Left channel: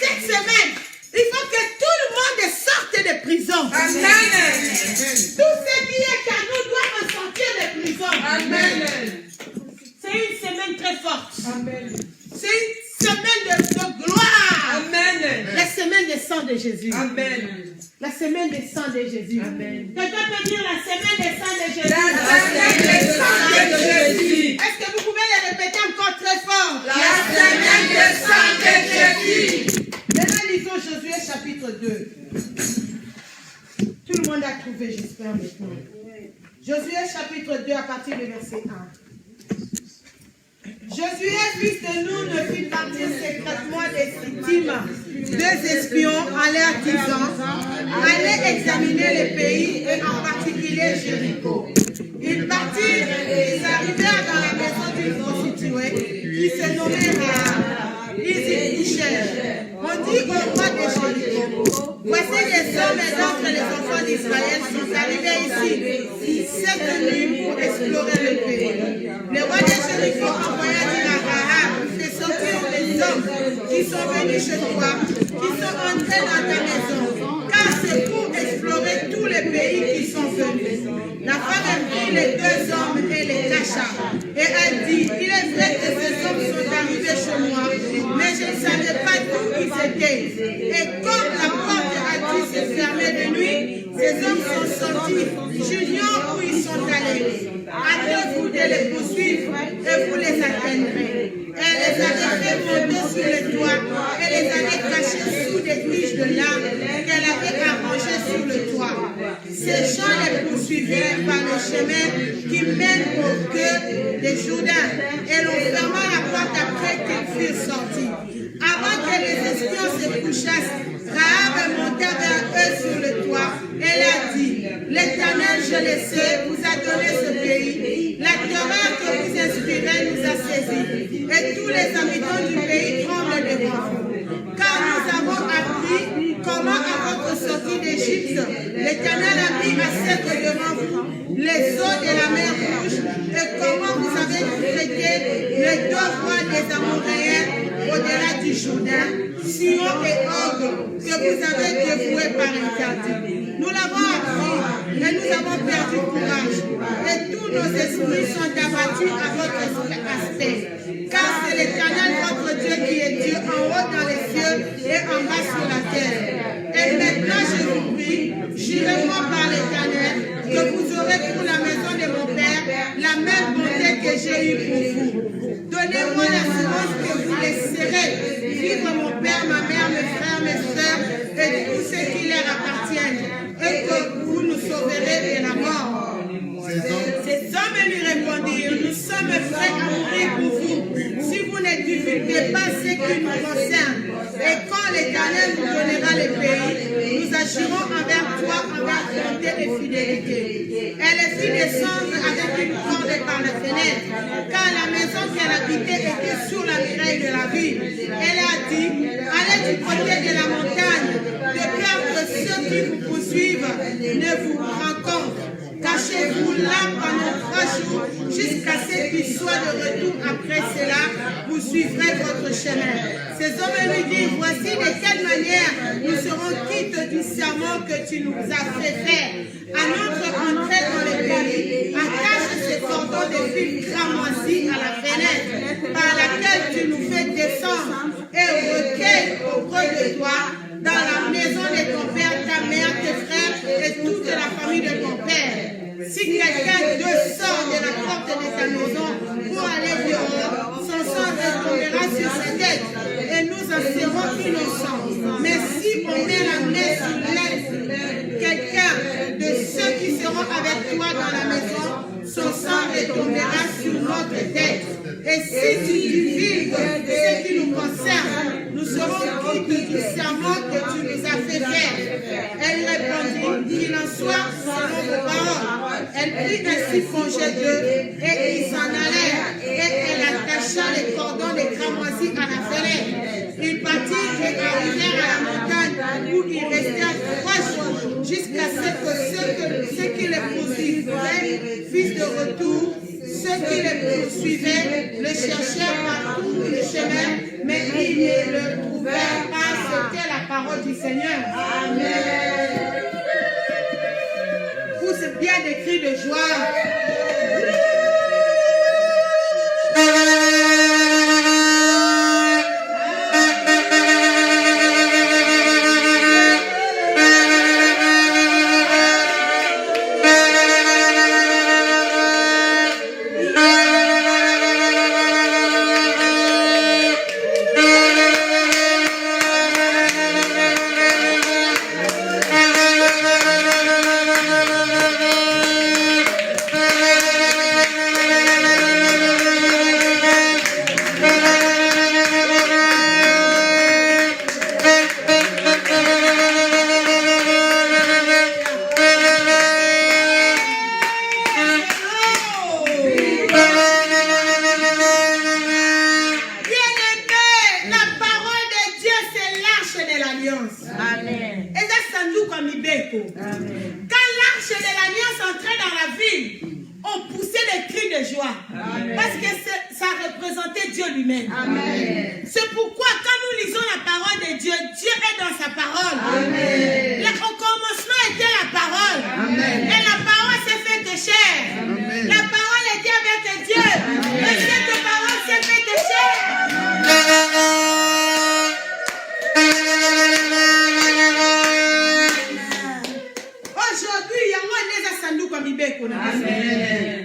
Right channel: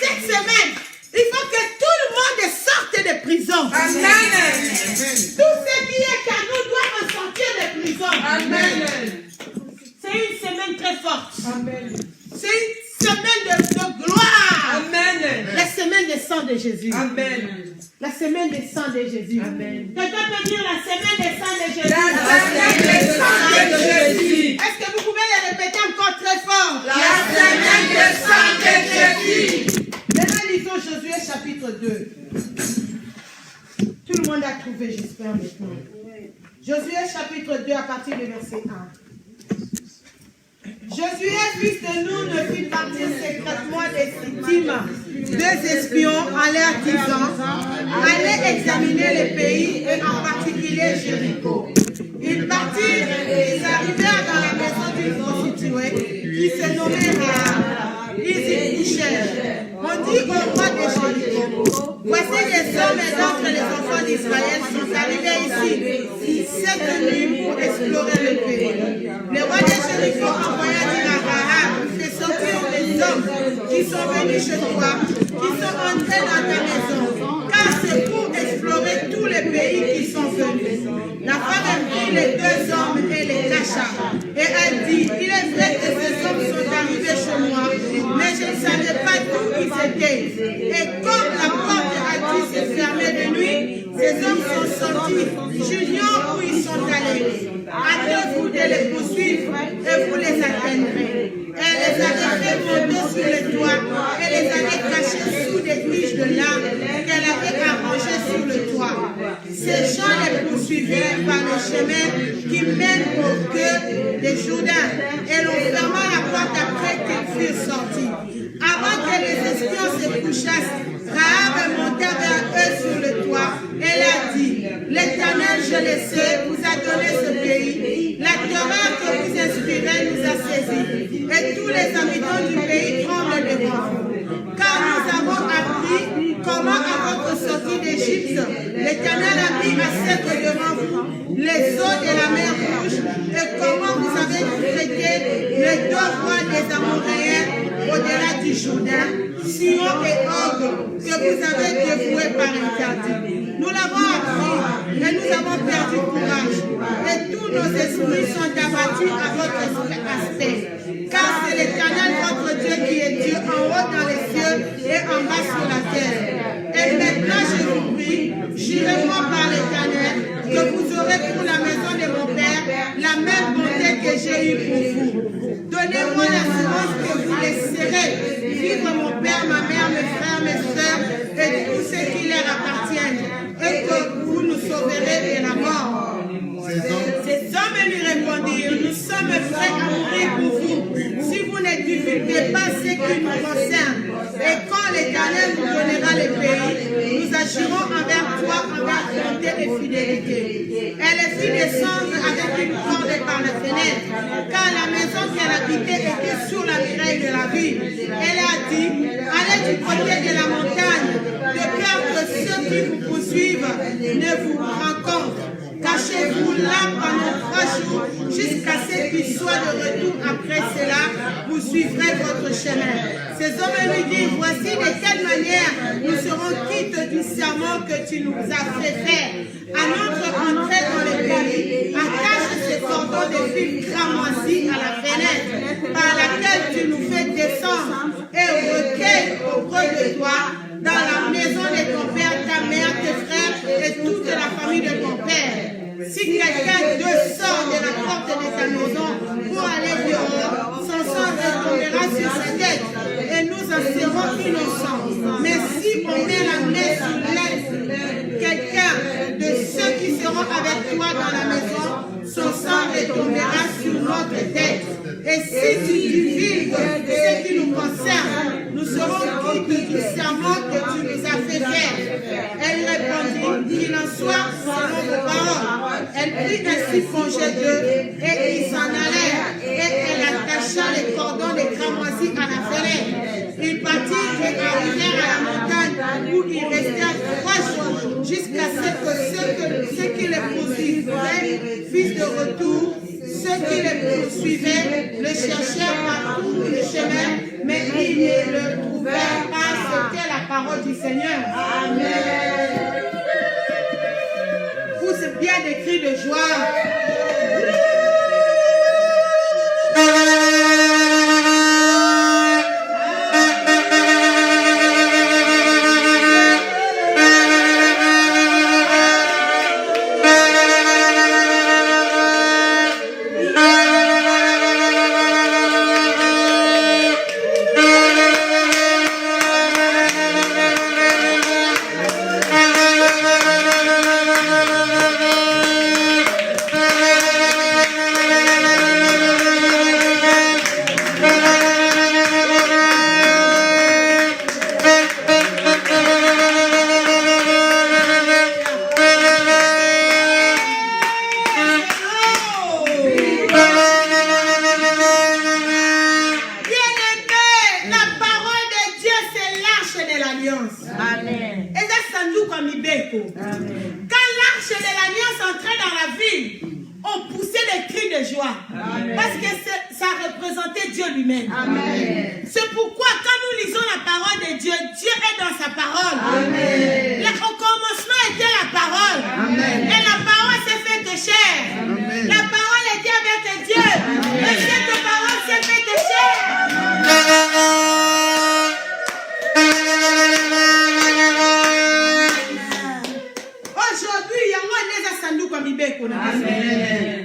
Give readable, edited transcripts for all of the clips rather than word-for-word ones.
Cette semaine, il faut que tout le monde sorte de prison. Amen. Tout ce qui est à nous doit ressortir de prison. Amen. C'est une semaine très forte. Amen. C'est une semaine de gloire. Amen. La semaine des sangs de Jésus. Amen. La semaine des sangs de Jésus. Amen. Quelqu'un peut dire la semaine des sangs de Jésus. La semaine des sangs de Jésus. Est-ce que vous pouvez le répéter encore très fort? La semaine des sangs de Jésus. Maintenant, lisons Josué chapitre 2. Tout le monde a trouvé, j'espère maintenant. Josué chapitre 2 à partir du verset 1. Josué, fils de Nun, fit partir secrètement des Sittim. Deux espions allèrent disant, allez examiner le pays et en particulier Jéricho. Ils partirent et ils arrivèrent dans la maison d'une prostituée qui se nommait Rahab. Ils y couchèrent. On dit au roi de Jéricho, voici les hommes et d'entre les enfants d'Israël sont arrivés ici cette nuit pour explorer le pays. Le roi de Jéricho envoya dire à Rahab, fais sortir les hommes qui sont venus chez toi, qui sont entrés dans ta maison, car c'est pour explorer tous les pays qui sont venus. La femme prit les deux hommes et les cacha, et a dit, il est vrai que ces hommes sont arrivés chez moi, mais je ne savais pas d'où ils étaient. Et comme la porte a dû se fermer de nuit, ces hommes sont sortis, j'ignore où ils sont allés. Hâtez-vous de les poursuivre et vous les atteindrez. Elle les avait fait monter sur le toit et les avait cachés sous des tiges de lin qu'elle avait arrangées sur le toit. Ces gens les poursuivirent par le chemin qui mène au cœur des Jourdain et l'on ferma la porte après qu'ils furent sortis. Avant que les espions se couchassent, Rahab monta vers eux sur le toit. Elle a dit, l'Éternel, je le sais, vous a donné ce pays. La terreur que vous inspirez nous a saisis. Et tous les habitants du pays tremblent devant vous. Car nous avons appris comment à votre sortie d'Égypte, l'Éternel a mis à sec devant vous les eaux de la mer Rouge et comment vous avez traité les deux rois des Amoréens au-delà du Jourdain, Sion et Og, que vous avez dévoués par interdit. Nous l'avons appris, mais nous avons perdu courage. Et tous nos esprits sont abattus à votre aspect. Car c'est l'Éternel votre Dieu qui est Dieu en haut dans les cieux et en bas sur la terre. Et maintenant je vous prie, jurez-moi par l'Éternel, que vous aurez pour la maison de mon Père la même bonté que j'ai eue pour vous. Donnez-moi l'assurance que vous laisserez vivre mon Père, ma mère, mes frères, mes soeurs et tous ceux qui leur appartiennent, et que vous nous sauverez de la mort. Ces hommes lui répondirent, nous sommes prêts à mourir pour vous, si vous ne divulguez pas ce qui nous concerne. Et quand l'Éternel nous donnera le pays, nous agirons envers toi envers bonté et fidélité. Elle les fit descendre avec une corde par la fenêtre, car la maison qu'elle habitait était sur la muraille de la ville. Elle a dit, allez du côté de la montagne, de peur que ceux qui vous poursuivent ne vous rencontrent. Cachez-vous là pendant 3 jours jusqu'à ce qu'il soit de retour. Après cela, vous suivrez votre chemin. Ces hommes lui disent, voici de quelle manière nous serons quittes du serment que tu nous as fait faire. À notre entrée dans le pays, attache ce cordon de fil cramoisi à la fenêtre par laquelle tu nous fais descendre et recueille auprès de toi dans la maison de ton père, ta mère, tes frères et toute la famille de ton père. Si quelqu'un sort de la porte de ta maison pour aller dehors, son sang retombera sur sa tête et nous en serons innocents. Mais si on met la main sur l'aile quelqu'un de ceux qui seront avec toi dans la maison, son sang retombera sur notre tête. Et si tu divulgues ce qui nous concerne, nous serons quittes du serment que tu nous as fait faire. Elle répondit, qu'il en soit selon vos paroles. Elle prit ainsi congé d'eux et ils s'en allèrent. Et elle attacha les cordons de cramoisi à la fenêtre. Ils partirent et arrivèrent à la montagne où ils restèrent 3 jours jusqu'à ce que ceux qui les poursuivaient fissent de retour. Ceux qui les poursuivaient le cherchèrent partout, le cherchaient chemin, mais ils ne le trouvèrent pas. C'était la parole du Seigneur. Amen. Pousse bien des cris de joie.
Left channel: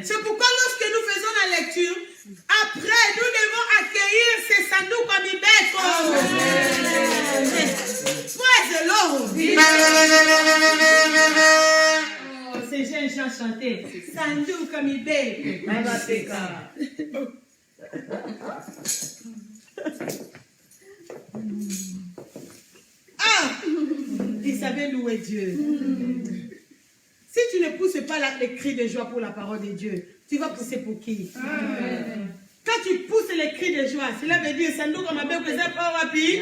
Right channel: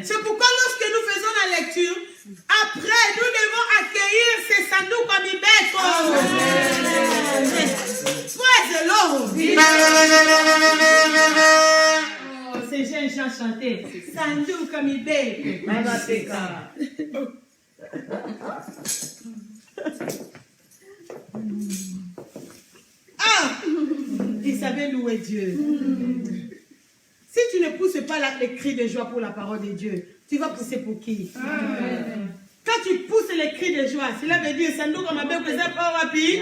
C'est pourquoi lorsque nous faisons la lecture, après nous devons accueillir ces sandou comme Ibeko. Praise the Lord. Ces jeunes gens chantaient sandou comme Ibeko. Ah, ils savaient louer Dieu. Si tu ne pousses pas les cris de joie pour la parole de Dieu, tu vas pousser pour qui? Amen. Quand tu pousses les cris de joie, cela veut dire ça nous comme un bébé pas rapide.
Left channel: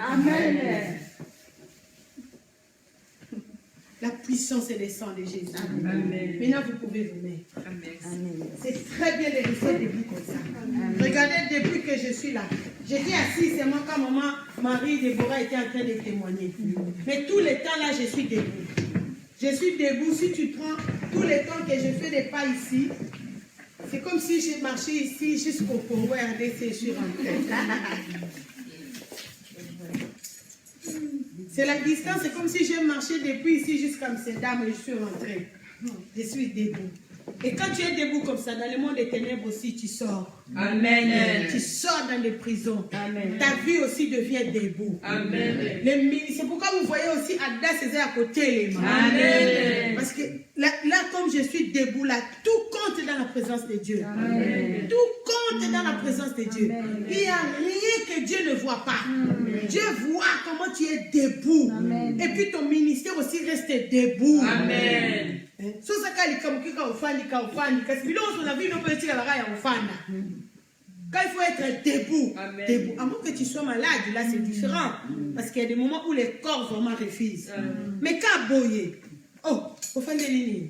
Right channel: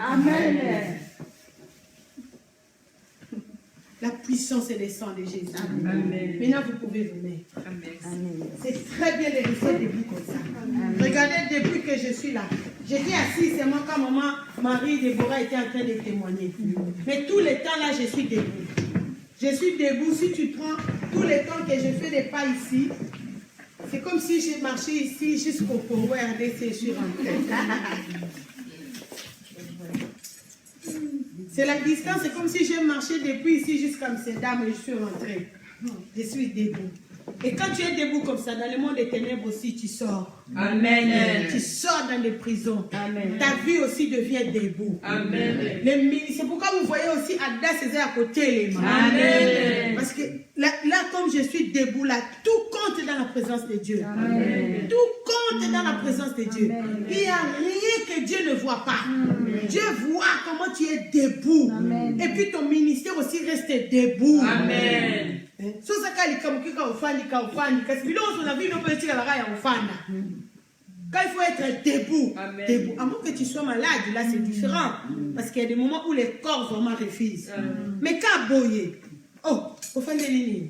Amen. La puissance et le sang de Jésus. Amen. Maintenant, vous pouvez vous mettre. Amen. C'est très bien de rester debout comme ça. Amen. Regardez, depuis que je suis là, j'étais assise seulement quand maman, Marie, Déborah était en train de témoigner. Mais tout le temps là, je suis debout. Je suis debout. Si tu prends tout le temps que je fais des pas ici, c'est comme si j'ai marché ici jusqu'au Congo RDC, je suis rentrée. C'est la distance, c'est comme si j'ai marché depuis ici jusqu'à Amsterdam et je suis rentrée. Je suis debout. Et quand tu es debout comme ça, dans le monde des ténèbres aussi, tu sors. Amen. Tu sors dans les prisons. Amen. Ta vie aussi devient debout. Amen. C'est pourquoi vous voyez aussi Ada César à côté les mains. Amen. Parce que là, comme je suis debout, là, tout compte dans la présence de Dieu. Amen. Tout compte dans la présence de Dieu. Amen. Il n'y a rien que Dieu ne voit pas. Amen. Dieu voit comment tu es debout. Amen. Et puis ton ministère aussi reste debout. Amen. Quand il faut être debout, debout, à moins que tu sois malade, là c'est différent. Parce qu'il y a des moments où les corps vraiment refusent. Mais quand boyer, au fin de ligne,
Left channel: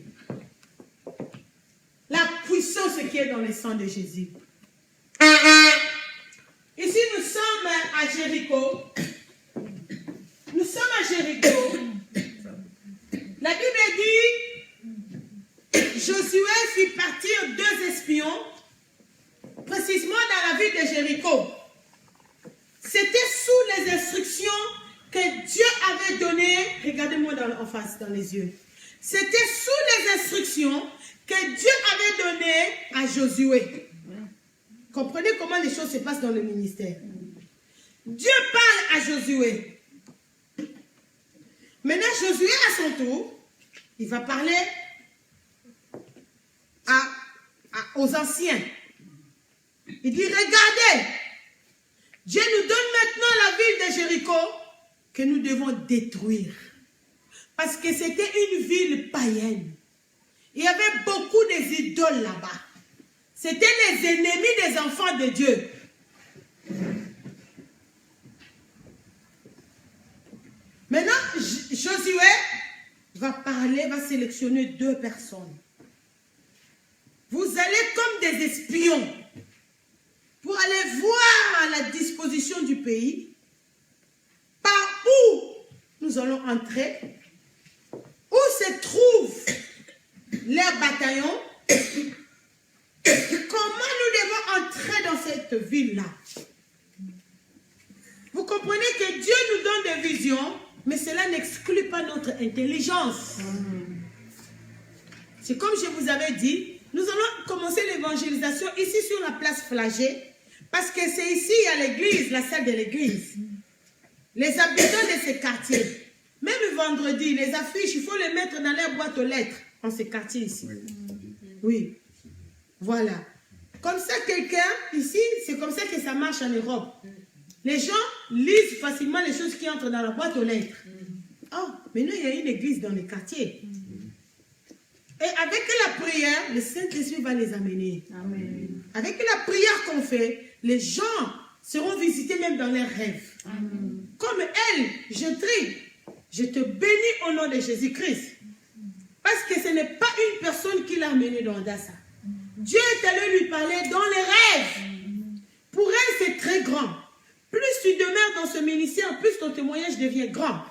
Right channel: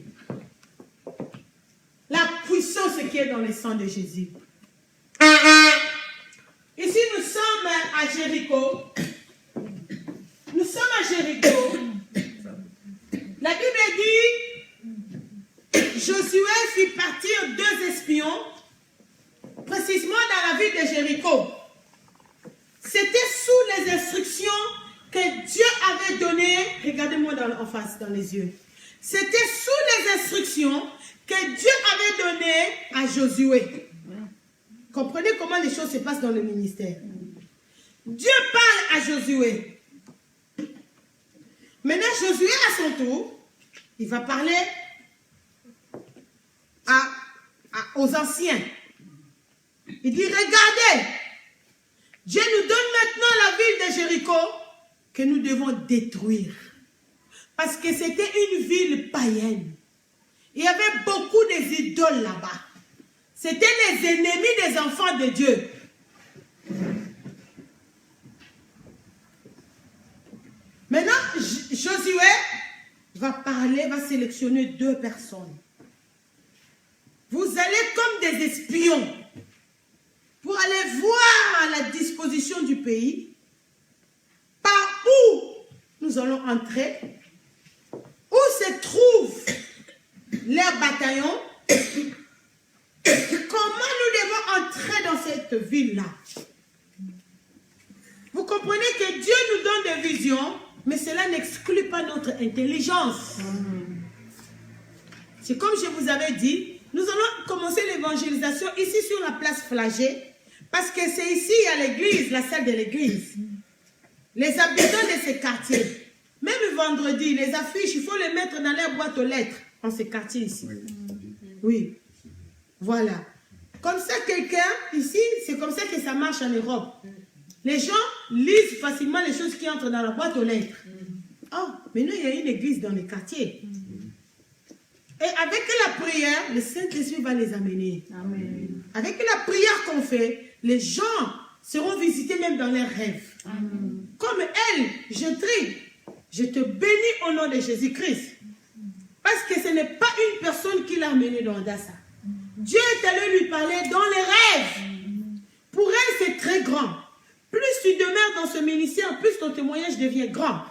la puissance qui est dans le sang de Jésus. Ici nous sommes à Jéricho. Nous sommes à Jéricho. La Bible dit Josué fit partir 2 espions, précisément dans la ville de Jéricho. C'était sous les instructions que Dieu avait données. Regardez-moi en face, dans les yeux. C'était sous les instructions que Dieu avait données à Josué. Comprenez comment les choses se passent dans le ministère. Dieu parle à Josué. Maintenant, Josué, à son tour, il va parler aux anciens. Il dit, regardez, Dieu nous donne maintenant la ville de Jéricho que nous devons détruire. Parce que c'était une ville païenne. Il y avait beaucoup d'idoles là-bas. C'était les ennemis des enfants de Dieu. Maintenant, Josué va parler, va sélectionner 2 personnes. vous allez comme des espions pour aller voir la disposition du pays, par où nous allons entrer, où se trouvent leurs bataillons, comment nous devons entrer dans cette ville-là. Vous comprenez que Dieu nous donne des visions, mais cela n'exclut pas notre intelligence. C'est comme je vous avais dit, nous allons commencer l'évangélisation ici sur la place Flagey, parce que c'est ici, il y a l'église, la salle de l'église. Les habitants de ces quartiers, même vendredi, les affiches, il faut les mettre dans leur boîte aux lettres, dans ces quartiers ici. Oui, voilà. Comme ça, quelqu'un, ici, c'est comme ça que ça marche en Europe. Les gens lisent facilement les choses qui entrent dans la boîte aux lettres. Oh, maintenant, il y a une église dans les quartiers. Et avec la prière, le Saint-Esprit va les amener. Amen. Avec la prière qu'on fait, les gens seront visités même dans leurs rêves. Amen. Comme elle, je te bénis au nom de Jésus-Christ. Parce que ce n'est pas une personne qui l'a amené dans Dassa. Dieu est allé lui parler dans les rêves. Pour elle, c'est très grand. Plus tu demeures dans ce ministère, plus ton témoignage devient grand.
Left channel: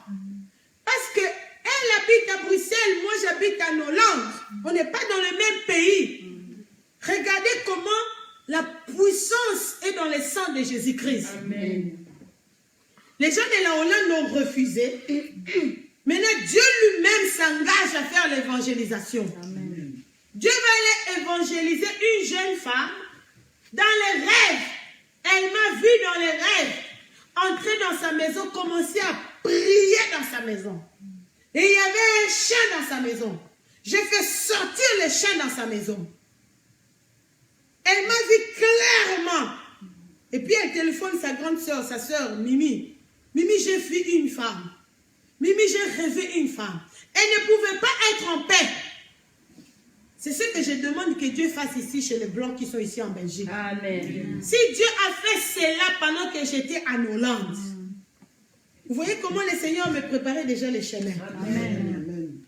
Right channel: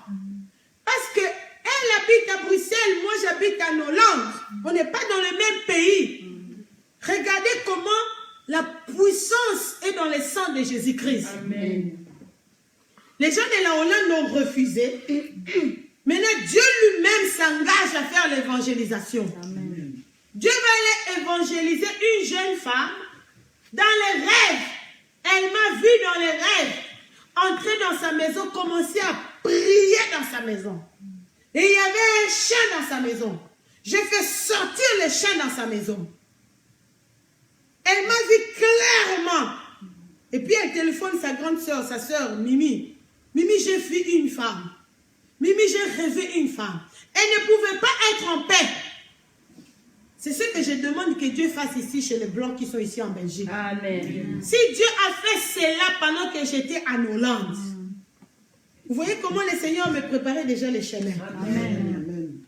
Parce que elle habite à Bruxelles, moi j'habite en Hollande. On n'est pas dans le même pays. Regardez comment la puissance est dans le sang de Jésus-Christ. Les gens de la Hollande l'ont refusé. Maintenant, Dieu lui-même s'engage à faire l'évangélisation. Dieu va aller évangéliser une jeune femme dans les rêves. Elle m'a vu dans les rêves, entrer dans sa maison, commencer à prier dans sa maison. Et il y avait un chien dans sa maison. J'ai fait sortir le chien dans sa maison. Elle m'a vu clairement. Et puis elle téléphone sa grande soeur, sa soeur Mimi. Mimi, j'ai vu une femme. Mimi, j'ai rêvé une femme. Elle ne pouvait pas être en paix. C'est ce que je demande que Dieu fasse ici chez les Blancs qui sont ici en Belgique. Amen. Si Dieu a fait cela pendant que j'étais en Hollande, vous voyez comment le Seigneur me préparait déjà les chemins. Amen.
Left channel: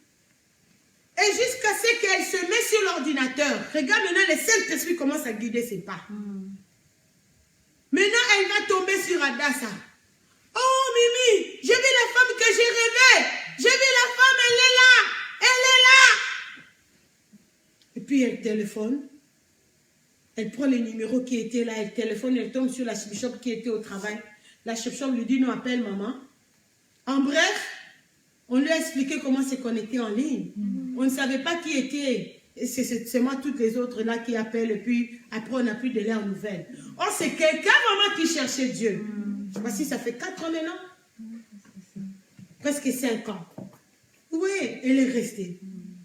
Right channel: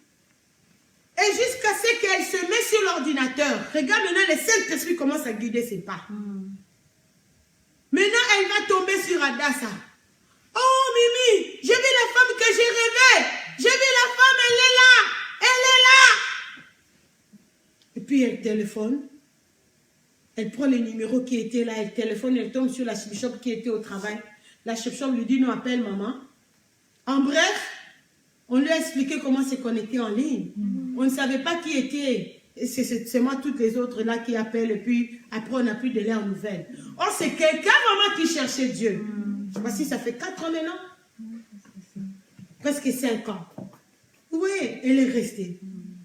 Et jusqu'à ce qu'elle se mette sur l'ordinateur, regarde maintenant, le Saint-Esprit commence à guider ses pas. Maintenant, elle va tomber sur Adassa. Oh Mimi, j'ai vu la femme que j'ai rêvée. J'ai vu la femme, elle est là. Elle est là. Et puis elle téléphone. Elle prend le numéro qui était là. Elle téléphone, elle tombe sur la chef-shop qui était au travail. La chef-shop lui dit, non, appelle maman. En bref, on lui a expliqué comment se connecter en ligne. On ne savait pas qui était. C'est moi, toutes les autres là qui appellent. Et puis après, on n'a plus de leurs nouvelles. Oh, c'est quelqu'un vraiment qui cherchait Dieu. Voici, ça fait 4 ans maintenant. Presque 5 ans. Oui, elle est restée.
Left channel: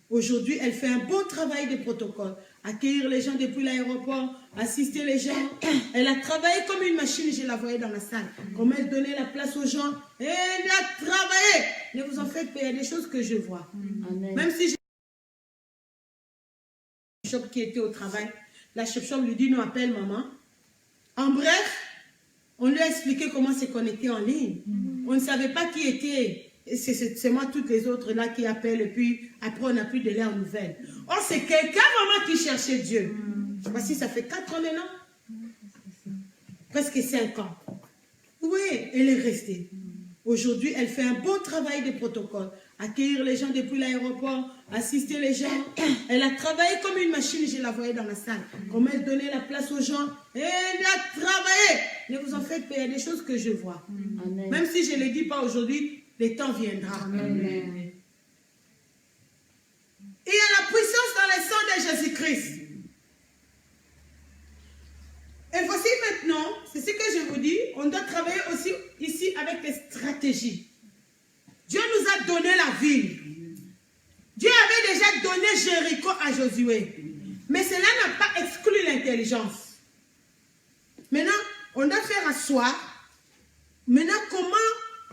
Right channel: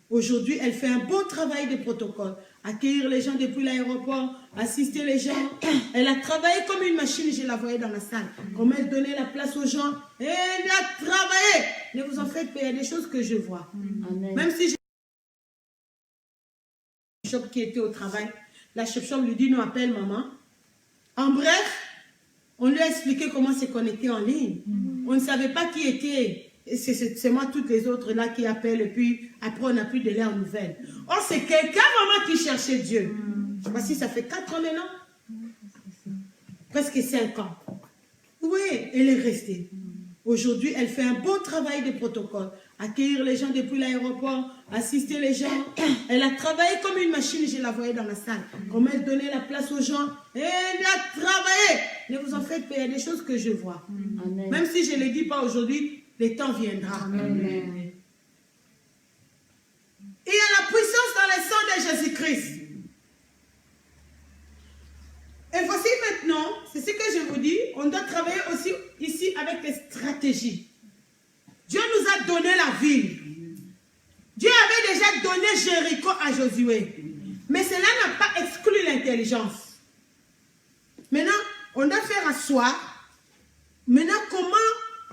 Aujourd'hui, elle fait un bon travail de protocole. Accueillir les gens depuis l'aéroport, assister les gens. Elle a travaillé comme une machine, je la voyais dans la salle. Comme elle donnait la place aux gens. Elle a travaillé. Ne vous en faites pas, il y a des choses que je vois. Amen. Même si j'ai qui était au travail, la chef-shop lui dit, non, appelle maman. En bref, on lui a expliqué comment se connecter en ligne. On ne savait pas qui était. C'est moi, toutes les autres là qui appellent. Et puis après, on n'a plus de leurs nouvelles. Oh, c'est quelqu'un vraiment qui cherchait Dieu. Voici, ça fait 4 ans maintenant. Presque 5 ans. Oui, elle est restée. Aujourd'hui, elle fait un bon travail de protocole. Accueillir les gens depuis l'aéroport, assister les gens. Elle a travaillé comme une machine, je la voyais dans la salle. Comme elle donnait la place aux gens. Elle a travaillé. Ne vous en faites pas, il y a des choses que je vois. Amen. Même si je ne le dis pas aujourd'hui, le temps viendra. Amen. Il y a la puissance dans le sang de Jésus-Christ. Et voici maintenant, c'est ce que je vous dis, on doit travailler aussi ici avec les stratégies. Dieu nous a donné la ville. Dieu avait déjà donné Jéricho à Josué. Mais cela n'a pas exclu l'intelligence. Maintenant, on doit faire asseoir. Maintenant, comment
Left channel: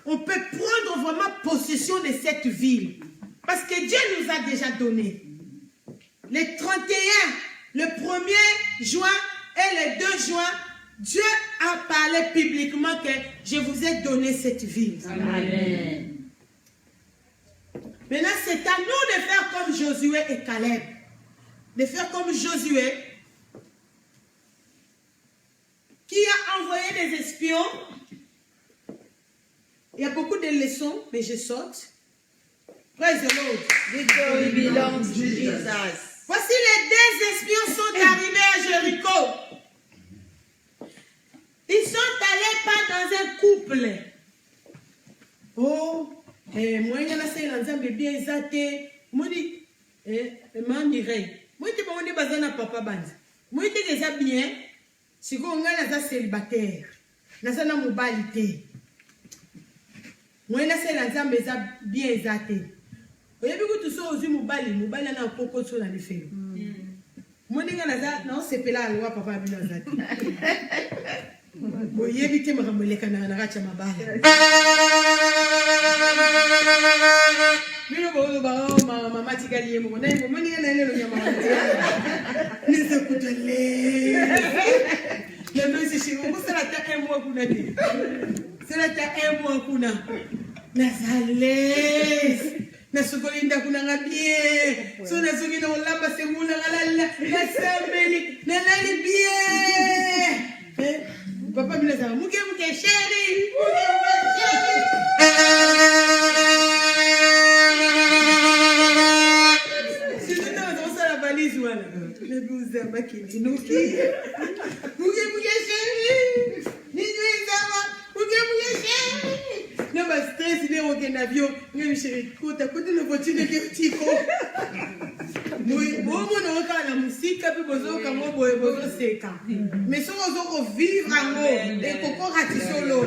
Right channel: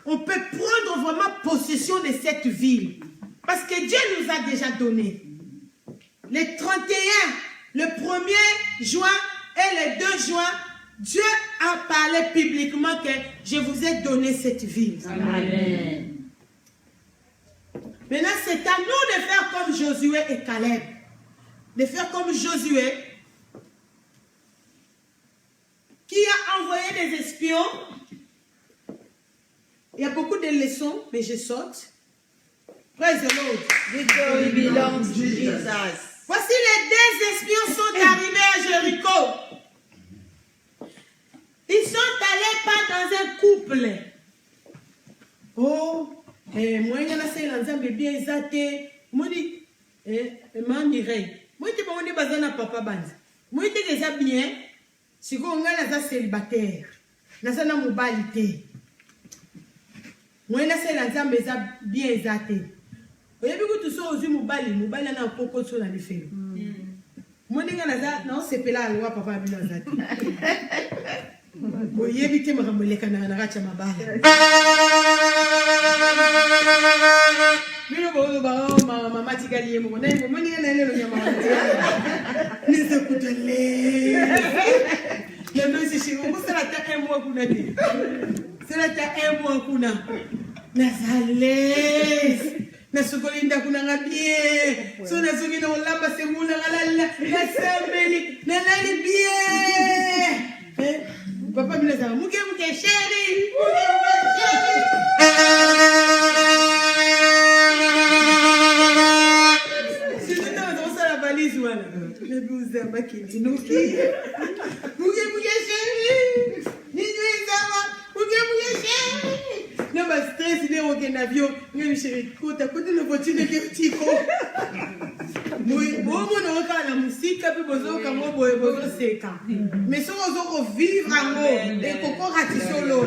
on peut prendre vraiment possession de cette ville? Parce que Dieu nous a déjà donné. Le 31, le 1er juin et le 2 juin, Dieu a parlé publiquement que je vous ai donné cette ville. Amen. Maintenant, c'est à nous de faire comme Josué et Caleb. de faire comme Josué, qui a envoyé des espions. Il y a beaucoup de leçons, mais je saute. Praise the Lord. Victory belongs to Jesus. Voici les 2 espions sont arrivés à Jéricho. Ils sont allés pas dans un couple. Oh, moi, il y a un bien exaté. Moi, papa band. Moi, je suis bien. Si vous êtes célibataire, vous êtes mobilité. Moi, je suis bien exaté. Vous avez vu que tout ça aussi, mobile na poko sur la défense. Moi, je suis là, la loi, papa, bien exaté. Vous avez vu que je suis papa, chérie. Mais si on veut vivre en haut, et qu'on ratisse l'eau.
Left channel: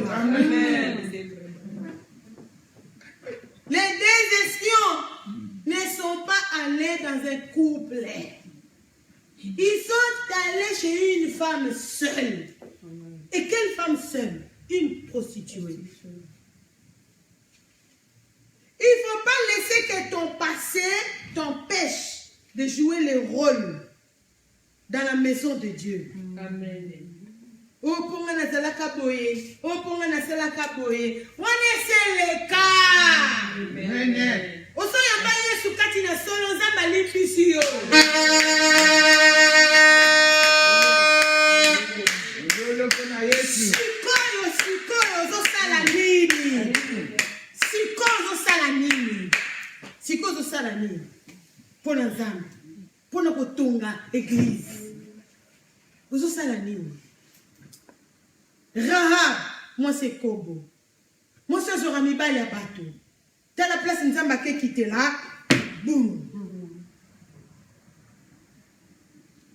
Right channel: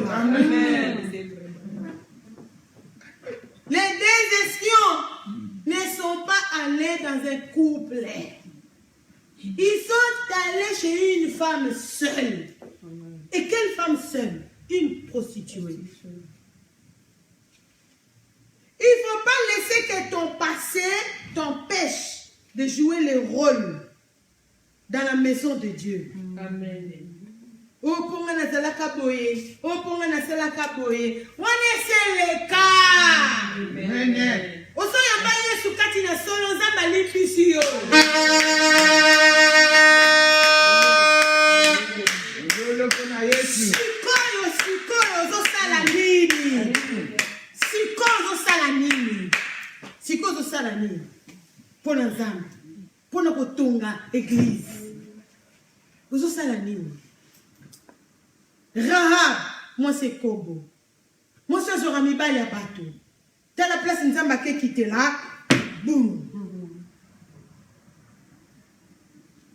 Les 2 espions ne sont pas allés dans un couple. Ils sont allés chez une femme seule. Et quelle femme seule? Une prostituée. Il ne faut pas laisser que ton passé t'empêche de jouer le rôle dans la maison de Dieu. Amen. Oh, pour moi, boye. Oh, pour moi, boye. On est le cas. Amen. Oh, so yamba Yesu kati na solo nzamba lipisi yo. Sikoyo zosala nini? Sikoyo zosala nini? Pona nzamba. Pona kotonga église. Zosala nini? Rahab, moi c'est Kobo. Moi c'est Zorami Bali à bateau. Dans la place Nzamba qui quitte là, boum.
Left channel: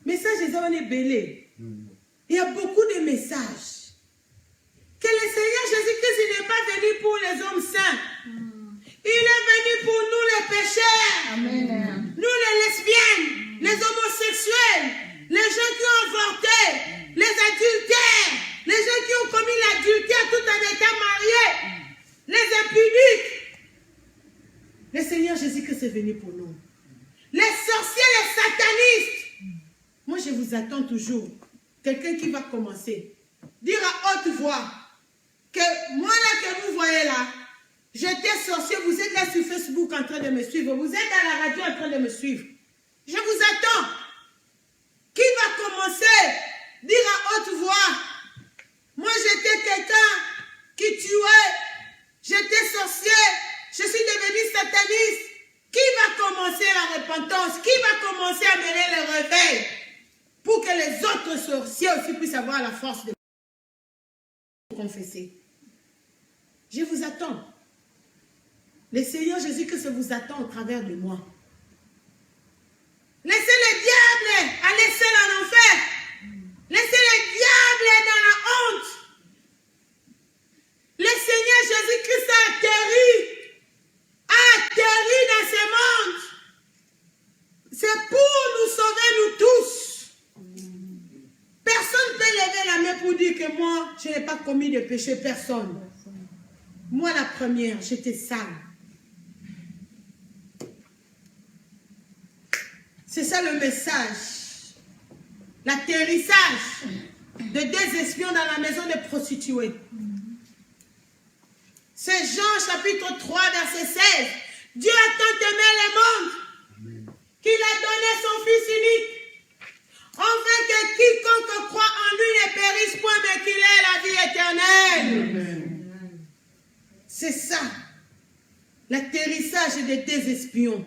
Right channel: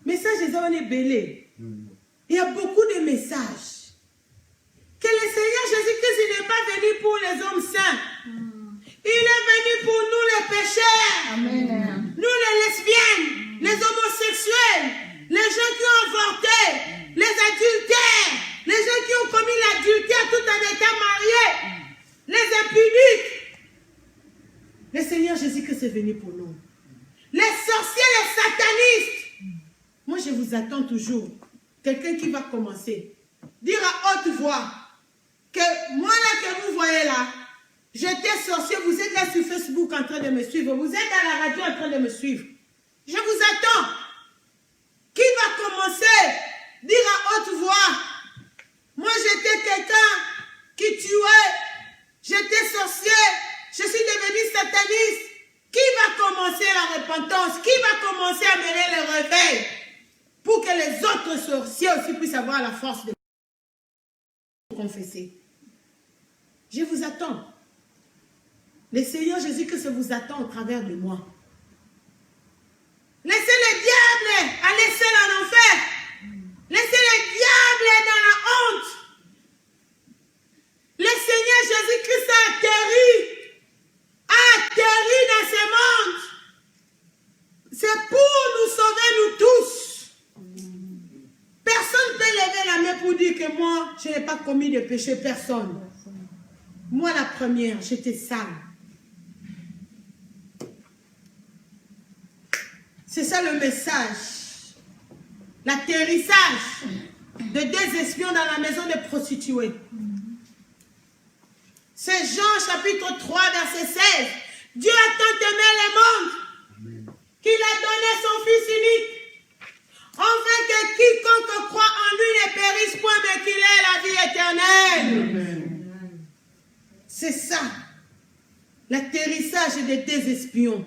Message des hommes est belé. Il y a beaucoup de messages. Que le Seigneur Jésus-Christ n'est pas venu pour les hommes saints. Il est venu pour nous les pécheurs. Amen. Nous les lesbiennes, les homosexuels, les gens qui ont avorté, les adultères, les gens qui ont commis l'adultère tout en étant mariés, les impudiques. Le Seigneur Jésus-Christ est venu pour nous. Les sorciers, les satanistes. Moi, je vous attends toujours. Quelqu'un qui va commencer. Dire à haute voix que moi, là, que vous voyez là, j'étais sorcier. Vous êtes là sur Facebook en train de me suivre. Vous êtes à la radio en train de me suivre. Je vous attends. Qui va commencer? Dire à haute voix. Moi, j'étais quelqu'un qui tuait. J'étais sorcier. Je suis devenu sataniste. Qui va commencer la repentance? Qui va commencer à mener le réveil? Pour que les autres sorciers aussi puissent avoir la force de confesser. Je vous attends. Le Seigneur Jésus-Christ vous attend au travers de moi. Laissez le diable aller seul en enfer. Laissez le diable dans la honte. Le Seigneur Jésus-Christ a atterri dans ce monde. C'est pour nous sauver nous tous. Personne ne peut lever la main pour dire que moi, je n'ai pas commis de péché. Personne. Moi, la première, j'étais sale. C'est ça le message. L'atterrissage de 2 espions dans la maison des prostituées. C'est Jean chapitre 3, verset 16. Dieu a tant aimé le monde qu'il a donné son Fils unique périsse point, mais qu'il ait la vie éternelle. C'est ça. L'atterrissage des deux espions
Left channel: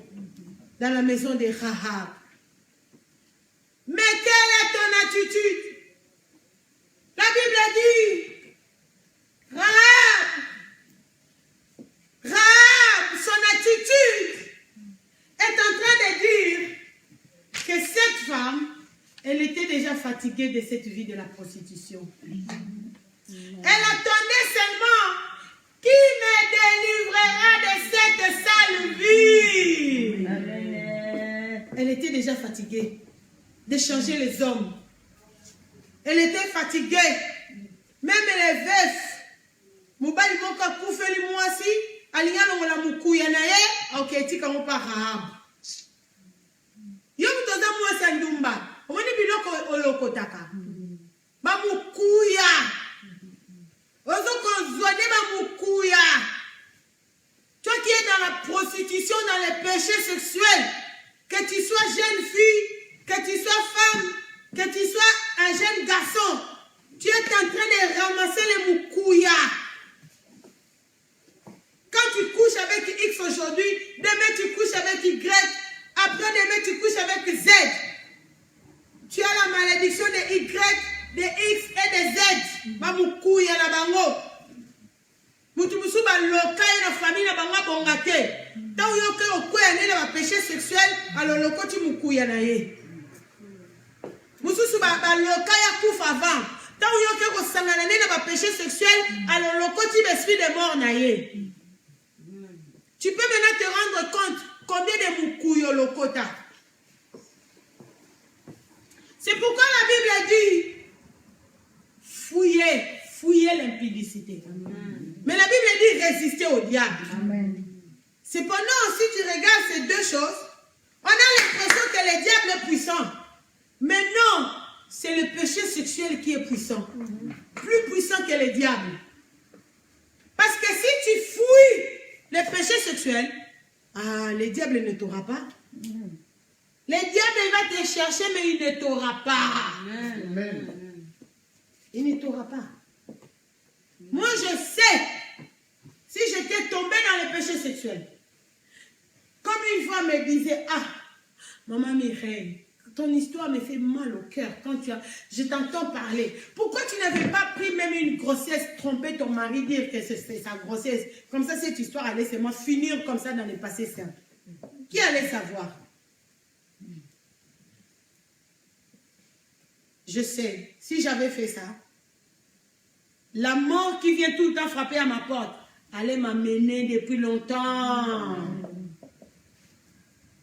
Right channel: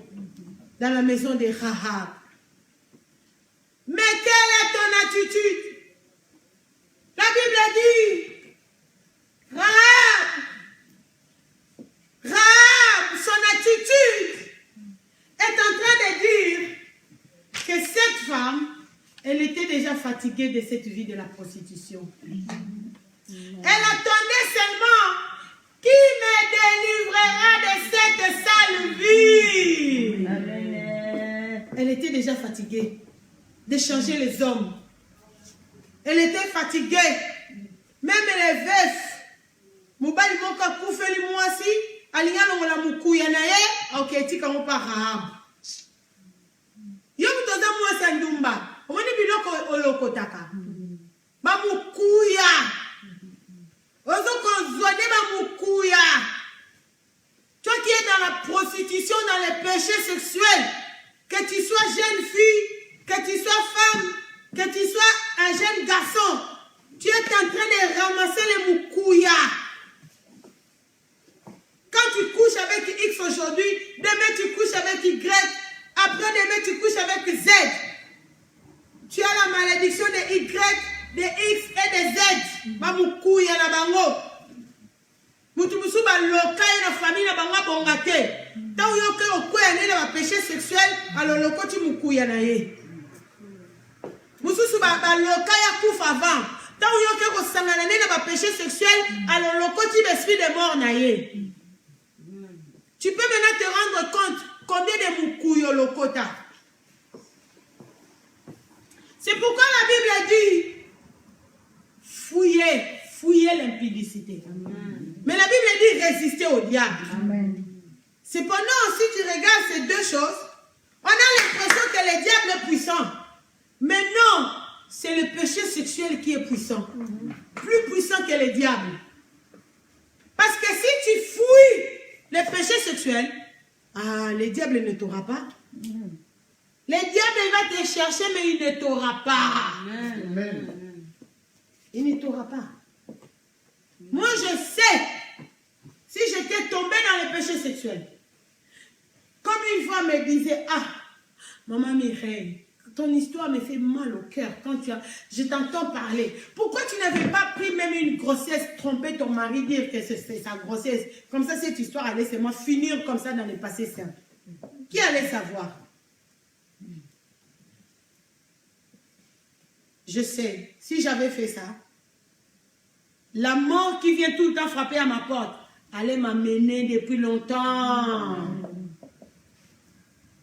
dans la maison de Rahab. Mais quelle est ton attitude? La Bible dit, Rahab, son attitude est en train de dire que cette femme, elle était déjà fatiguée de cette vie de la prostitution. Elle attendait seulement qui me délivrera de cette sale vie. Elle était déjà fatiguée de changer les hommes. Elle était fatiguée. Même les veufs. Mobali moka koufeli mwasi, alinga longola mukuya na ye, ok, tika mo pa Rahab. Yo mutoza mwasi ndumba. Omoni biloko olokotaka. Ba mukuya. Ozoko zwane ba mukuya. Toi qui es dans la prostitution, dans les péchés sexuels, que tu sois jeune fille, que tu sois femme, que tu sois un jeune garçon, tu es en train de ramasser les mukuya. Quand tu couches avec X aujourd'hui, demain tu couches avec Y, après demain tu couches avec Z. Tu as la malédiction de Y, de X et de Z. Ba mukuya na bango. Mutu musu ba loka na famille na bango bongate. Tant yoke okoya ne na péché sexuel, alors lokoti mukuya na ye. Musu ba loka ya kufa avant. Tant yoke ko sangana ne na péché sexuel, alors lokoti l'esprit de mort na ye. Tu peux maintenant te rendre compte combien de mukuyo lokota. C'est pourquoi la Bible dit fouillez l'impudicité. Mais la Bible dit résister au diable. Amen. Cependant, si tu regardes ces deux choses, on a l'impression que le diable est puissant. Mais non, c'est le péché sexuel qui est puissant. Plus puissant que le diable. Parce que si tu fouilles le péché sexuel, le diable ne t'aura pas. Le diable va te chercher, mais il ne t'aura pas. Amen. Il ne t'aura pas. Moi, je sais, si j'étais tombée dans le péché sexuel, comme une fois me disait, maman Mireille, ton histoire me fait mal au cœur quand je t'entends parler. Pourquoi tu n'avais pas pris même une grossesse, tromper ton mari, dire que c'est sa grossesse? Comme ça, cette histoire allait seulement finir comme ça dans le passé simple. Qui allait savoir? Je sais, si j'avais fait ça, la mort qui vient tout le temps frapper à ma porte allait m'amener depuis longtemps.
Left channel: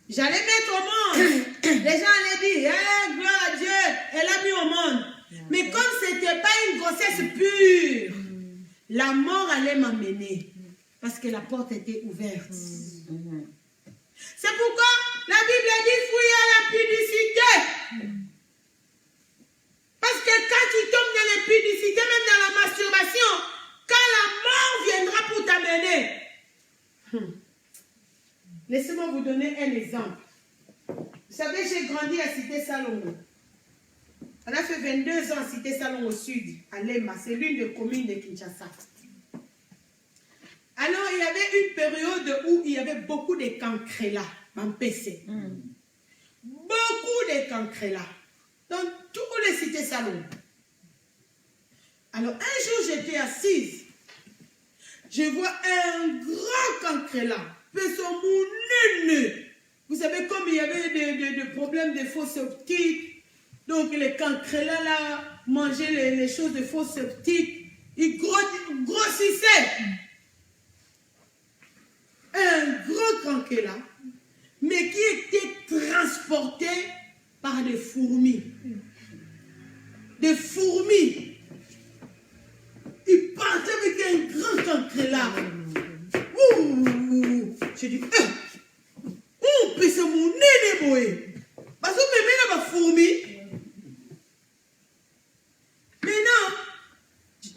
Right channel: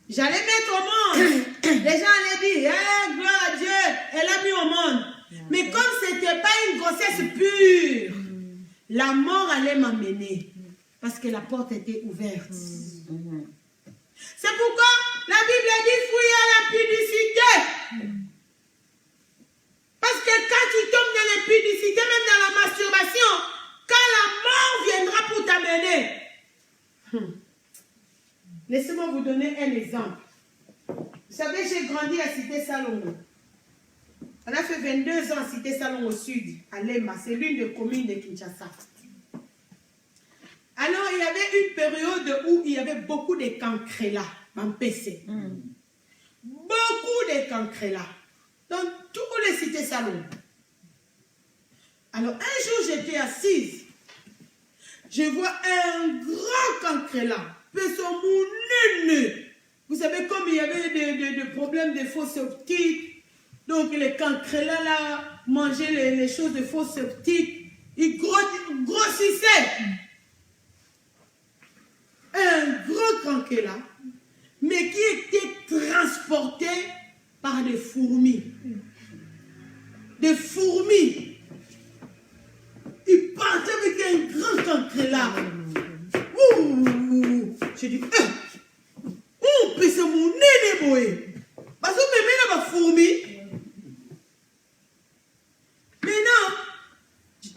J'allais mettre au monde. Les gens allaient dire, gloire à Dieu, elle a mis au monde. Mais comme ce n'était pas une grossesse pure, la mort allait m'amener. Parce que la porte était ouverte. C'est pourquoi la Bible dit fouiller à l'impudicité. Parce que quand tu tombes dans l'impudicité, même dans la masturbation, quand la mort viendra pour t'amener. Laissez-moi vous donner un exemple. Vous savez, j'ai grandi à Cité Salongo. On a fait 22 ans à Cité Salongo au sud, à Lema. C'est l'une des communes de Kinshasa. Alors, il y avait une période où il y avait beaucoup de cancrela en PC. Beaucoup de cancrela. Dans tous les cités salons. Alors, un jour, j'étais assise. Je vois un grand cancrela. Vous savez, comme il y avait des problèmes de faux septiques, donc les cancrela là mangeaient les choses de faux septiques, ils grossissaient. Un gros cancrela, mais qui était transporté par des fourmis. Des fourmis. Ils partaient avec un grand cancrela. J'ai dit, c'est mon nez, boy. Parce que même la fourmi. Maintenant,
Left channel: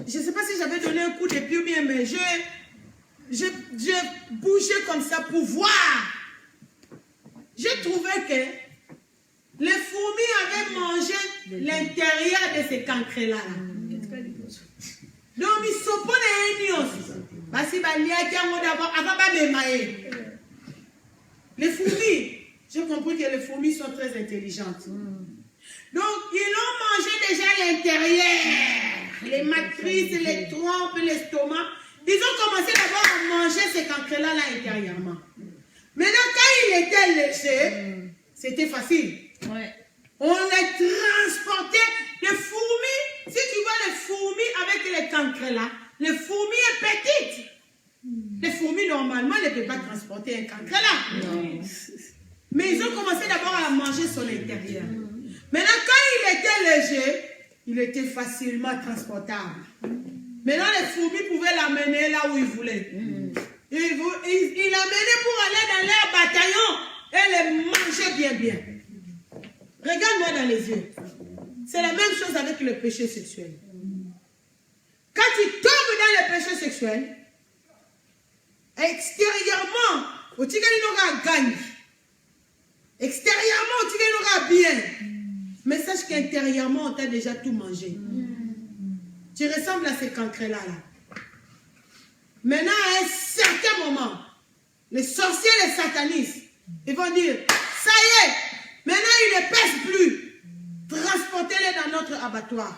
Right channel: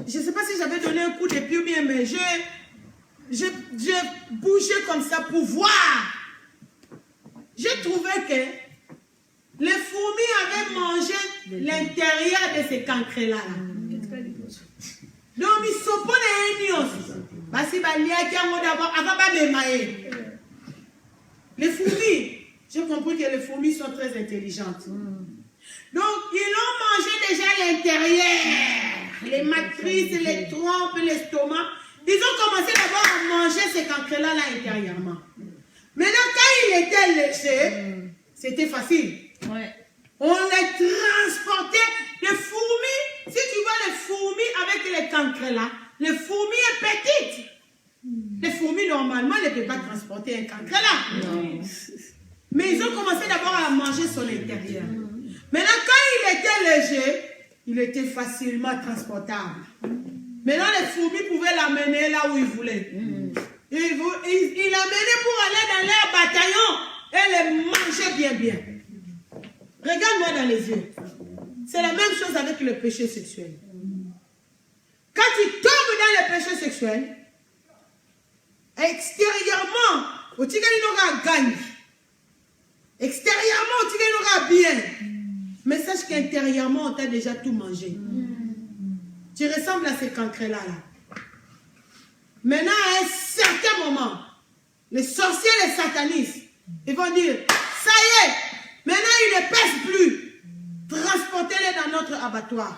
je ne sais pas si j'avais donné un coup de pied ou bien, mais j'ai bougé comme ça pour voir. J'ai trouvé que les fourmis avaient mangé l'intérieur de ces cancrelats-là. Donc, ils sont pas les unions. Parce qu'ils vont d'abord, avant de les fourmis, j'ai compris que les fourmis sont très intelligentes. Donc, ils ont mangé déjà à l'intérieur. Les matrices, les trompes, l'estomac. Ils ont commencé d'abord à manger ces cancrelats là intérieurement. Maintenant, quand il était léger, c'était facile. Ouais. On les transportait. Les fourmis, si tu vois les fourmis avec les cancrelats, les fourmis sont petites. Les fourmis, normalement, ne peuvent pas transporter un cancrelat. Mais ils ont commencé d'abord à manger son intérieur. Maintenant, quand il était léger, il était facilement transportable. Maintenant, les fourmis pouvaient l'amener là où ils voulaient. Il l'amenait pour aller dans leur bataillon et les manger bien, bien. Regarde-moi dans les yeux. C'est la même chose avec le péché sexuel. Quand tu tombes dans le péché sexuel, extérieurement, tu n'auras gagné. Extérieurement, tu n'auras bien. Mais sache qu'intérieurement, on t'a déjà tout mangé. Tu ressembles à ces cancrelats là. Maintenant, à un certain moment, les sorciers, les satanistes, ils vont dire, ça y est, maintenant ils ne pèsent plus. Transportez-les dans notre abattoir.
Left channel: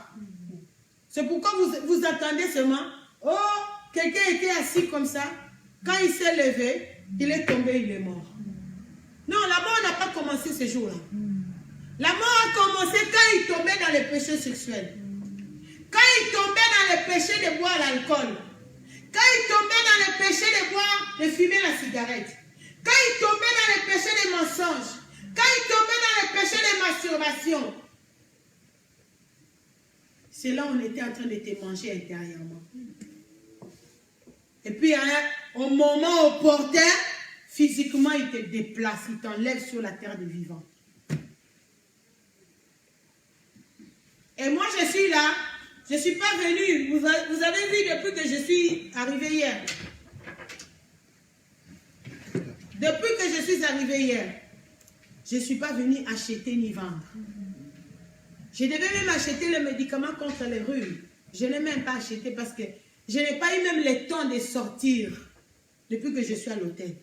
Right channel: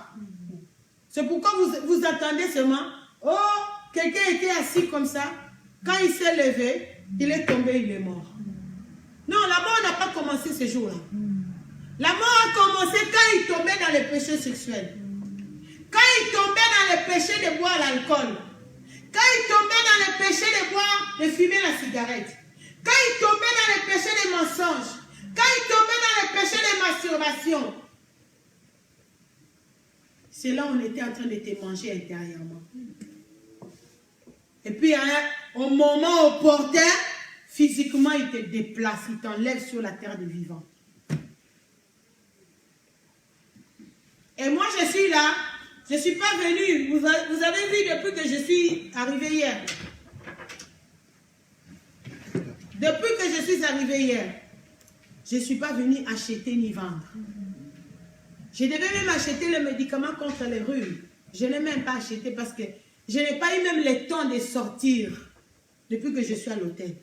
C'est pourquoi vous attendez seulement, oh, quelqu'un était assis comme ça, quand il s'est levé, il est tombé, il est mort. Non, la mort n'a pas commencé ce jour-là. La mort a commencé quand il tombait dans les péchés sexuels. Quand il tombait dans le péché de boire l'alcool. Quand il tombait dans le péché de boire, de fumer la cigarette. Quand il tombait dans le péché des mensonges. Quand il tombait dans le péché de masturbation. C'est là où on était en train de te manger intérieurement. Et puis, au moment opportun, physiquement, il te déplace, il t'enlève sur la terre des vivants. Et moi, je suis là. Je ne suis pas venue. Vous avez vu depuis que je suis arrivée hier. Depuis que je suis arrivée hier, je ne suis pas venue acheter ni vendre. Je devais même acheter le médicament contre les rhumes. Je ne l'ai même pas acheté parce que je n'ai pas eu même le temps de sortir depuis que je suis à l'hôtel.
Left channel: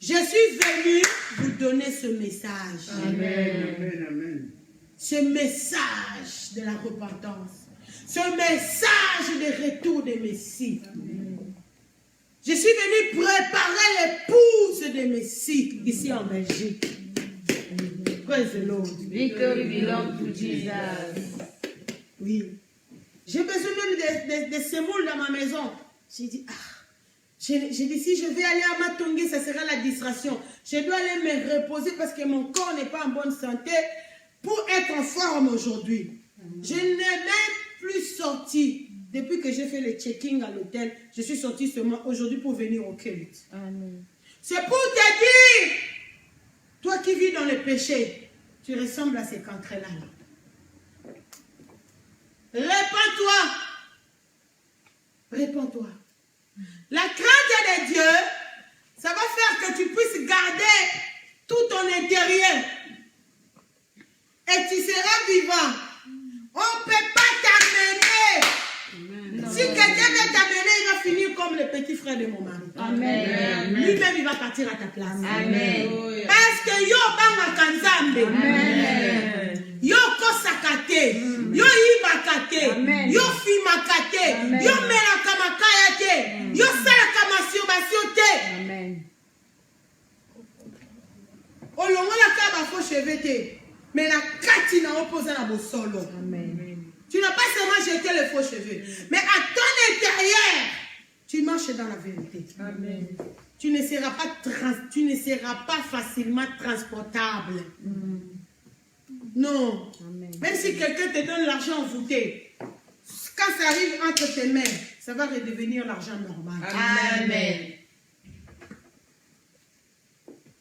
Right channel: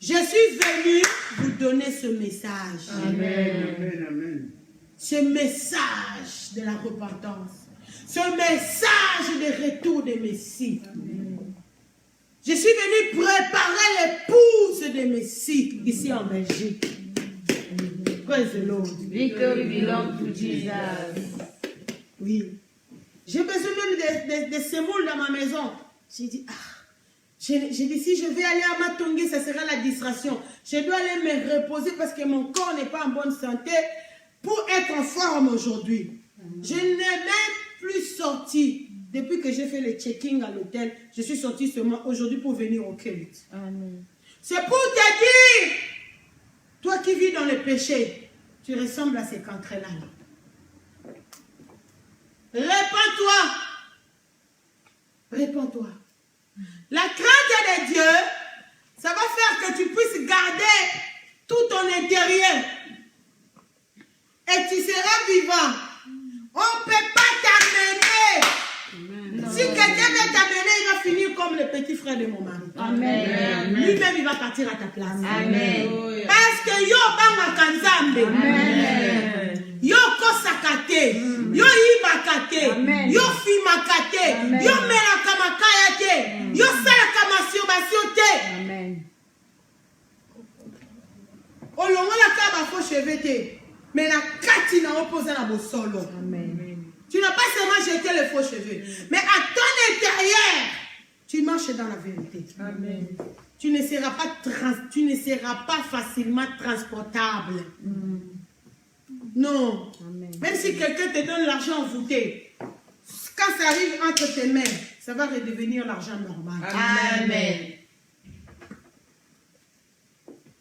Je suis venue vous donner ce message. Amen. Amen. Amen. Ce message de la repentance. Ce message de retour de Messie. Amen. Je suis venue préparer l'épouse de Messie ici en Belgique. Praise the Lord. Victory belongs to Jesus. Oui. J'ai besoin même de semoule dans ma maison. J'ai dit, j'ai dit, si je vais aller à Matongé, ça sera la distraction. Je dois aller me reposer parce que mon corps n'est pas en bonne santé pour être en forme aujourd'hui. Je n'ai même plus sorti. Depuis que j'ai fait le checking à l'hôtel, je suis sortie seulement aujourd'hui pour venir au culte. C'est pour te dire, toi qui vis dans le péché, tu ressembles à ces cancrelats. Répands-toi. Répands-toi. La crainte de Dieu, ça va faire que tu puisses garder tout ton intérieur. Et tu seras vivant. On ne peut pas t'amener. Si quelqu'un veut t'amener, il va finir comme le petit frère de mon mari. Amen. Lui-même, il va partir à ta place. Amen. Parce que yo banga kanzambe. Amen. Yo kosakate. Yo ibakate. Yo fimakate. Yo melakamakayate. Yo salakamasturbation te. Amen. Olongola kaba faux cheveux te. Mais la kati na opposé à vos solos. Amen. Tu n'as pas seulement jeté les faux cheveux, mais à ton intérieur, tu marches dans la vérité. Amen. Tu ne seras pas facilement transportable. Non. Amen. Même si quelqu'un te donne l'argent envoûté, quand ça arrive entre tes mains, ça va redevenir l'argent normal. Amen.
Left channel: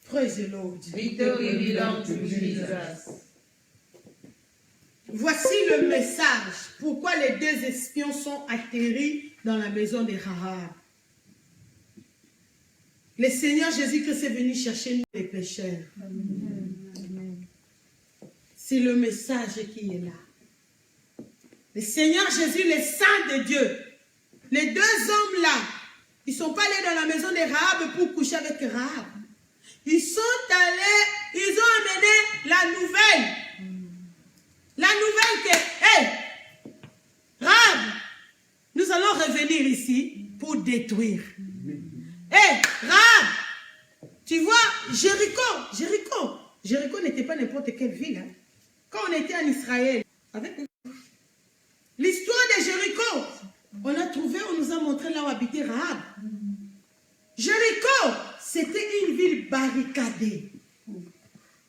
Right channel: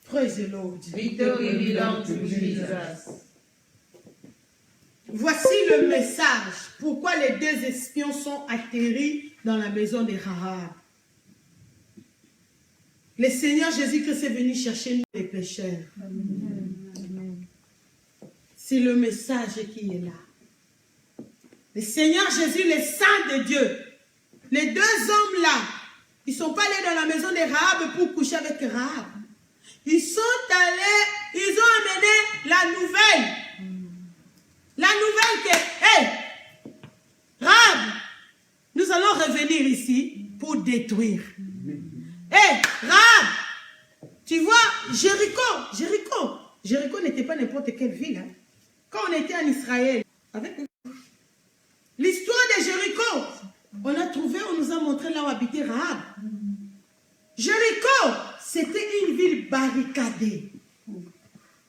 Praise the Lord. Victory belongs to Jesus. Voici le message. Pourquoi les deux espions sont atterris dans la maison de Rahab. Le Seigneur Jésus-Christ est venu chercher nous les pécheurs. C'est le message qui est là. le Seigneur Jésus, le Saint de Dieu. Les deux hommes-là, ils ne sont pas allés dans la maison de Rahab pour coucher avec Rahab. Ils sont allés, ils ont amené la nouvelle. La nouvelle que, hé, Rahab, nous allons revenir ici pour détruire. Hé, Rahab, tu vois, Jéricho n'était pas n'importe quelle ville. Hein. Quand on était en Israël, avec l'histoire de Jéricho, on a trouvé, on nous a montré là où habitait Rahab. Jéricho, c'était une ville barricadée.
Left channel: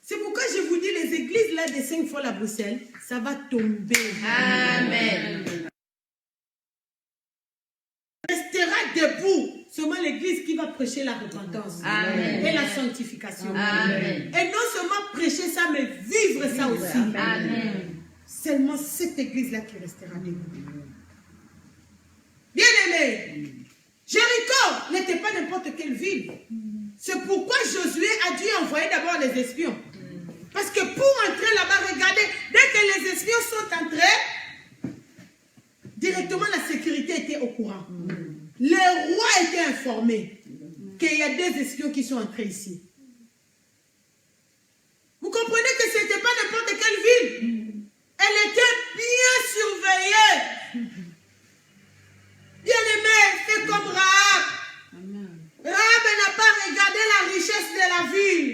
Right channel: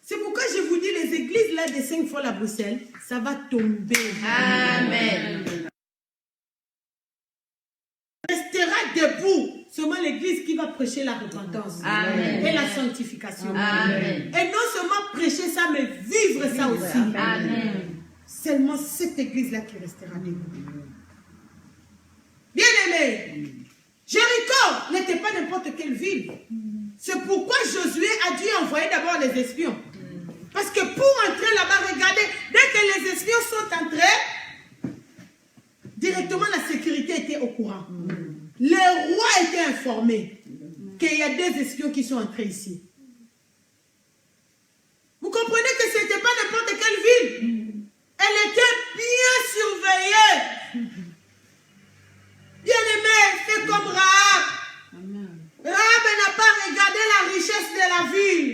C'est pourquoi je vous dis, les églises là de 5 fois à Bruxelles, ça va tomber. Amen. Restera debout seulement l'église qui va prêcher la repentance. Amen. Et la sanctification. Amen. Et non seulement prêcher ça, mais vivre ça aussi. Amen. Seulement cette église-là qui restera debout. Bien-aimés, Jéricho n'était pas n'importe quelle ville. C'est pourquoi Josué a dû envoyer d'abord les espions. Parce que pour entrer là-bas, regardez, dès que les espions sont entrés, directement la sécurité était au courant. Le roi était informé qu'il y a des espions qui sont entrés ici. Vous comprenez que ce n'était pas n'importe quelle ville. Elle était bien surveillée. Bien-aimé, c'est comme Rahab. Rahab n'a pas regardé la richesse de la ville.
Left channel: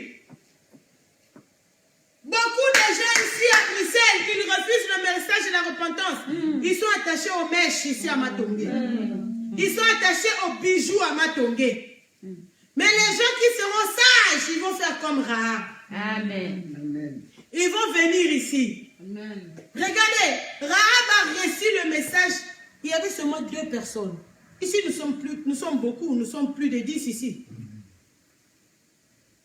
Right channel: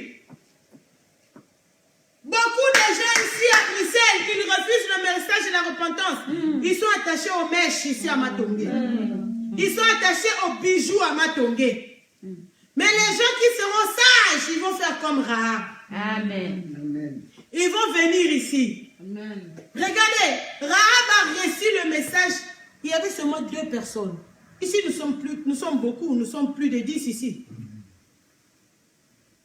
Beaucoup de gens ici à Bruxelles qui refusent le message de la repentance, ils sont attachés aux mèches ici à Matongé. Ils sont attachés aux bijoux à Matongé. Mais les gens qui seront sages, ils vont faire comme Rahab. Amen. Ils vont venir ici. Amen. Regardez, Rahab a reçu le message. Il y avait seulement 2 personnes. Ici, nous sommes beaucoup, nous sommes plus de 10 ici.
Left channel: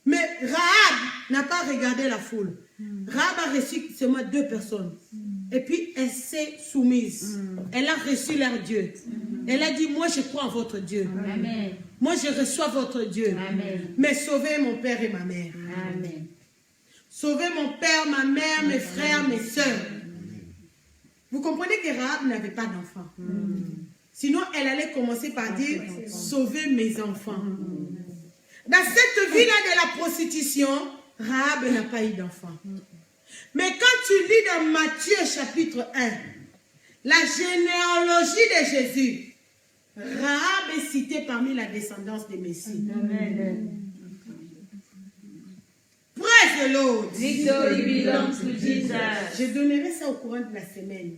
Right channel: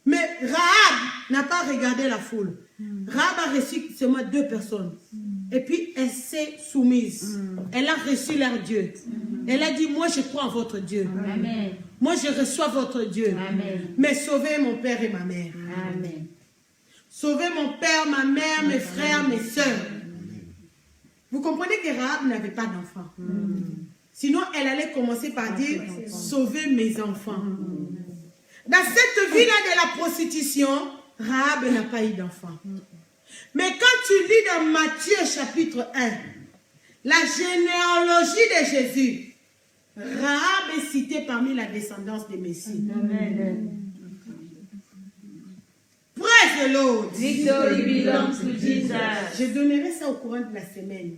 Mais Rahab n'a pas regardé la foule. Rahab a reçu seulement 2 personnes. Et puis, elle s'est soumise. Elle a reçu leur Dieu. Elle a dit, moi, je crois en votre Dieu. Amen. Moi, je reçois votre Dieu. Amen. Mais sauvez mon père et ma mère. Amen. Sauvez mon père, ma mère, mes frères, mes soeurs. Vous comprenez que Rahab n'avait pas d'enfant. Sinon, elle allait commencer par dire, sauvez mes enfants. Dans cette vie-là de la prostitution, Rahab n'a pas eu d'enfant. Mais quand tu lis dans Matthieu chapitre 1, la généalogie de Jésus, Rahab est citée parmi la descendance des Messies. Praise the Lord. Victory belongs to Jesus. Je donnerai ça au courant de la semaine.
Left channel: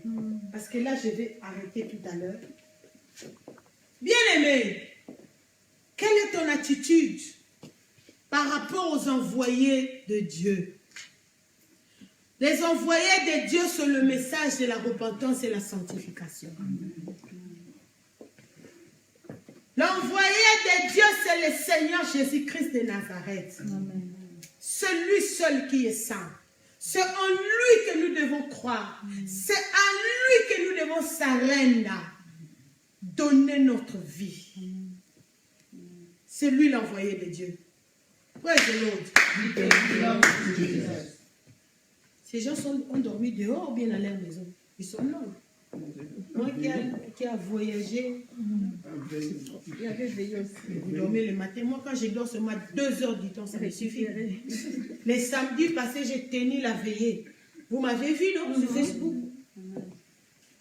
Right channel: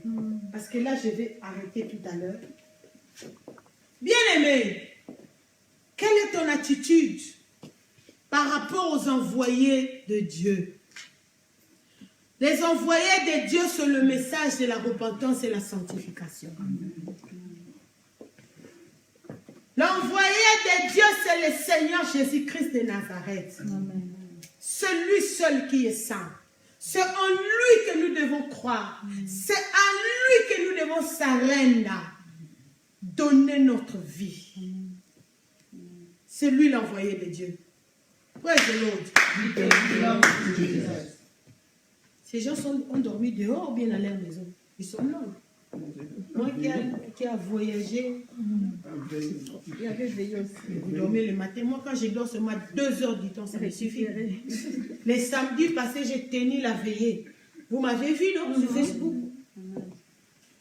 Parce que là, je vais arrêter tout à l'heure. Bien-aimé, quelle est ton attitude par rapport aux envoyés de Dieu? Les envoyés de Dieu sont le message de la repentance et la sanctification. L'envoyé de Dieu, c'est le Seigneur Jésus-Christ de Nazareth. Celui seul qui est saint. C'est en lui que nous devons croire. C'est à lui que nous devons s'arrêter, donner notre vie. C'est lui l'envoyé de Dieu. Praise the Lord. Ces gens ont dormi dehors ou bien à leur maison. Ils sont là. Moi qui a voyagé, il y avait veillé aussi. Vous dormez le matin. Moi, quand je dors seulement 2 heures du temps, ça me suffit. Les samedis passés, j'ai tenu la veillée. Vous m'avez vu, non, sur Facebook?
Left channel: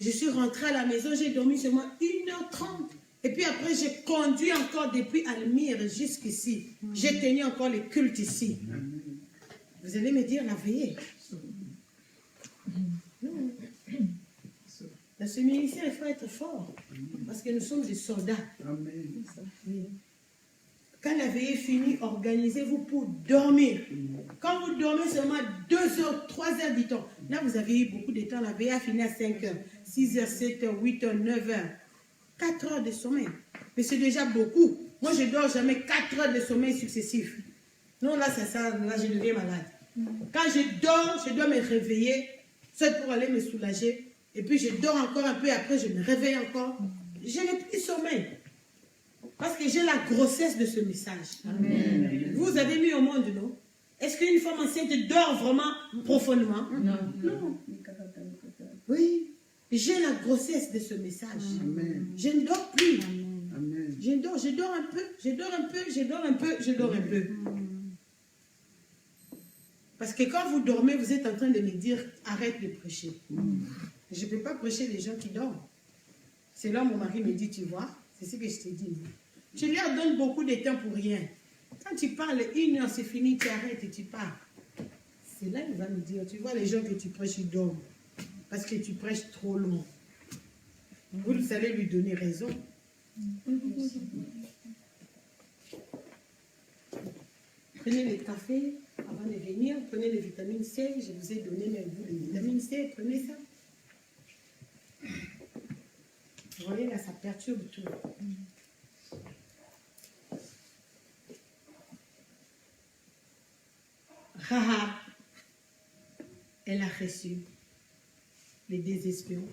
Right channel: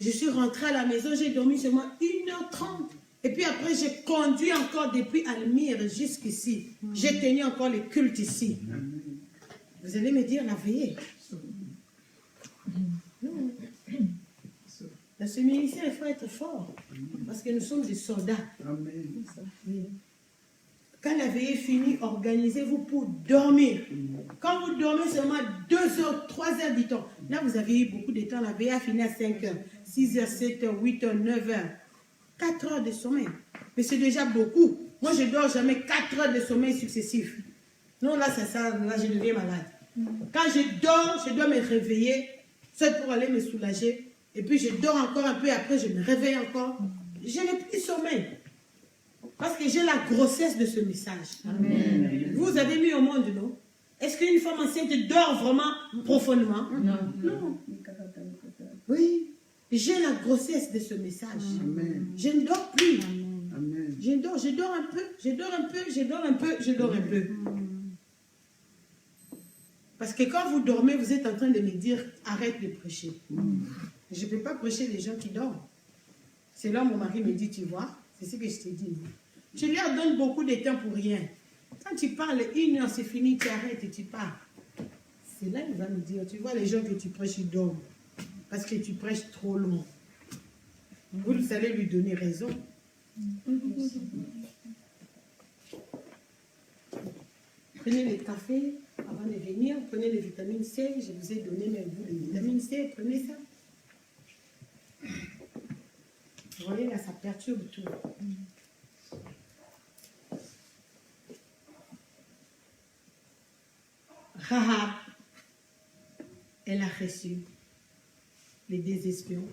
Je suis rentrée à la maison, j'ai dormi seulement 1h30. Et puis après, j'ai conduit encore depuis Almire jusqu'ici. J'ai tenu encore les cultes ici. Vous allez me dire la veillée. Non. Dans ce ministère, il faut être fort. Parce que nous sommes des soldats. Oui. Quand la veillée est finie, organisez-vous pour dormir. Quand vous dormez seulement 2 heures, 3 heures du temps, là vous avez eu beaucoup de temps. La veillée a fini à 5 heures, 6 heures, 7 heures, 8 heures, 9 heures. 4 heures de sommeil. Mais c'est déjà beaucoup. Moi, je ne dors jamais 4 heures de sommeil successifs. Non, là, c'est ça. Là, je deviens malade. Quand je dors, je dois me réveiller, soit pour aller me soulager. Et puis, je dors encore un peu. Après, je me réveille encore. Je n'ai plus de sommeil. Parce que j'ai la grossesse de ce message. Amen. Vous avez mis au monde, non? Est-ce qu'une femme enceinte dort vraiment profondément? Non. Non. Oui. J'ai la grossesse de ce message. Amen. Je ne dors plus. Amen. Je dors un peu, je dors un peu, je dors un peu, je dors un peu. Parce que quand vous dormez, vous êtes en train de me dire, arrête de prêcher. Je ne peux pas prêcher les gens qui dorment. C'est là où mon mari me dit, tu vois, c'est ce que je t'ai dit. Tu leur donnes beaucoup de temps pour rien. Quand tu parles 1 heure, c'est fini, tu arrêtes et tu pars. C'est là qu'il va me dire, tu vois, les gens que tu prêches, ils dorment. Parce que tu prêches trop long. Vous allez lui donner raison. Prenez le café avant de venir, prenez les vitamines C, je vous ai donné même vous les vitamines C, prenez ça. Vous voyez là, ça perturbe tout. Rahab, elle a reçu les 2 espions.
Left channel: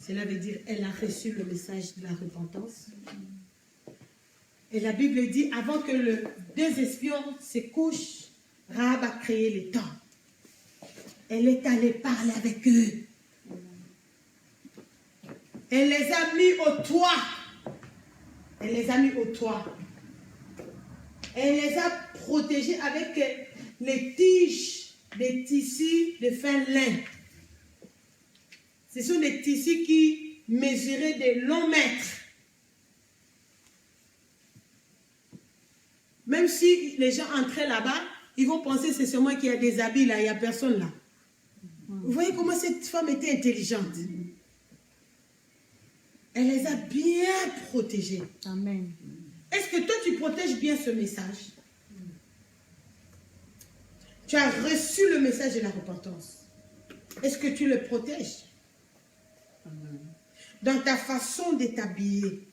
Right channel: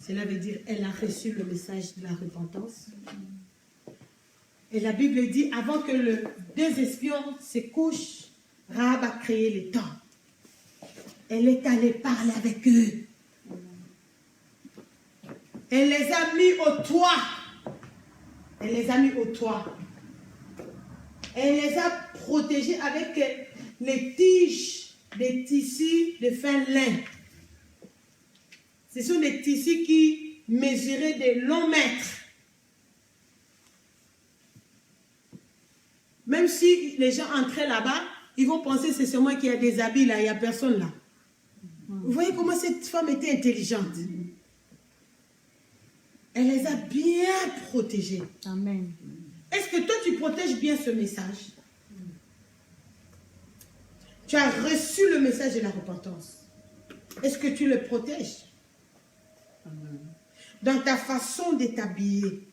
Cela veut dire elle a reçu le message de la repentance. Et la Bible dit, avant que les 2 espions se couchent, Rahab a créé les temps. Elle est allée parler avec eux. Elle les a mis au toit. Elle les a mis au toit. Elle les a protégés avec les tiges des tissus de fin lin. Ce sont des tissus qui mesuraient de longs mètres. Même si les gens entraient là-bas, ils vont penser que c'est seulement qu'il y a des habits là, il n'y a personne là. Vous voyez comment cette femme était intelligente. Elle les a bien protégés. Amen. Est-ce que toi, tu protèges bien ce message? Tu as reçu le message de la repentance. Est-ce que tu le protèges? Dans ta façon de t'habiller.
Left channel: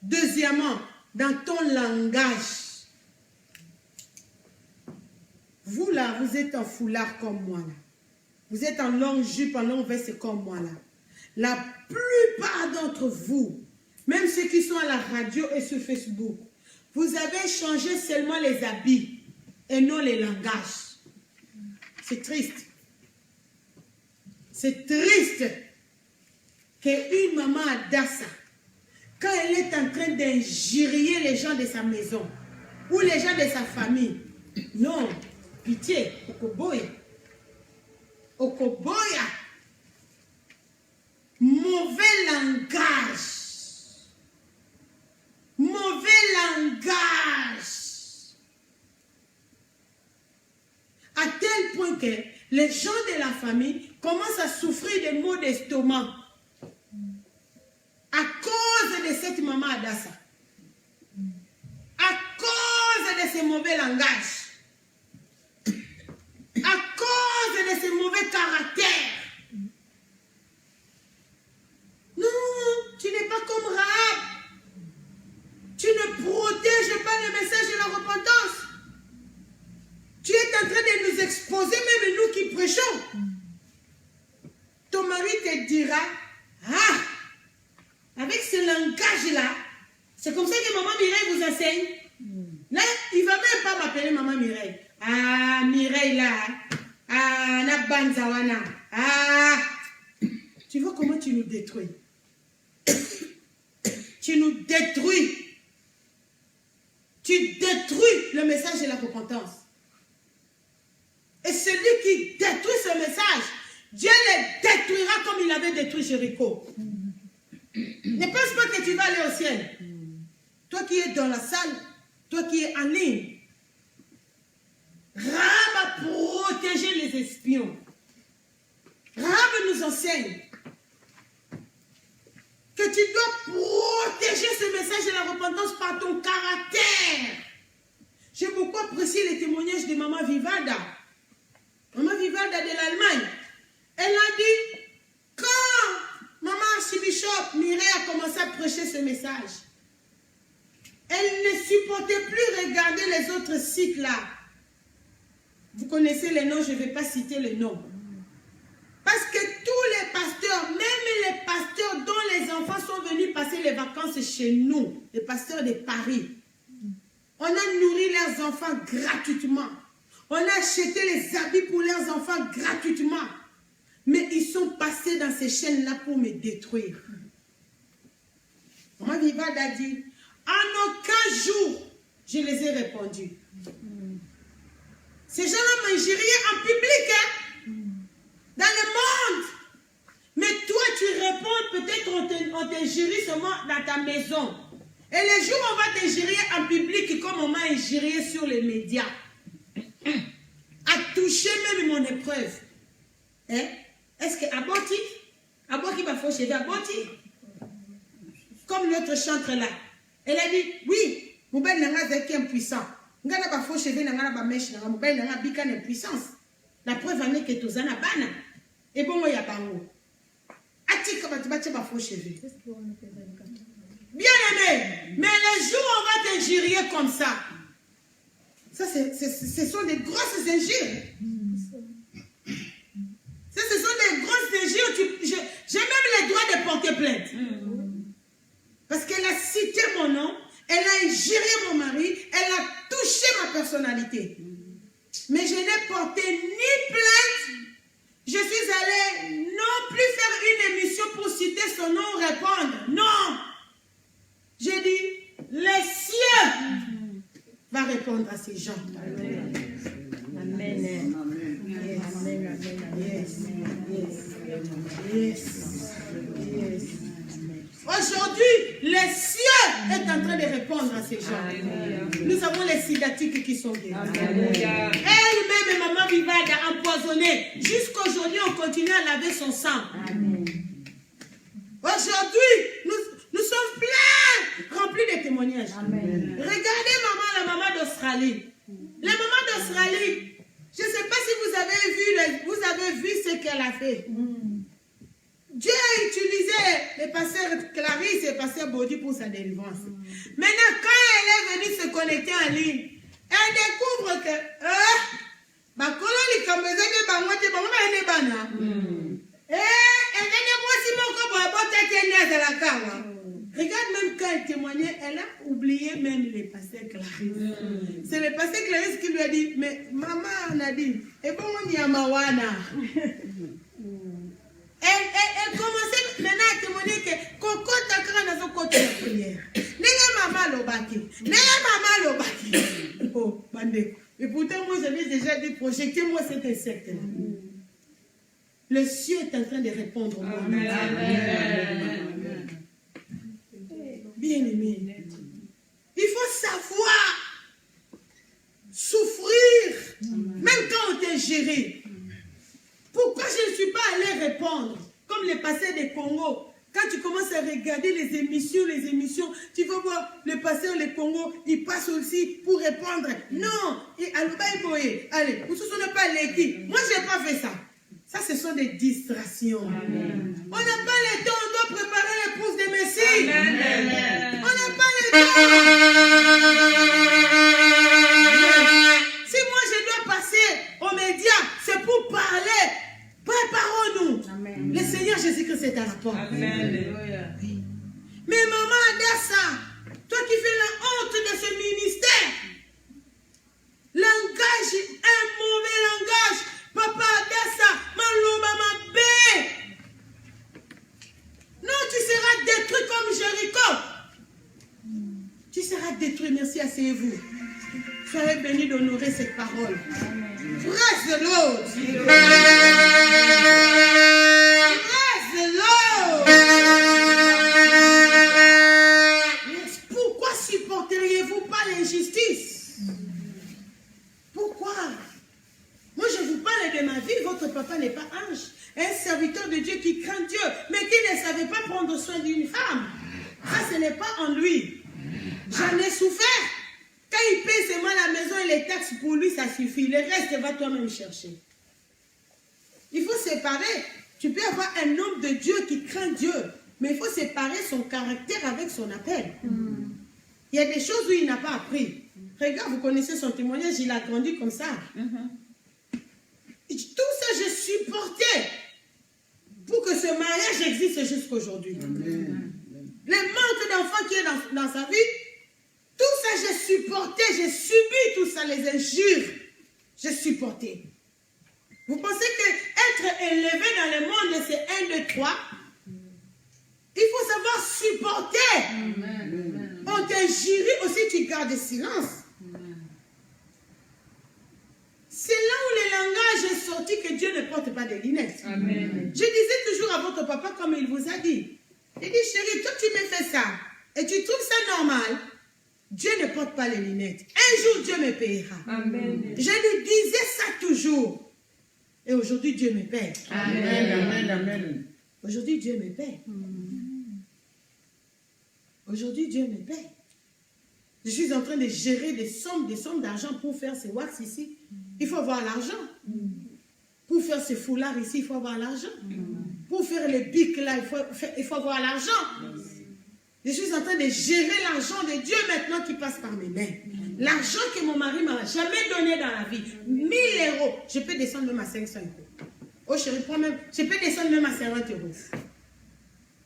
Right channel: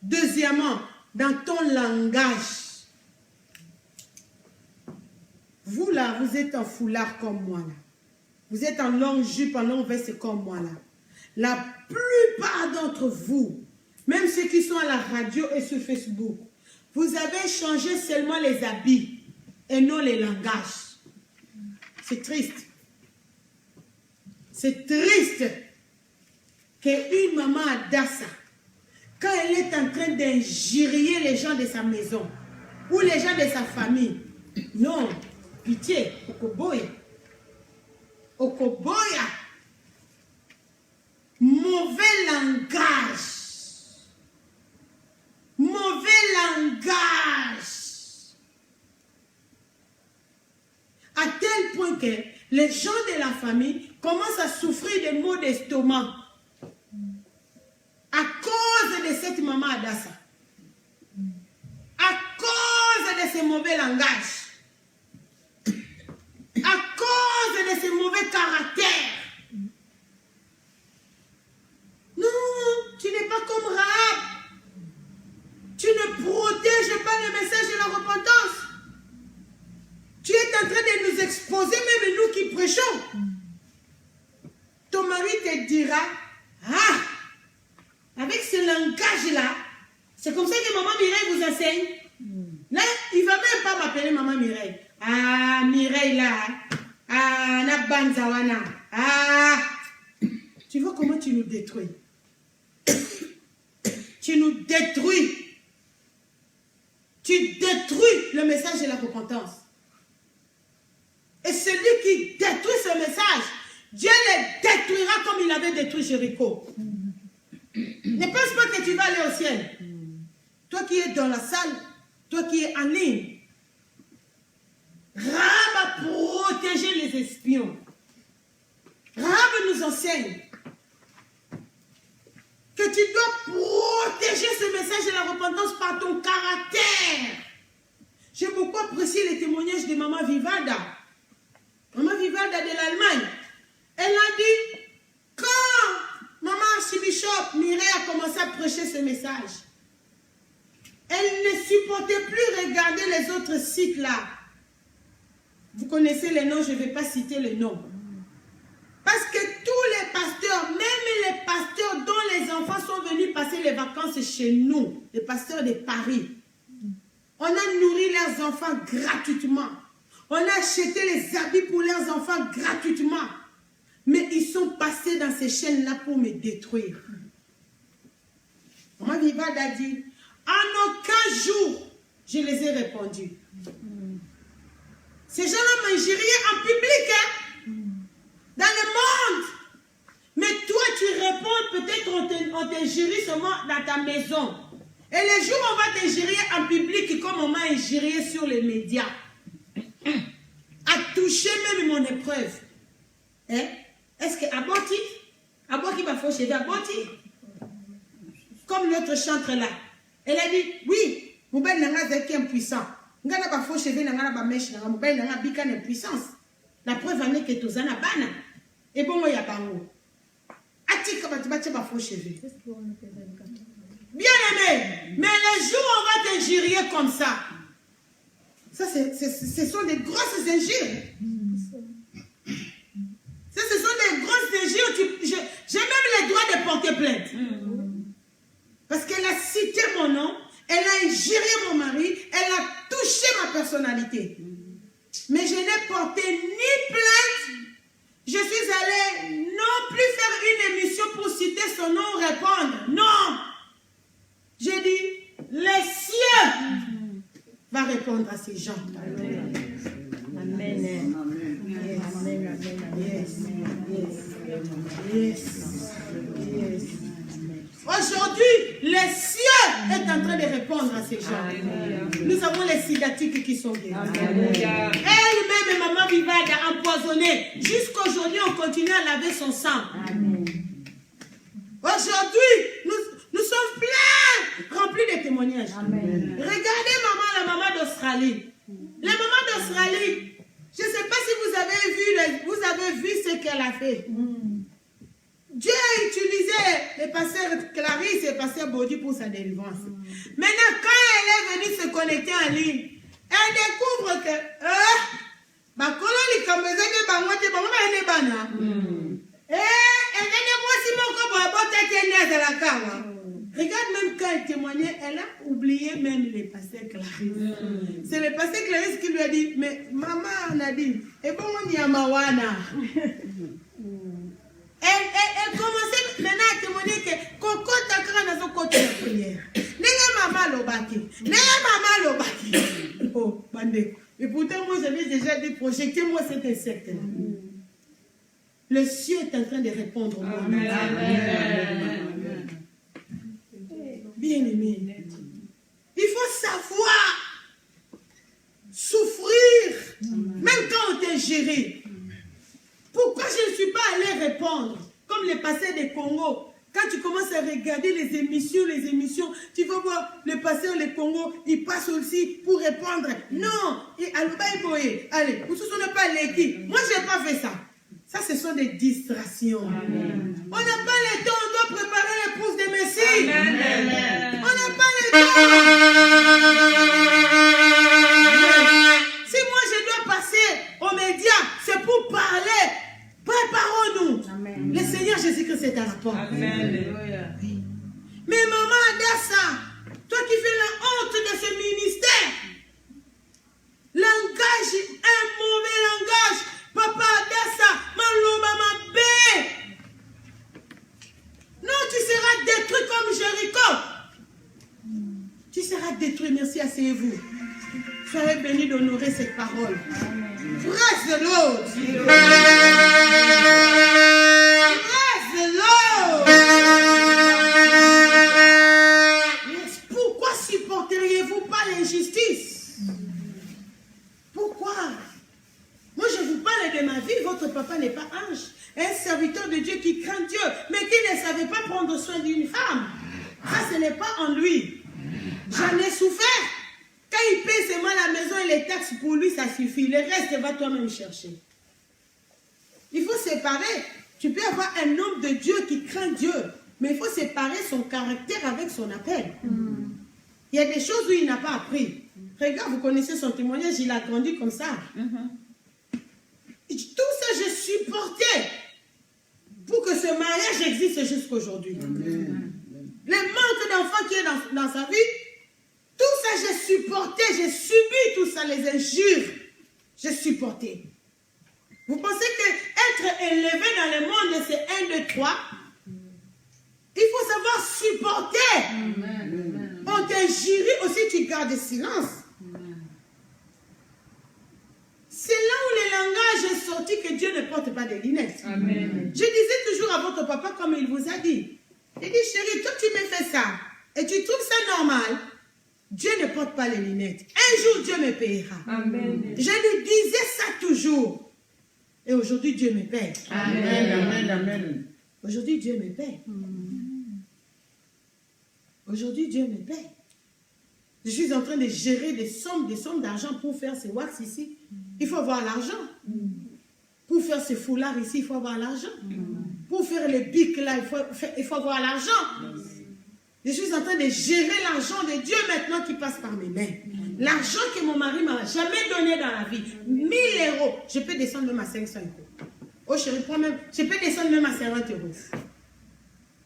Deuxièmement, dans ton langage. Vous là, vous êtes en foulard comme moi là. Vous êtes en longue jupe, en longue veste comme moi là. La plupart d'entre vous, même ceux qui sont à la radio et sur Facebook, vous avez changé seulement les habits et non les langages. C'est triste. C'est triste qu'une maman à Dassa, quand elle est en train d'injurier les gens de sa maison ou les gens de sa famille, non, pitié, Okoboya. Okoboya. Mauvais langage. Mauvais langage. À tel point que les gens de la famille commencent à souffrir de maux d'estomac à cause de cette maman Adassa. À cause de ces mauvais langages. À cause de ces mauvais caractères. Non, tu n'es pas comme Rahab. Tu ne protèges pas le message de la repentance. Tu es en train de nous exposer, même nous qui prêchons. Ton mari te dira, ah, avec ce langage-là, c'est comme ça que Maman Mireille vous enseigne. Là, il ne va même pas m'appeler Maman Mireille. Ah, Mireille là. Ah, Nabanzawana. Ah. Tu vois comment tu nous détruis. Tu nous détruis. Tu détruis le message de la repentance. Et celui qui détruit ce message, Dieu le détruira comme il avait détruit Jéricho. Ne pense pas que tu vas aller au ciel. Toi qui es dans la salle, toi qui es en ligne, Rahab a protégé les espions. Rahab nous enseigne que tu dois protéger ce message de la repentance par ton caractère. J'ai beaucoup apprécié les témoignages de Maman Vivalda. Maman Vivalda de l'Allemagne. Elle a dit, quand Maman Archibishop Mireille a commencé à prêcher ce message, elle ne supportait plus regarder les autres sites là. Vous connaissez les noms, je ne vais pas citer les noms. Parce que tous les pasteurs, même les pasteurs dont les enfants sont venus passer les vacances chez nous, les pasteurs de Paris, on a nourri leurs enfants gratuitement. On a acheté les habits pour leurs enfants gratuitement. Mais ils sont passés dans ces chaînes-là pour me détruire. Maman Vivade a dit, en aucun jour, je les ai répondus. Ces gens-là m'injuriaient en public, hein, dans le monde. Mais toi, tu réponds, peut-être on t'injurie seulement dans ta maison. Et les jours où on va t'injurier en public, comme on m'a injurié sur les médias, a touché même mon épreuve. Hein? Est-ce que Aboti va faire chez Aboti? Comme l'autre chantre là. Elle a dit, oui, mon bel n'a pas été impuissant. Ngana ba faux cheveux n'a pas mèche n'a mon bel n'a pas bican impuissance. La preuve en est que tous en a bana. Et bon moi y a pas mot. Atika ba tibache ba faux cheveux. Bien aimé, mais les jours où on va t'injurier comme ça, ce sont des grosses injures. Ce sont des grosses injures. J'ai même le droit de porter plainte. Parce qu'elle a cité mon nom, elle a injurié mon mari, elle a touché ma personnalité. Mais je n'ai porté ni plainte, je suis allée non plus faire une émission pour citer son nom ou répondre. Non! J'ai dit, les cieux va répondre à ces gens. Amen. Amen. Aujourd'hui, les cieux est en train de répondre à ces gens. Nous avons les sidatiques qui sont guéris. Elle-même, maman Vivade, a empoisonné. Jusqu'aujourd'hui, on continue à laver son sang. Aujourd'hui, nous sommes pleins, remplis de témoignages. Regardez la maman d'Australie. La maman d'Australie, je ne sais pas si vous avez vu ce qu'elle a fait. Dieu a utilisé le pasteur Clarisse et le pasteur Bodi pour sa délivrance. Maintenant, quand elle est venue se connecter en ligne, elle découvre que regarde, même quand elle témoignait, elle a oublié même les pasteurs Clarisse. C'est le pasteur Clarisse qui lui a dit, mais maman, on a dit, et bon, on y a mawana. Elle commençait maintenant à témoigner que Coco Takara n'a pas côté de prière. N'est-ce maman l'obaki. N'est-ce maman l'obaki. Oh, bandeko. Et pourtant, moi, j'avais déjà dit, projectez-moi cet insecte. Le ciel est en train de répondre au monde. Amen. Bien aimé. Il faut savoir souffrir, même quand on t'est géré. Pourquoi je ne suis pas allée répondre comme les pasteurs des Congo? Quand tu commences à regarder les émissions, tu vas voir le pasteur des Congo, il passe aussi pour répondre. Non, allez, vous ne sont pas l'équipe. Moi, je n'ai pas fait ça. Ça, ce sont des distractions. Amen. On n'a pas le temps, on doit préparer l'épouse de Messie. Amen. On n'a pas le temps. Si moi, je dois passer aux médias, c'est pour parler. Préparons-nous. Amen. Le Seigneur Jésus-Christ est à la porte. Amen. Mais maman Adassa, toi qui fais la honte de ce ministère, langage, un mauvais langage, papa Adassa, Maloba Mabé. Non, tu seras détruit comme Jéricho. Tu seras détruit, merci, asseyez-vous. Soyez bénis d'honorer cette parole. Praise the Lord. Praise the Lord. Yes. Pourquoi supporteriez-vous pas l'injustice? Pourquoi? Moi, je vous parle de ma vie. Votre papa n'est pas ange. Un serviteur de Dieu qui craint Dieu, mais qui ne savait pas prendre soin d'une femme. Ça, ce n'est pas en lui. J'en ai souffert. Quand il paie seulement la maison et les taxes, pour lui, ça suffit. Le reste, va toi-même chercher. Il faut séparer. Tu peux avoir un homme de Dieu qui craint Dieu, mais il faut séparer son caractère avec son appel. Il y a des choses où il n'a pas appris. Regarde, vous connaissez son témoignage, il a grandi comme ça. Tout ça, je supportais pour que ce mariage existe jusqu'aujourd'hui. Le manque d'enfants qui est dans sa vie, tout ça, j'ai supporté, j'ai subi tout ça, les injures. J'ai supporté. Vous pensez qu'être élevé dans le monde, c'est 1, 2, 3? Il faut savoir supporter. On t'injurie aussi, tu gardes silence. C'est là où le langage est sorti que Dieu ne porte pas de lunettes. Amen. Je disais toujours à votre papa comme il vous a dit. Il dit, chérie, toi tu me fais ça et tu trouves ça normal. Dieu ne porte pas les lunettes. Un jour, Dieu me payera. Amen. Je lui disais ça toujours. Et aujourd'hui, Dieu me paie. Amen. Amen. Aujourd'hui, Dieu me paie. Aujourd'hui, Dieu me paie. Je suis en train de gérer des sommes d'argent pour faire ces wax ici. Il faut avoir l'argent. Pour faire ces foulards ici, il faut avoir l'argent. Pour faire les bics là, il faut avoir l'argent. Je suis en train de gérer l'argent de Dieu maintenant qui passe par mes mains. L'argent que mon mari m'a jamais donné dans la vie. 1000 €. Je peux descendre même à 500 €. Oh chérie, prends même. Je peux descendre même à 50 €.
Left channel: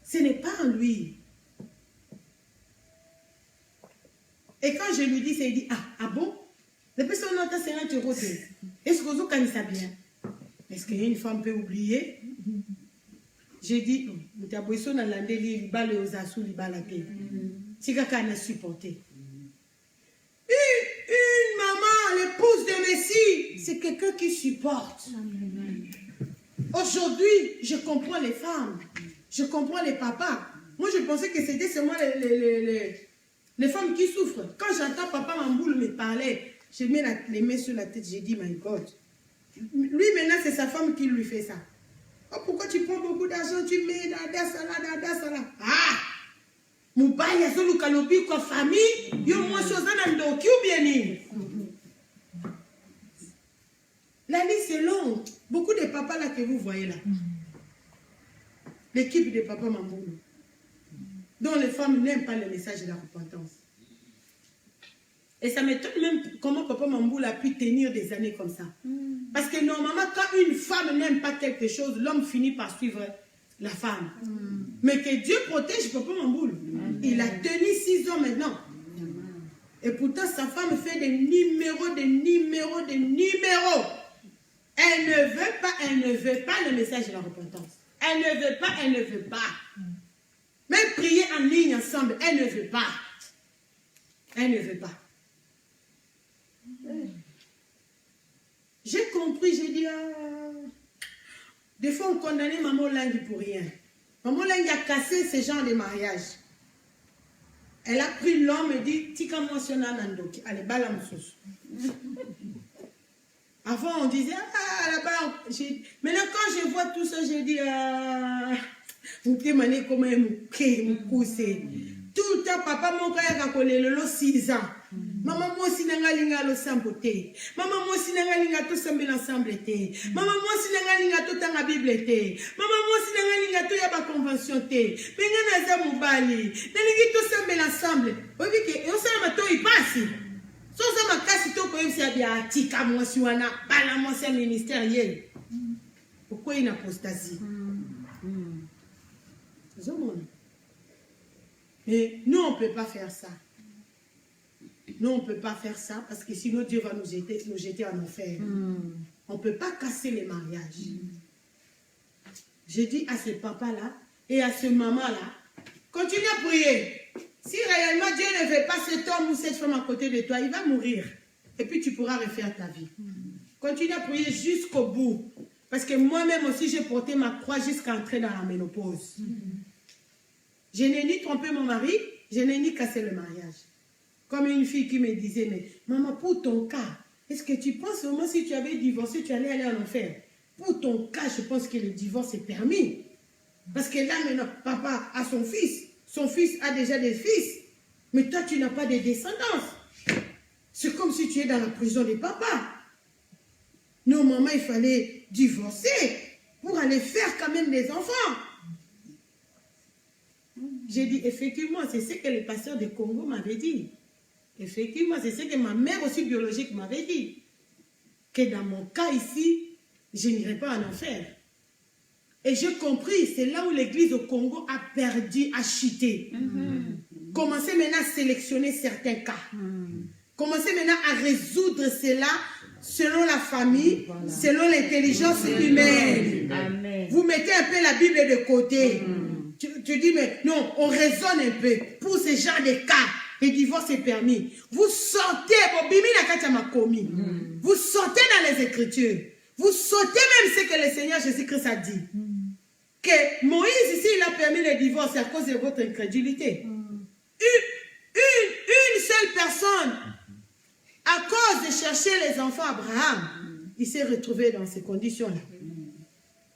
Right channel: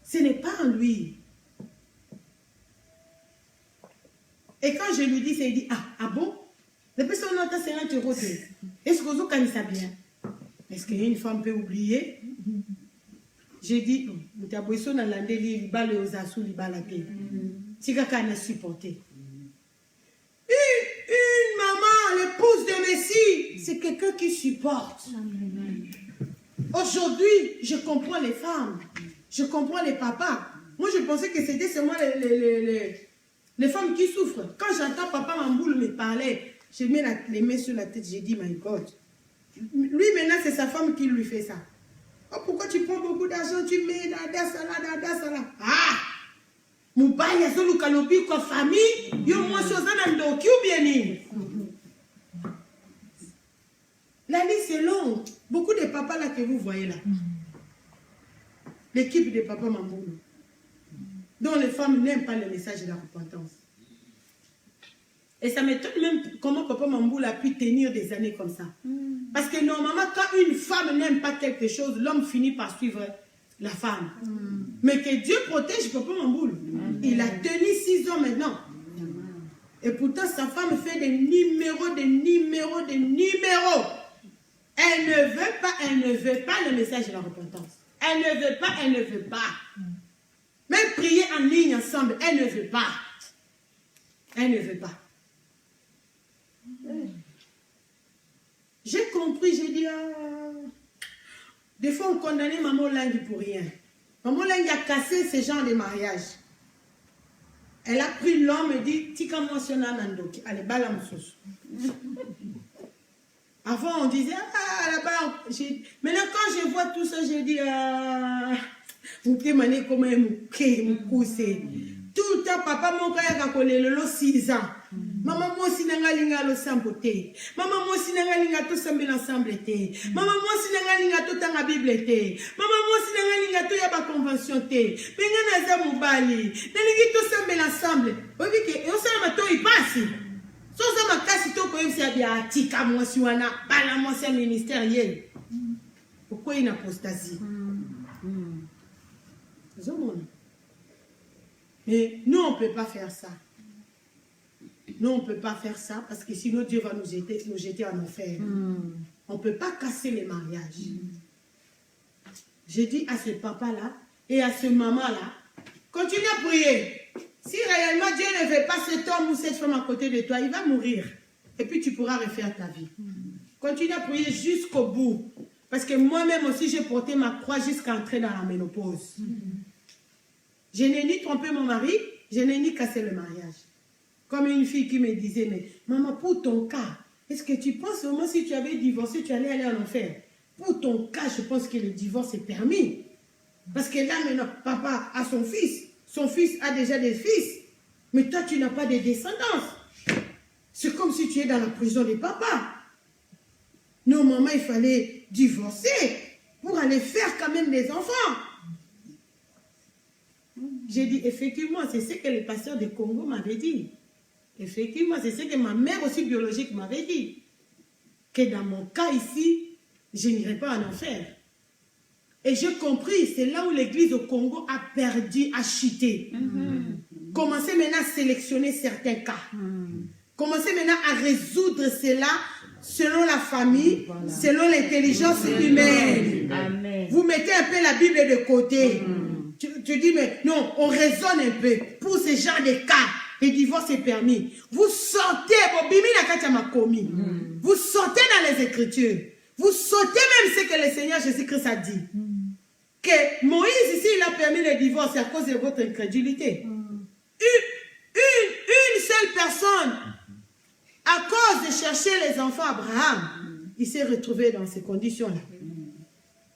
Ce n'est pas en lui. Et quand je lui dis, il dit, ah bon? Depuis son nom, 50 €. Est-ce que vous connaissez bien? Est-ce qu'une femme peut oublier? J'ai dit, tu as besoin de l'andé, il va le osasou, il va la paix. C'est quelqu'un qui a supporté. Une maman, l'épouse de Messie, c'est quelqu'un qui supporte. Aujourd'hui, je comprends les femmes. Je comprends les papas. Moi, je pensais que c'était seulement les femmes qui souffrent. Quand j'entends papa Mamboul me parler, je mets les mains sur la tête, j'ai dit, my God. Lui, maintenant, c'est sa femme qui lui fait ça. Oh, pourquoi tu prends beaucoup d'argent, tu mets dans ça. Ah! Moubaï, Yazou, Kalobi, quoi, famille, yo, moi, Sozana, Ndoki, ou bien ni. La liste est longue. Beaucoup de papas là que vous voyez là. L'équipe de papa Mamboulou. Dont les femmes n'aiment pas le message de la repentance. Et ça m'étonne même comment papa Mamboulou a pu tenir des années comme ça. Parce que normalement, quand une femme n'aime pas quelque chose, l'homme finit par suivre la femme. Mais que Dieu protège papa Mamboulou. Il a tenu 6 ans maintenant. Et pourtant, sa femme fait des numéros. Elle ne veut pas le message de la repentance. Elle ne veut pas. Même prier en ligne ensemble, elle ne veut pas. J'ai compris, j'ai dit, des fois on condamnait Maman Langi pour rien. Maman Langi a cassé ce genre de mariage. Elle a pris l'homme et dit, Tika moi sur Nanandoki, allez, balamoussous. Avant on disait, là-bas, maintenant quand je vois tout ça, j'ai dit, vous témoignez comment me pousser. Tout le temps, papa, mon frère a collé le 6 ans. Maman, moi aussi, n'a le samboté. Maman, moi aussi, n'a tout semblé ensemble. Maman, moi aussi, n'a tout dans la Bible. Maman, moi aussi, n'a tout y a pas convention. Mais n'a pas moubali. N'a tout semblé ensemble. Vous voyez que, on sait que il passe. Si on sait que tout comme ça, bien, tika, moi, si on a, bala, moi, c'est ministériel. Pourquoi il y a une apostasie? Mais nous, on ne peut pas faire ça. Nous, on ne peut pas faire ça parce que sinon Dieu va nous jeter en enfer. On ne peut pas casser les mariages. Je dis à ce papa-là et à ce maman-là, continue à prier. Si réellement Dieu ne veut pas cet homme ou cette femme à côté de toi, il va mourir. Et puis tu pourras refaire ta vie. Continue à prier jusqu'au bout. Parce que moi-même aussi, j'ai porté ma croix jusqu'à entrer dans la ménopause. Je n'ai ni trompé mon mari, je n'ai ni cassé le mariage. Comme une fille qui me disait, mais maman, pour ton cas, est-ce que tu penses vraiment si tu avais divorcé, tu allais aller en enfer? Pour ton cas, je pense que le divorce est permis. Parce que là, maintenant, papa a son fils a déjà des fils, mais toi, tu n'as pas de descendance. C'est comme si tu es dans la prison de papa. Normalement, il fallait divorcer pour aller faire quand même des enfants. J'ai dit, effectivement, c'est ce que le pasteur de Congo m'avait dit. Effectivement, c'est ce que ma mère aussi biologique m'avait dit. Que dans mon cas ici, je n'irai pas en enfer. Et j'ai compris, c'est là où l'église au Congo a perdu, a chuté. Commencez maintenant à sélectionner certains cas. Commencez maintenant à résoudre cela selon la famille, selon l'intelligence humaine. Amen. Vous mettez un peu la Bible de côté. Tu dis, mais non, on raisonne un peu. Pour ce genre de cas, le divorce est permis. Vous sortez, vous sortez dans les Écritures. Vous sortez même ce que le Seigneur Jésus-Christ a dit. Que Moïse ici, il a permis le divorce à cause de votre incrédulité. Une seule personne, à cause de chercher les enfants Abraham, il s'est retrouvé dans ces conditions-là.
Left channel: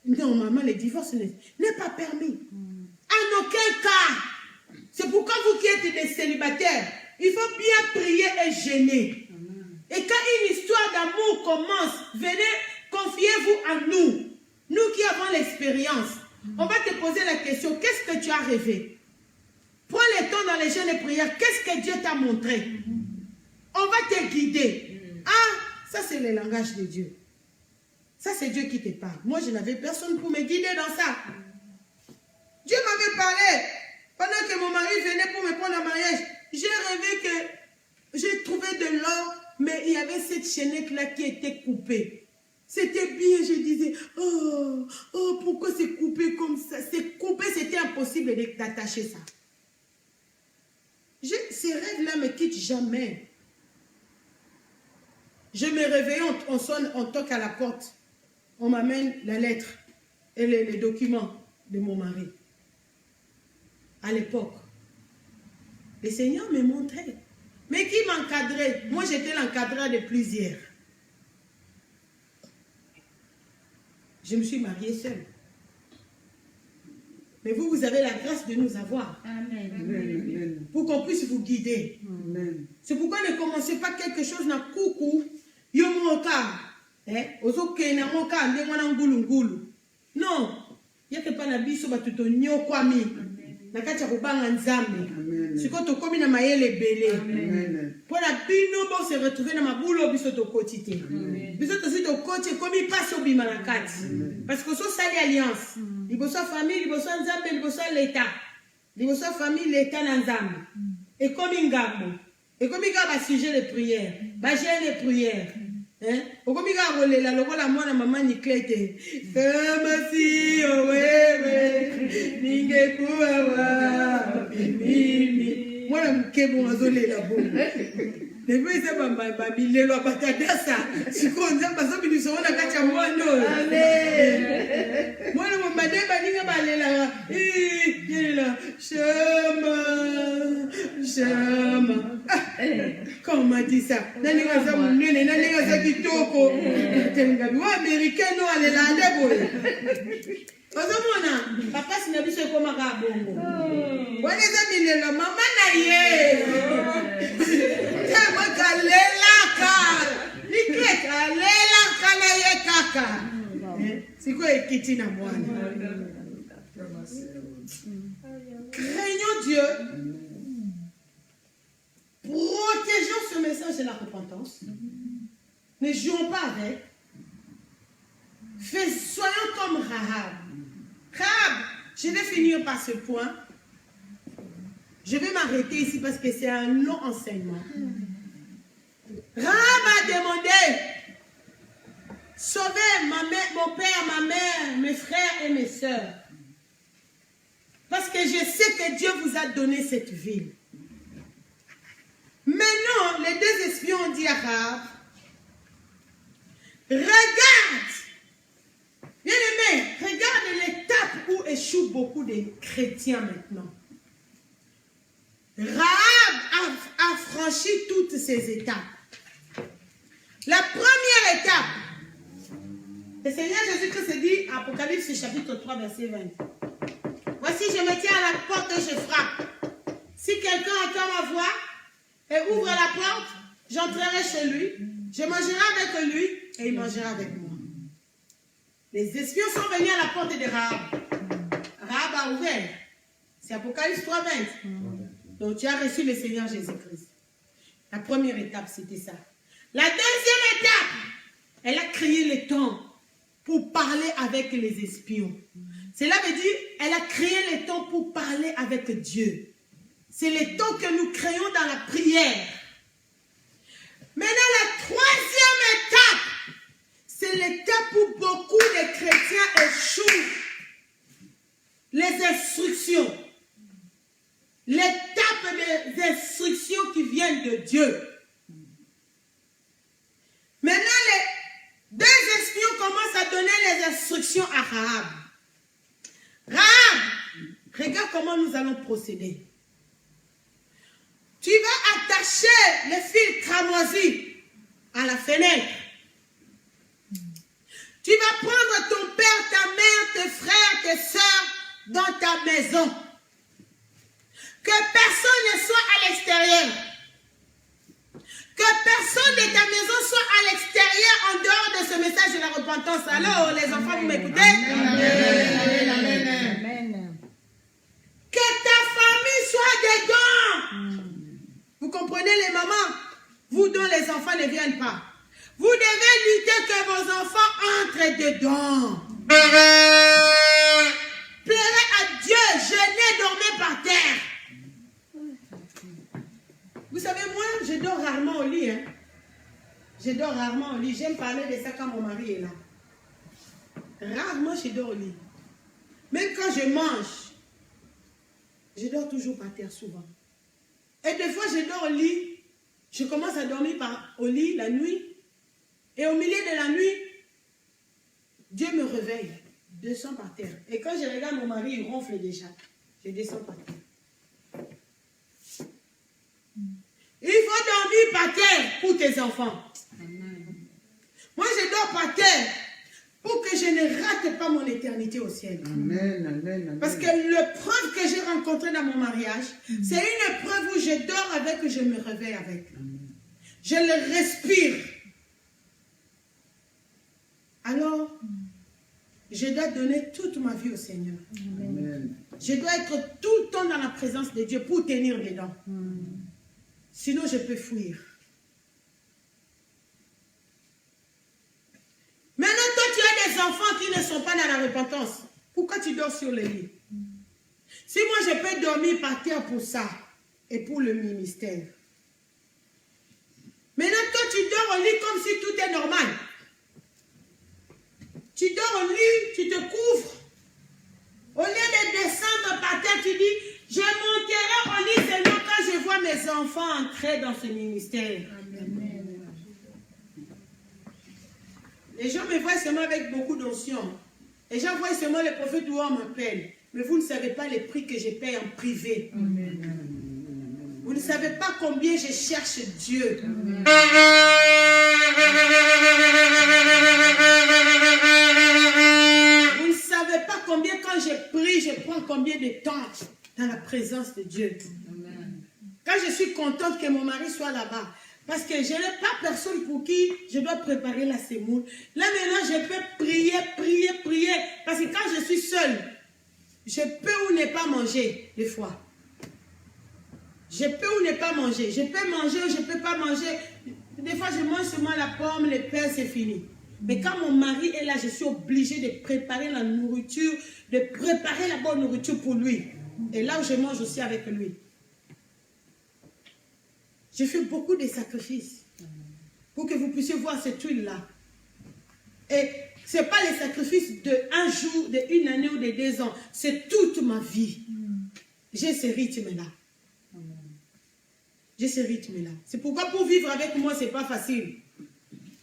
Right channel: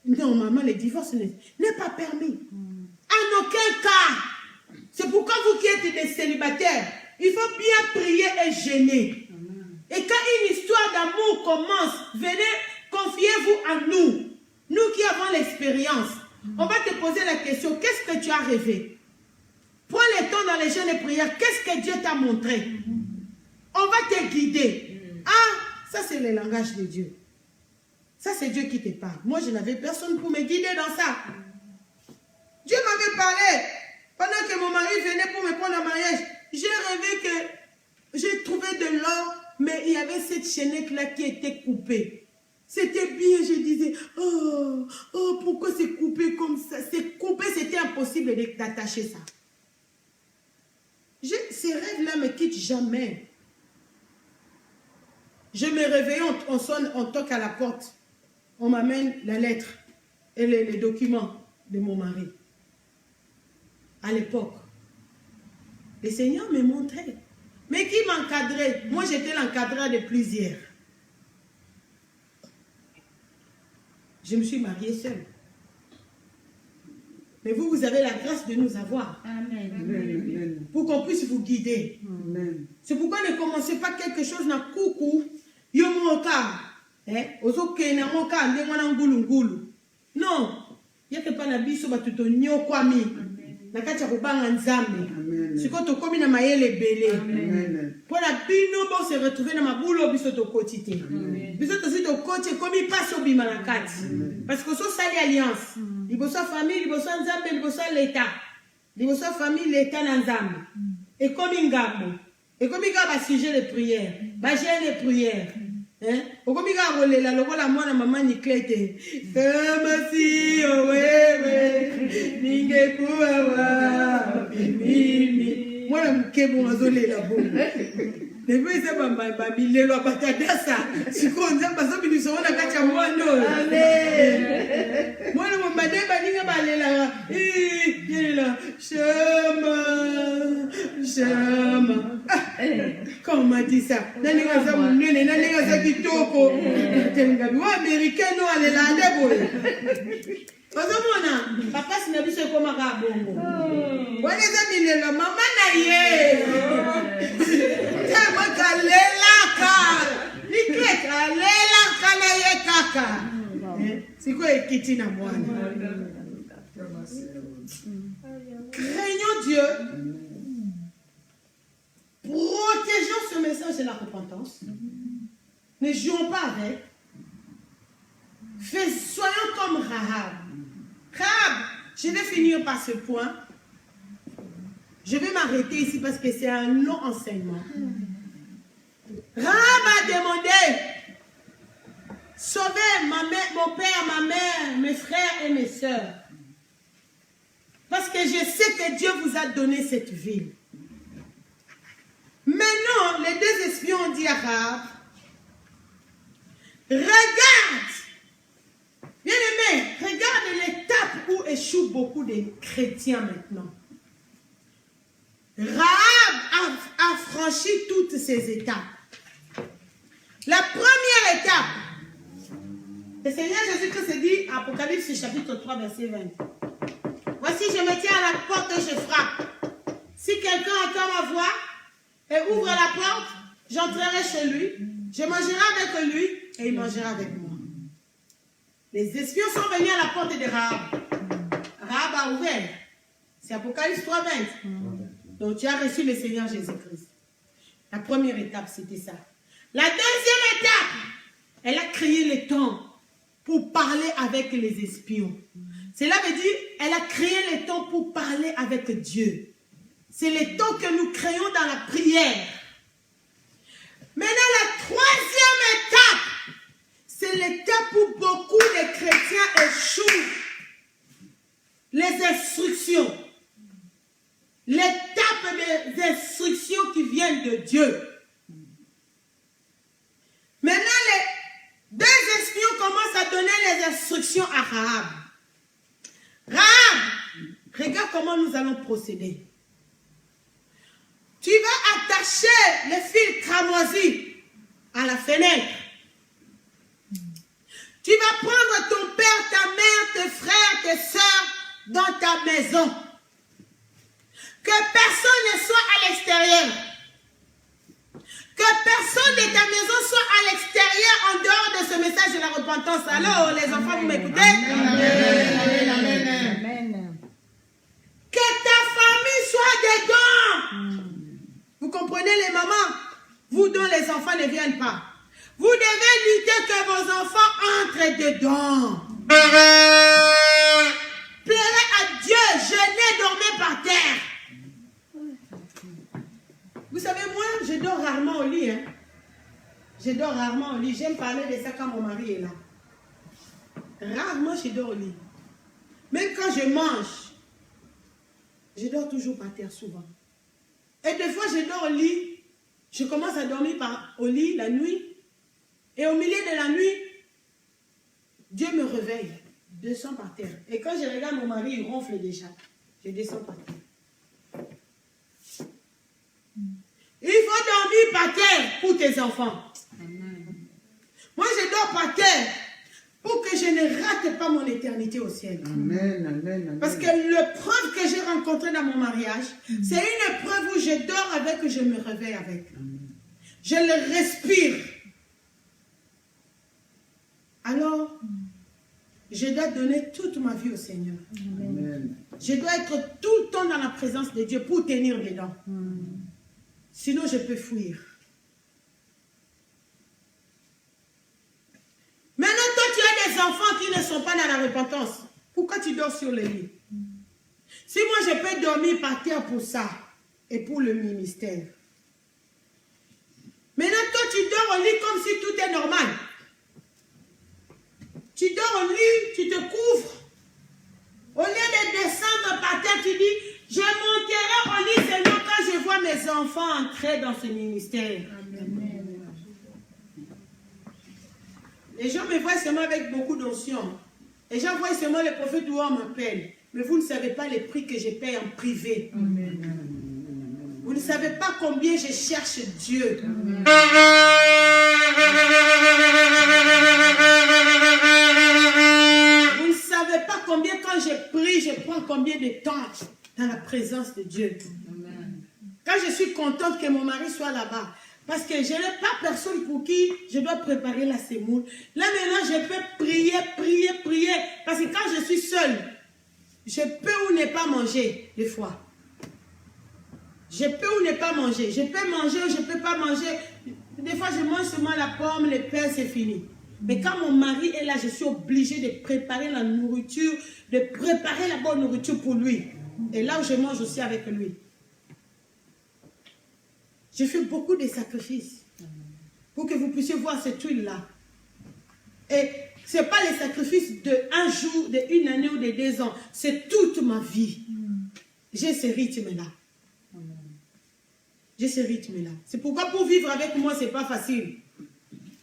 Normalement, le divorce n'est pas permis. En aucun cas. C'est pourquoi vous qui êtes des célibataires, il faut bien prier et gêner. Et quand une histoire d'amour commence, venez, confiez-vous à nous. Nous qui avons l'expérience. On va te poser la question, qu'est-ce que tu as rêvé? Prends le temps dans les jeûnes et prières, qu'est-ce que Dieu t'a montré? On va te guider. Ah, ça c'est le langage de Dieu. Ça c'est Dieu qui te parle. Moi je n'avais personne pour me guider dans ça. Dieu m'avait parlé. Pendant que mon mari venait pour me prendre en mariage, j'ai rêvé que j'ai trouvé de l'or, mais il y avait cette chaînette-là qui était coupée. C'était bien, je disais, oh, pourquoi c'est coupé comme ça? C'est coupé, c'était impossible d'attacher ça. Ces rêves-là ne me quittent jamais. Je me réveille, on sonne, on toque à la porte. On m'amène la lettre et les documents de mon mari. À l'époque, le Seigneur me montrait. Mais qui m'encadrait? Moi, j'étais l'encadrant de plusieurs. Je me suis mariée seule. Mais vous, vous avez la grâce de nous avoir. Amen. Pour qu'on puisse vous guider. Amen. C'est pourquoi ne commencez pas quelque chose na coucou. Yomoka. Ozokena moka ndengwana ngulu ngulu. Non. Yake pa na biso batuto nyokwami. Nakati ya kubanga nzambe. Siko tokomi na mayele bele. Pour la bino bon se retrouver na mabulo biso to kotite. Biso to si to kote komi paso bima na kati. Parce que so sali alliance. Liboso famille, liboso nzambe, liboso l'état. Liboso famille, l'état na nzambe. Et komi ngambo. Et komi ga sujet de prière, ba jeûne de prière. Hein? Okomi ga rolela lokola mwana mama Niklete. Kama si wewe ningekuwa wapi mimi. Mwana mkebo azolela bongo. Depuis ça ba bilelo batadasa. Siko nzamba so binisona kacha mwando. Amen. Mwana mbade ba ninga balela. Yela chama. Quand on m'a dit ça, nani ngaza munene, nani ngaza kitoko. Tengabi wa américain no ale la ndebo. Ozomona, papa sinabiso koma ka bongo. Wale za bilelo mama na ye. Tema kalela ka. Nikle kalela kana ye kaka. Siko ekiti na mwana. Craignons Dieu. Protégeons ce message de la repentance. Ne jouons pas avec. Soyons comme Rahab. Rahab, je vais finir par ce point. Je vais m'arrêter ici parce que c'est un long enseignement. Rahab a demandé, sauvez mon père, ma mère, mes frères et mes sœurs. Parce que je sais que Dieu vous a donné cette ville. Maintenant, les deux espions ont dit à Rahab, regarde, bien aimé, regarde l'étape où échouent beaucoup de chrétiens maintenant. Rahab a franchi toutes ces étapes. La première étape, le Seigneur Jésus-Christ dit, Apocalypse chapitre 3, verset 20. Voici, je me tiens à la porte et je frappe. Si quelqu'un entend ma voix et ouvre la porte, j'entrerai chez lui, je mangerai avec lui et il mangera avec moi. Les espions sont venus à la porte de Rahab. Rahab a ouvert. C'est Apocalypse 3, 20. Donc tu as reçu le Seigneur Jésus-Christ. La première étape, c'était ça. La deuxième étape, elle a créé le temps pour parler avec les espions. Cela veut dire, elle a créé le temps pour parler avec Dieu. C'est le temps que nous créons dans la prière. Maintenant, la troisième étape, chrétiens échouent les instructions, l'étape des instructions qui viennent de Dieu. Maintenant, les deux espions commencent à donner les instructions à Rahab. Rahab, regarde comment nous allons procéder. Tu vas attacher le fil cramoisi à la fenêtre. Tu vas prendre ton père, ta mère, tes frères, tes soeurs dans ta maison. Que personne ne soit à l'extérieur. Que personne de ta maison soit à l'extérieur en dehors de ce message de la repentance. Alors, les enfants, vous m'écoutez? Amen. Amen. Que ta famille soit dedans. Vous comprenez les mamans? Vous dont les enfants ne viennent pas. Vous devez lutter que vos enfants entrent dedans. Pleurez à Dieu, jeûnez, dormez par terre. Vous savez, moi, je dors rarement au lit. Je dors rarement au lit. J'aime parler de ça quand mon mari est là. Rarement, je dors au lit. Même quand je mange, je dors toujours par terre souvent. Et des fois, je dors au lit. Je commence à dormir au lit la nuit. Et au milieu de la nuit, Dieu me réveille. Je descends par terre. Et quand je regarde mon mari, il ronfle déjà. Je descends par terre. Il faut dormir par terre pour tes enfants. Moi, je dors par terre pour que je ne rate pas mon éternité au ciel. Amen. Parce que l'épreuve que j'ai rencontrée dans mon mariage, c'est une épreuve où je dors avec et je me réveille avec. Je le respire. Alors, je dois donner toute ma vie au Seigneur. Amen. Je dois être tout le temps dans la présence de Dieu pour tenir dedans. Sinon, je peux fuir. Maintenant, toi, tu as des enfants qui ne sont pas dans la repentance. Pourquoi tu dors sur le lit? Si moi, je peux dormir par terre pour ça et pour le ministère. Maintenant, toi, tu dors au lit comme si tout est normal. Tu dors au lit, tu te couvres. Au lieu de descendre par terre, tu dis, je monterai au lit seulement quand je vois mes enfants entrer dans ce ministère. Amen. Les gens me voient seulement avec beaucoup d'onction. Les gens voient seulement le prophète où on m'appelle. Mais vous ne savez pas les prix que je paye en privé. Amen. Vous ne savez pas combien je cherche Dieu. Amen. Vous ne savez pas combien quand je prie, je prends combien de temps dans la présence de Dieu. Amen. Quand je suis contente que mon mari soit là-bas, parce que je n'ai pas personne pour qui je dois préparer la semoule. Là maintenant, je peux prier. Parce que quand je suis seule, je peux ou ne pas manger des fois. Je peux ou ne pas manger. Je peux manger ou je ne peux pas manger. Des fois, je mange seulement la pomme, le pain, c'est fini. Mais quand mon mari est là, je suis obligée de préparer la nourriture, de préparer la bonne nourriture pour lui. Et là où je mange aussi avec lui. J'ai fait beaucoup de sacrifices pour que vous puissiez voir cette huile-là. Et ce n'est pas les sacrifices de un jour, de une année ou de 2 ans. C'est toute ma vie. J'ai ce rythme-là. J'ai ce rythme-là. C'est pourquoi pour vivre avec moi, ce n'est pas facile.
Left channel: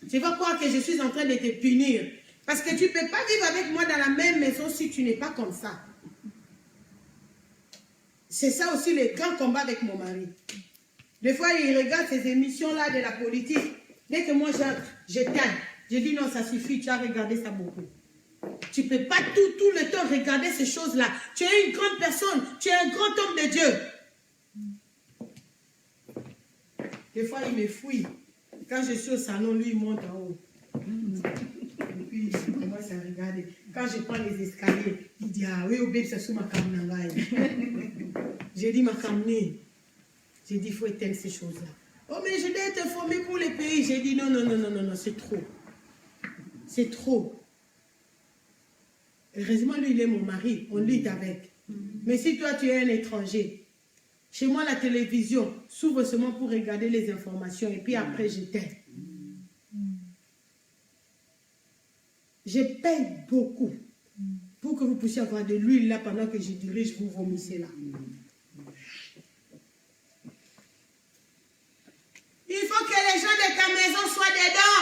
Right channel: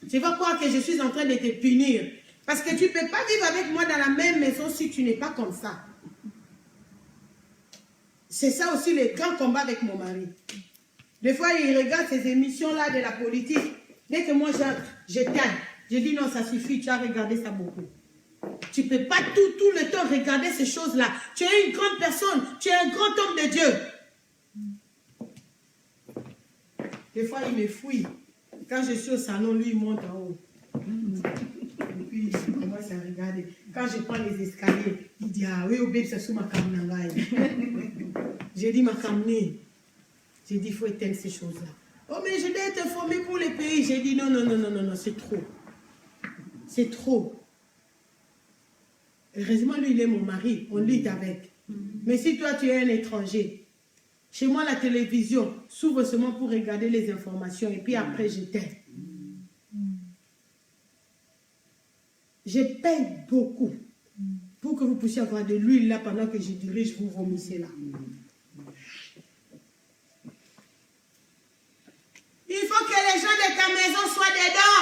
Tu vas croire que je suis en train de te punir. Parce que tu ne peux pas vivre avec moi dans la même maison si tu n'es pas comme ça. C'est ça aussi le grand combat avec mon mari. Des fois, il regarde ces émissions-là de la politique. Dès que moi, j'éteins. Je dis non, ça suffit, tu as regardé ça beaucoup. Tu ne peux pas tout le temps regarder ces choses-là. Tu es une grande personne, tu es un grand homme de Dieu. Des fois, il me fouille. Quand je suis au salon, lui, il monte en haut. Et puis, il commence à regarder. Quand je prends les escaliers, il dit, ah oui, bébé, c'est sous ma caméra. J'ai dit, ma caméra. J'ai dit, il faut éteindre ces choses-là. Oh, mais je dois être formé pour le pays. J'ai dit, non, c'est trop. C'est trop. Heureusement, lui, il est mon mari. On lutte avec. Mais si toi, tu es un étranger, chez moi, la télévision s'ouvre seulement pour regarder les informations. Et puis après, j'éteins. Je paye beaucoup pour que vous puissiez avoir de l'huile là pendant que je dirige, vous vomissez là. Il faut que les gens de ta maison soient dedans.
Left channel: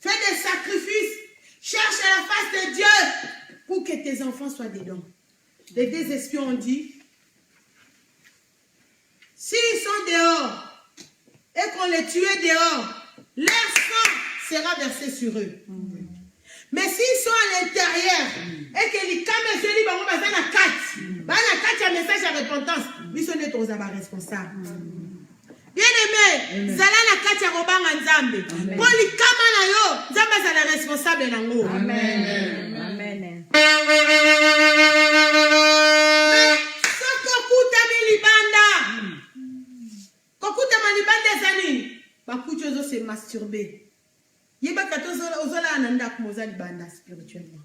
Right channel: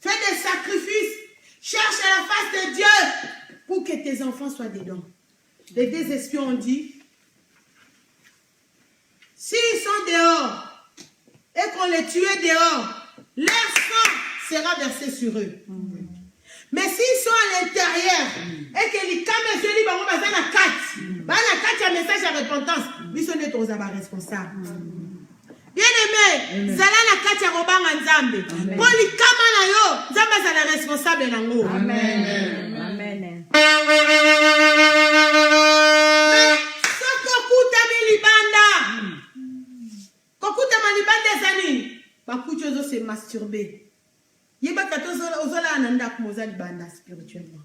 Fais des sacrifices. Cherche la face de Dieu pour que tes enfants soient dedans. Les deux espions ont dit, s'ils sont dehors et qu'on les tue dehors, leur sang sera versé sur eux. Mais s'ils sont à l'intérieur et que les caméras se disent, on va la carte, un message à repentance, ils sont des responsables. Bien-aimé, zala na kati ya robanga nzambe. Pour les caméras na yo, nzambe za la responsable nango. Amen. Amen. Sokokuta milibanda. Kokuta milibanda zani. Bakucho zo se masturber. Yeba kato ozola ananda kumoza libanda spirituellement.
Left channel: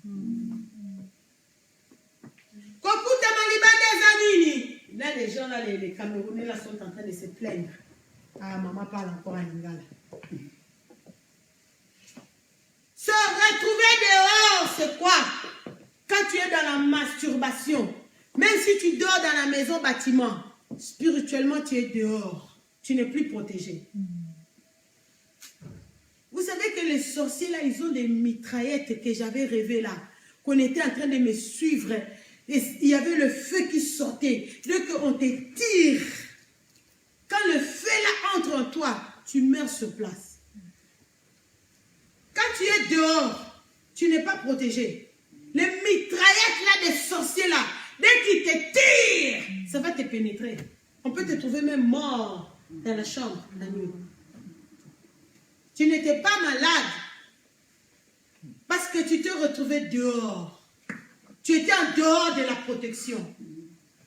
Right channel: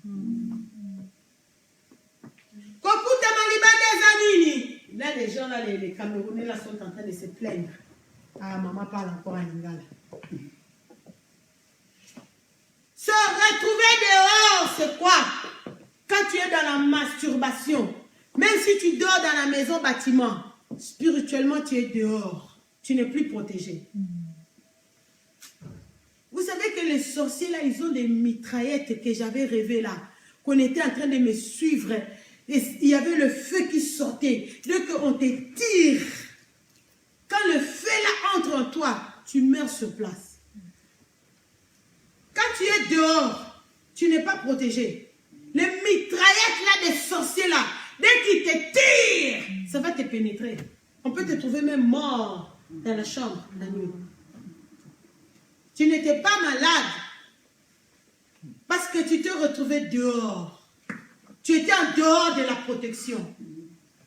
Kokuta milibanda zanini. Là les gens là les Camerounais là sont en train de se plaindre. Ah, maman parle encore en lingala. Se retrouver dehors, c'est quoi? Quand tu es dans la masturbation, même si tu dors dans la maison bâtiment, spirituellement tu es dehors. Tu n'es plus protégé. Vous savez que les sorciers là, ils ont des mitraillettes que j'avais rêvé là, qu'on était en train de me suivre. Et il y avait le feu qui sortait. Dès qu'on te tire, quand le feu là entre en toi, tu meurs sur place. Quand tu es dehors, tu n'es pas protégé. Les mitraillettes là des sorciers là, dès qu'ils te tirent, ça va te pénétrer. On peut te trouver même mort dans la chambre la nuit. Tu n'étais pas malade parce que tu t'es retrouvé dehors. Tu étais en dehors de la protection.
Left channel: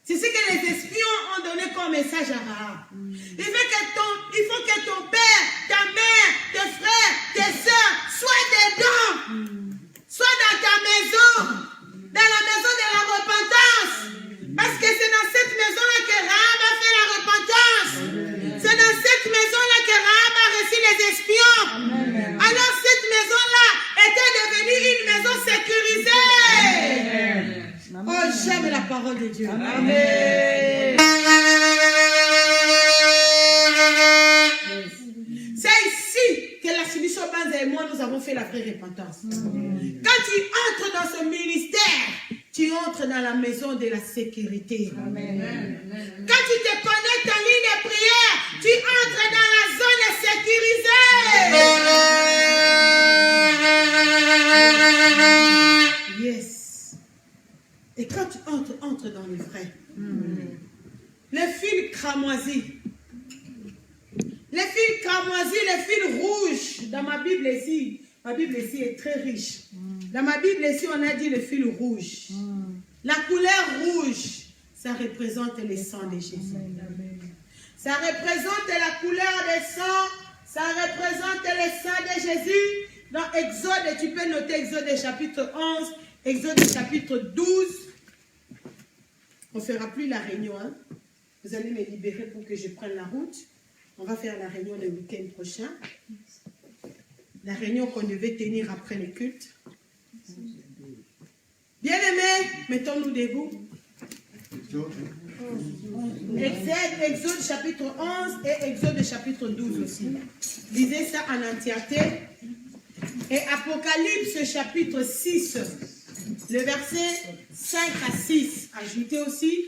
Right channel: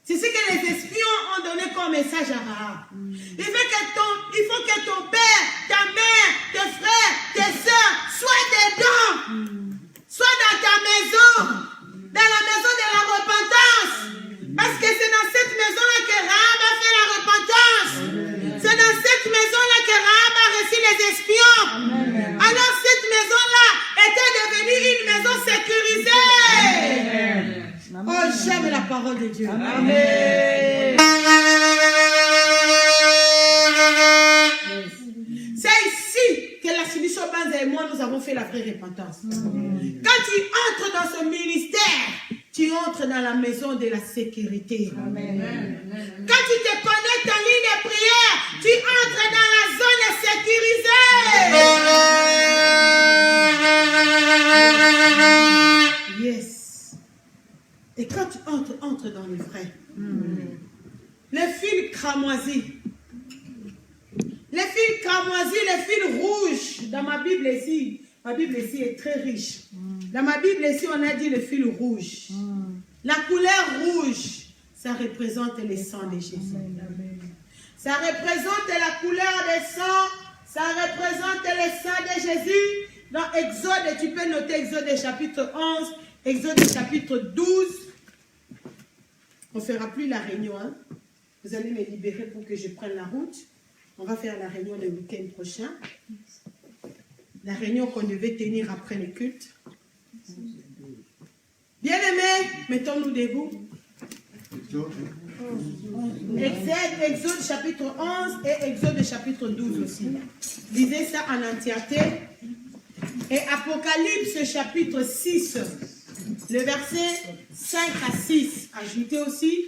C'est ce que les espions ont donné comme message à Rahab. Il faut que ton père, ta mère, tes frères, tes soeurs soient dedans. Sois dans ta maison. Dans la maison de la repentance. Parce que c'est dans cette maison-là que Rahab a fait la repentance. C'est dans cette maison-là que Rahab a reçu les espions. Alors cette maison-là était devenue une maison sécurisée. Oh, j'aime la parole de Dieu. Amen. C'est ici que la Sibisho Banza et moi, nous avons fait la vraie repentance. Quand tu entres dans ce ministère, tu entres dans la maison de la sécurité. Amen. Quand tu te connectes en ligne de prière, tu entres dans la zone sécurisée. Yes. Et quand tu entres dans le vrai, les fils cramoisis, les fils rouges, dans ma Bible ici est très riche. Dans ma Bible ici, on a dit le fil rouge. La couleur rouge, ça représente le sang de Jésus. Ça représente la couleur des sangs, ça représente le sang de Jésus. Dans Exode, tu peux noter Exode chapitre 11, Exode chapitre 12. On ne fera plus la réunion. Hein? Vous allez me libérer pour que je prenne la route. On va faire la réunion le week-end prochain. La réunion qu'on devait tenir après le culte. Bien-aimés, mettons-nous debout. Exode chapitre 11 et Exode chapitre 12 aussi. Lisez ça en entièreté. Et Apocalypse chapitre 6, le verset 5 à 6. Ajoutez aussi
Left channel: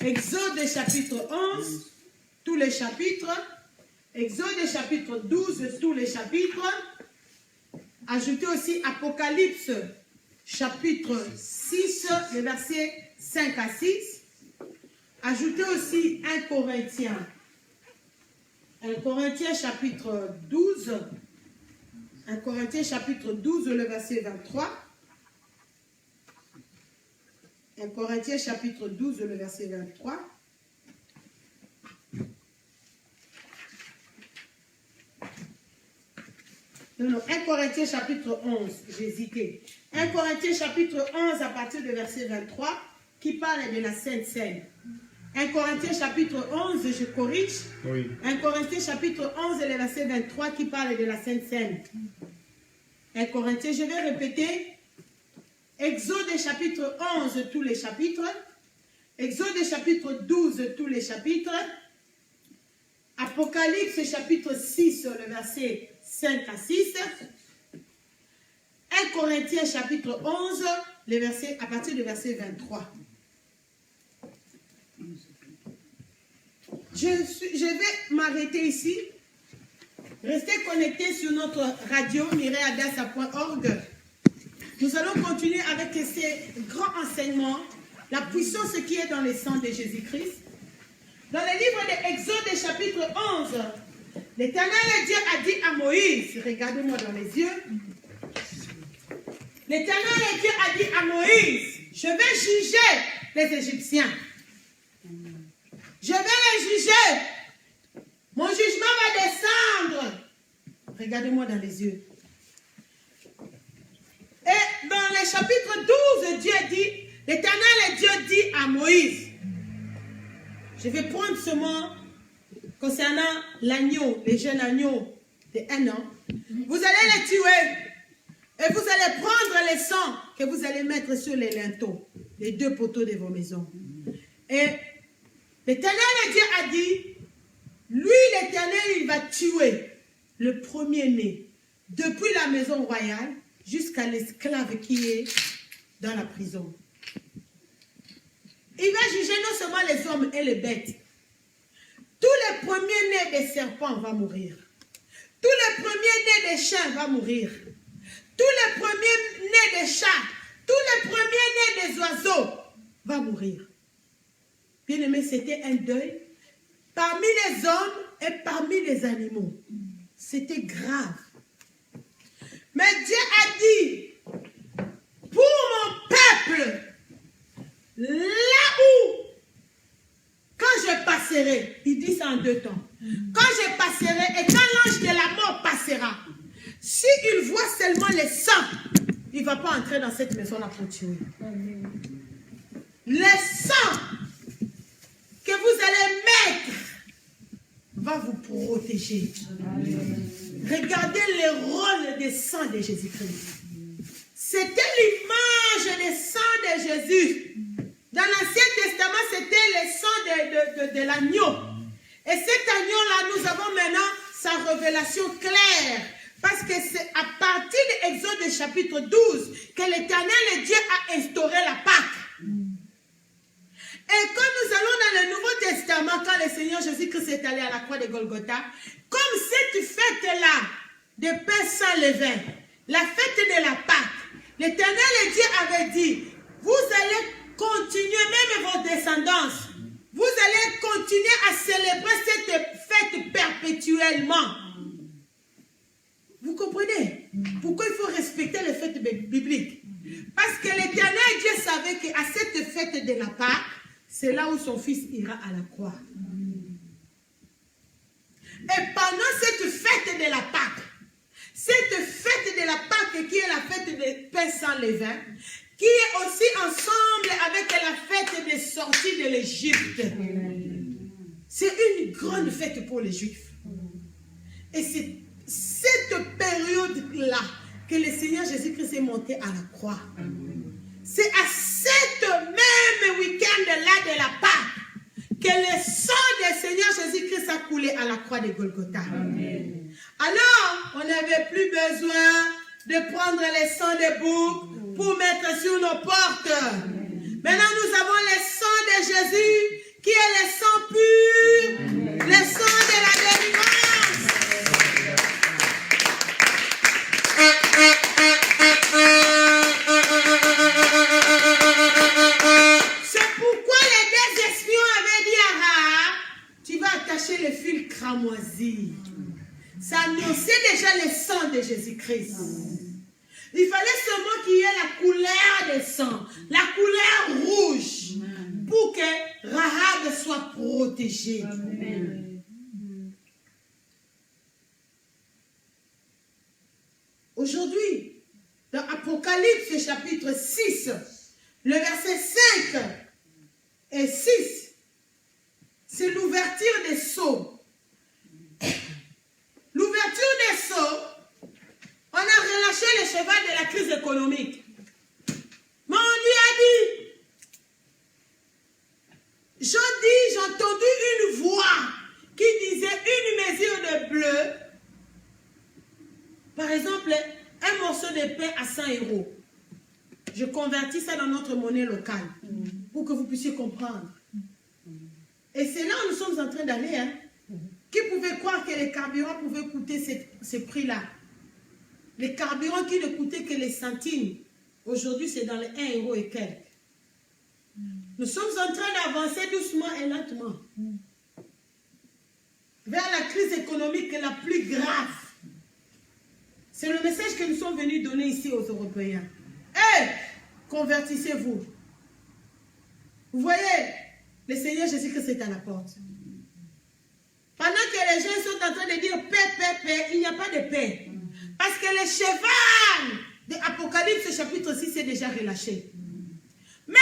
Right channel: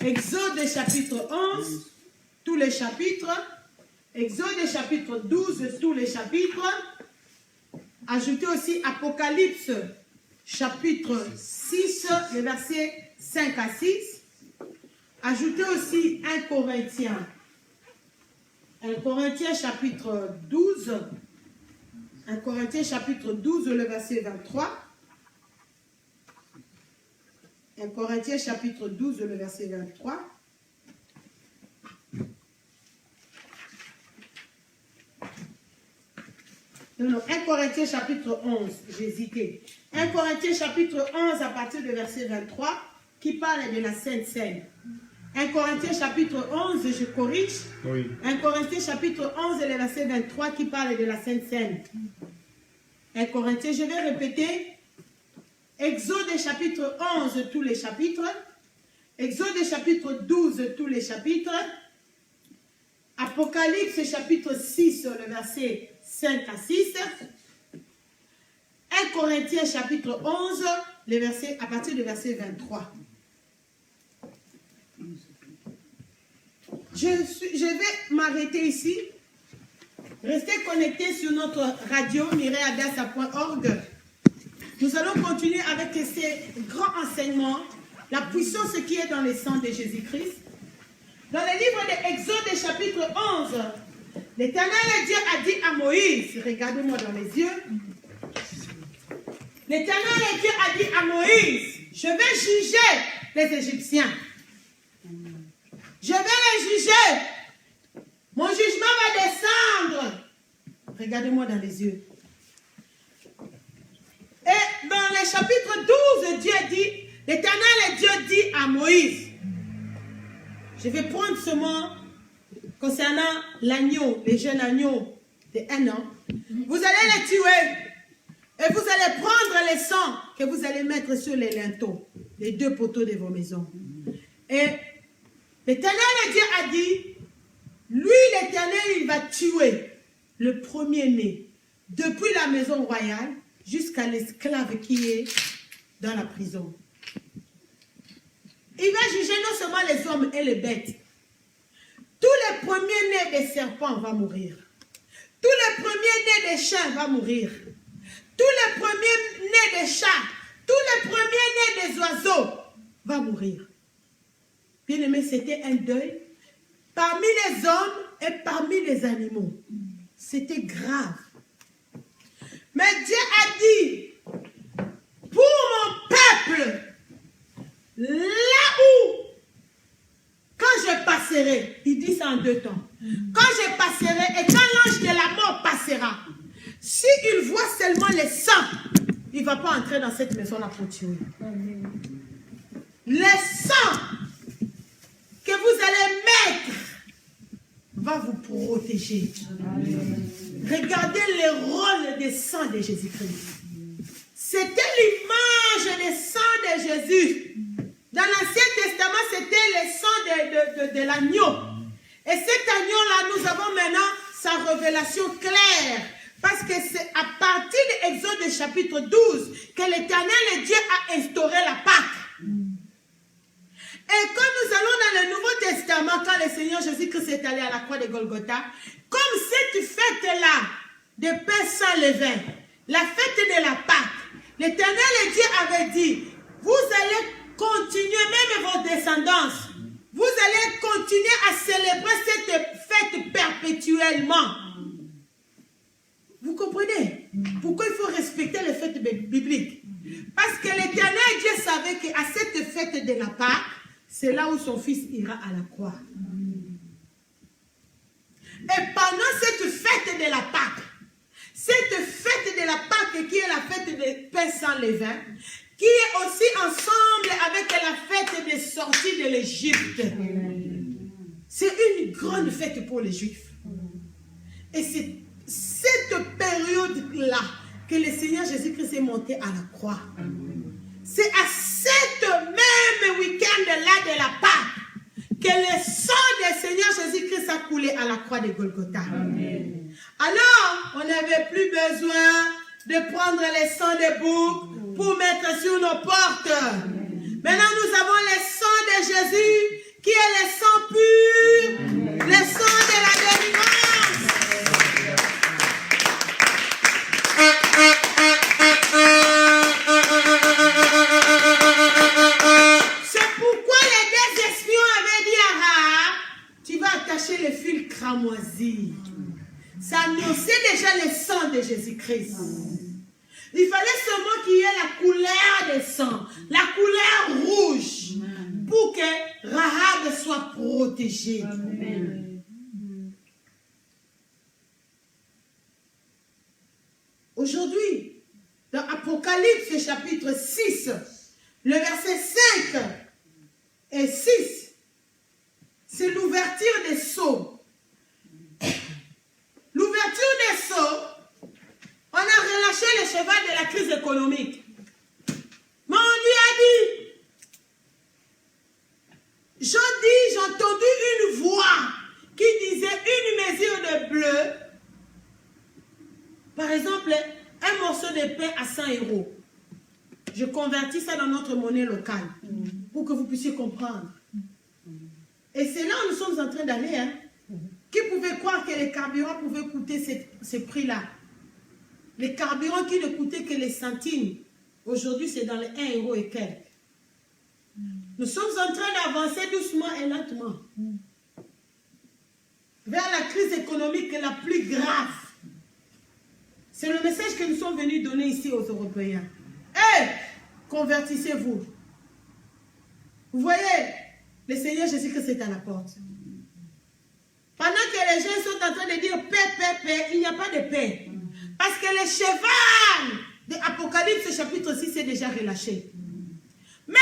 Exode chapitre 11, tous les chapitres. Exode chapitre 12, tous les chapitres. Ajoutez aussi Apocalypse chapitre 6, le verset 5 à 6. Ajoutez aussi 1 Corinthiens. 1 Corinthiens chapitre 12. 1 Corinthiens chapitre 12, le verset 23. 1 Corinthiens chapitre 12, le verset 23. Non, 1 Corinthiens chapitre 11, j'ai hésité. 1 Corinthiens chapitre 11 à partir du verset 23 qui parle de la Sainte Seine. 1 Corinthiens chapitre 11, je corrige. Oui. 1 Corinthiens chapitre 11 et le verset 23 qui parle de la Sainte Seine. 1 Corinthiens, je vais répéter. Exode chapitre 11, tous les chapitres. Exode chapitre 12, tous les chapitres. Apocalypse chapitre 6, le verset 5 à 6. 1 Corinthiens chapitre 11, les versets, à partir du verset 23. Je vais m'arrêter ici. Restez connectés sur notre radio mireadassa.org. Nous allons continuer avec ces grands enseignements, la puissance qui est dans le sang de Jésus-Christ. Dans le livre de Exode chapitre 11, l'Éternel Dieu a dit à Moïse, regardez-moi dans les yeux, l'Éternel Dieu a dit à Moïse, je vais juger les Égyptiens. Je vais les juger. Mon jugement va descendre. Regardez-moi dans les yeux. Et dans le chapitre 12, Dieu dit, l'Éternel Dieu dit à Moïse, je vais prendre ce mot concernant l'agneau, les jeunes agneaux de 1 an. Vous allez les tuer. Et vous allez prendre les sangs que vous allez mettre sur les linteaux, les 2 poteaux de vos maisons. Et l'Éternel Dieu a dit, lui l'Éternel, il va tuer le premier-né, depuis la maison royale jusqu'à l'esclave qui est dans la prison. Il va juger non seulement les hommes et les bêtes. Tous les premiers-nés des serpents vont mourir. Tous les premiers-nés des chiens vont mourir. Tous les premiers-nés des chats, tous les premiers-nés des oiseaux vont mourir. Bien aimé, c'était un deuil parmi les hommes et parmi les animaux. C'était grave. Mais Dieu a dit, pour mon peuple, là où, quand je passerai, il dit ça en 2 temps, quand je passerai et quand l'ange de la mort passera, s'il voit seulement les sangs, il ne va pas entrer dans cette maison-là pour tuer. Les sangs que vous allez mettre va vous protéger. Regardez le rôle des sangs de Jésus-Christ. C'était l'image des sangs de Jésus. Dans l'Ancien Testament, c'était le sang de l'agneau. Et cet agneau-là, nous avons maintenant sa révélation claire. Parce que c'est à partir de Exode chapitre 12 que l'Éternel Dieu a instauré la Pâque. Et quand nous allons dans le Nouveau Testament, quand le Seigneur Jésus-Christ est allé à la croix de Golgotha, comme cette fête-là de pain sans levain, la fête de la Pâque, l'Éternel Dieu avait dit, vous allez continuer, même vos descendants, vous allez continuer à célébrer cette fête perpétuellement. Vous comprenez? Pourquoi il faut respecter les fêtes bibliques? Parce que l'Éternel Dieu savait qu'à cette fête de la Pâque, c'est là où son fils ira à la croix. Et pendant cette fête de la Pâque, cette fête de la Pâque qui est la fête des pains sans levain, qui est aussi ensemble avec la fête des sorties de l'Égypte. C'est une grande fête pour les Juifs. Et c'est cette période-là que le Seigneur Jésus-Christ est monté à la croix. C'est à cette même week-end-là de la Pâque que le sang du Seigneur Jésus-Christ a coulé à la croix de Golgotha. Amen. Alors, on n'avait plus besoin de prendre les sangs des boucs pour mettre sur nos portes. Amen. Maintenant, nous avons le sang de Jésus qui est le sang pur, le sang de la délivrance. C'est pourquoi les 2 espions avaient dit à Rahab, tu vas attacher le fil cramoisi. Ça annonçait déjà le sang de Jésus-Christ. Il fallait seulement qu'il y ait la couleur des sangs, la couleur rouge, pour que Rahab soit protégée. Amen. Aujourd'hui, dans Apocalypse chapitre 6, le verset 5 et 6, c'est l'ouverture des sceaux. L'ouverture des sceaux, on a relâché les crise économique. Mon Dieu a dit, j'ai entendu une voix qui disait une mesure de bleu, par exemple, un morceau de pain à 100 €. Je convertis ça dans notre monnaie locale pour que vous puissiez comprendre. Et c'est là où nous sommes en train d'aller. Hein. Qui pouvait croire que les carburants pouvaient coûter ce prix-là? Les carburants qui ne coûtaient que les centimes. Aujourd'hui, c'est dans les 1 € et quelques. Nous sommes en train d'avancer doucement et lentement vers la crise économique la plus grave. C'est le message que nous sommes venus donner ici aux Européens. Convertissez-vous. Vous voyez, le Seigneur Jésus-Christ est à la porte. Pendant que les gens sont en train de dire paix, paix, paix, il n'y a pas de paix. Parce que le cheval de Apocalypse chapitre 6 est déjà relâché. Mais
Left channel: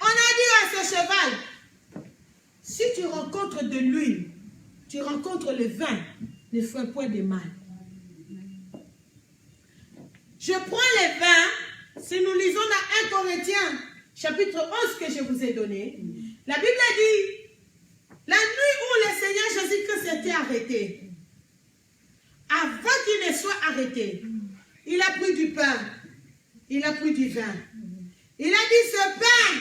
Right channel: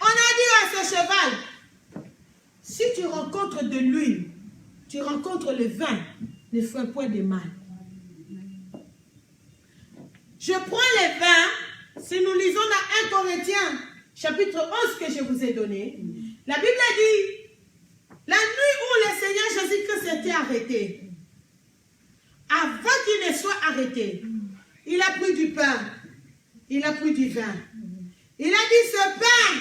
on a dit à ce cheval, si tu rencontres de l'huile, tu rencontres le vin, ne fais point de mal. Je prends le vin, si nous lisons dans 1 Corinthiens chapitre 11 que je vous ai donné, la Bible dit, la nuit où le Seigneur Jésus-Christ était arrêté, avant qu'il ne soit arrêté, il a pris du pain, il a pris du vin. Il a dit, ce pain,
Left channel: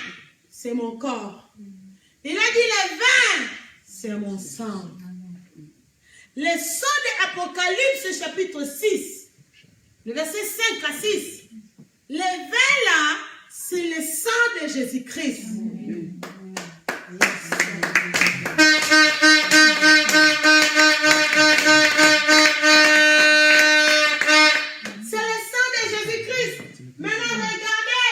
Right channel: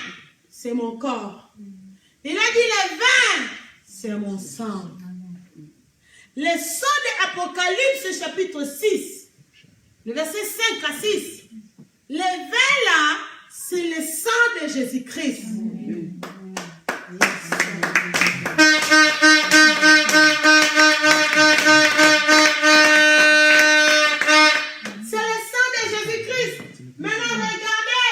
c'est mon corps. Il a dit, le vin, c'est mon sang. Le sang de Apocalypse chapitre 6, le verset 5 à 6, le vin là, c'est le sang de Jésus-Christ. C'est le sang de Jésus-Christ. Maintenant, regardez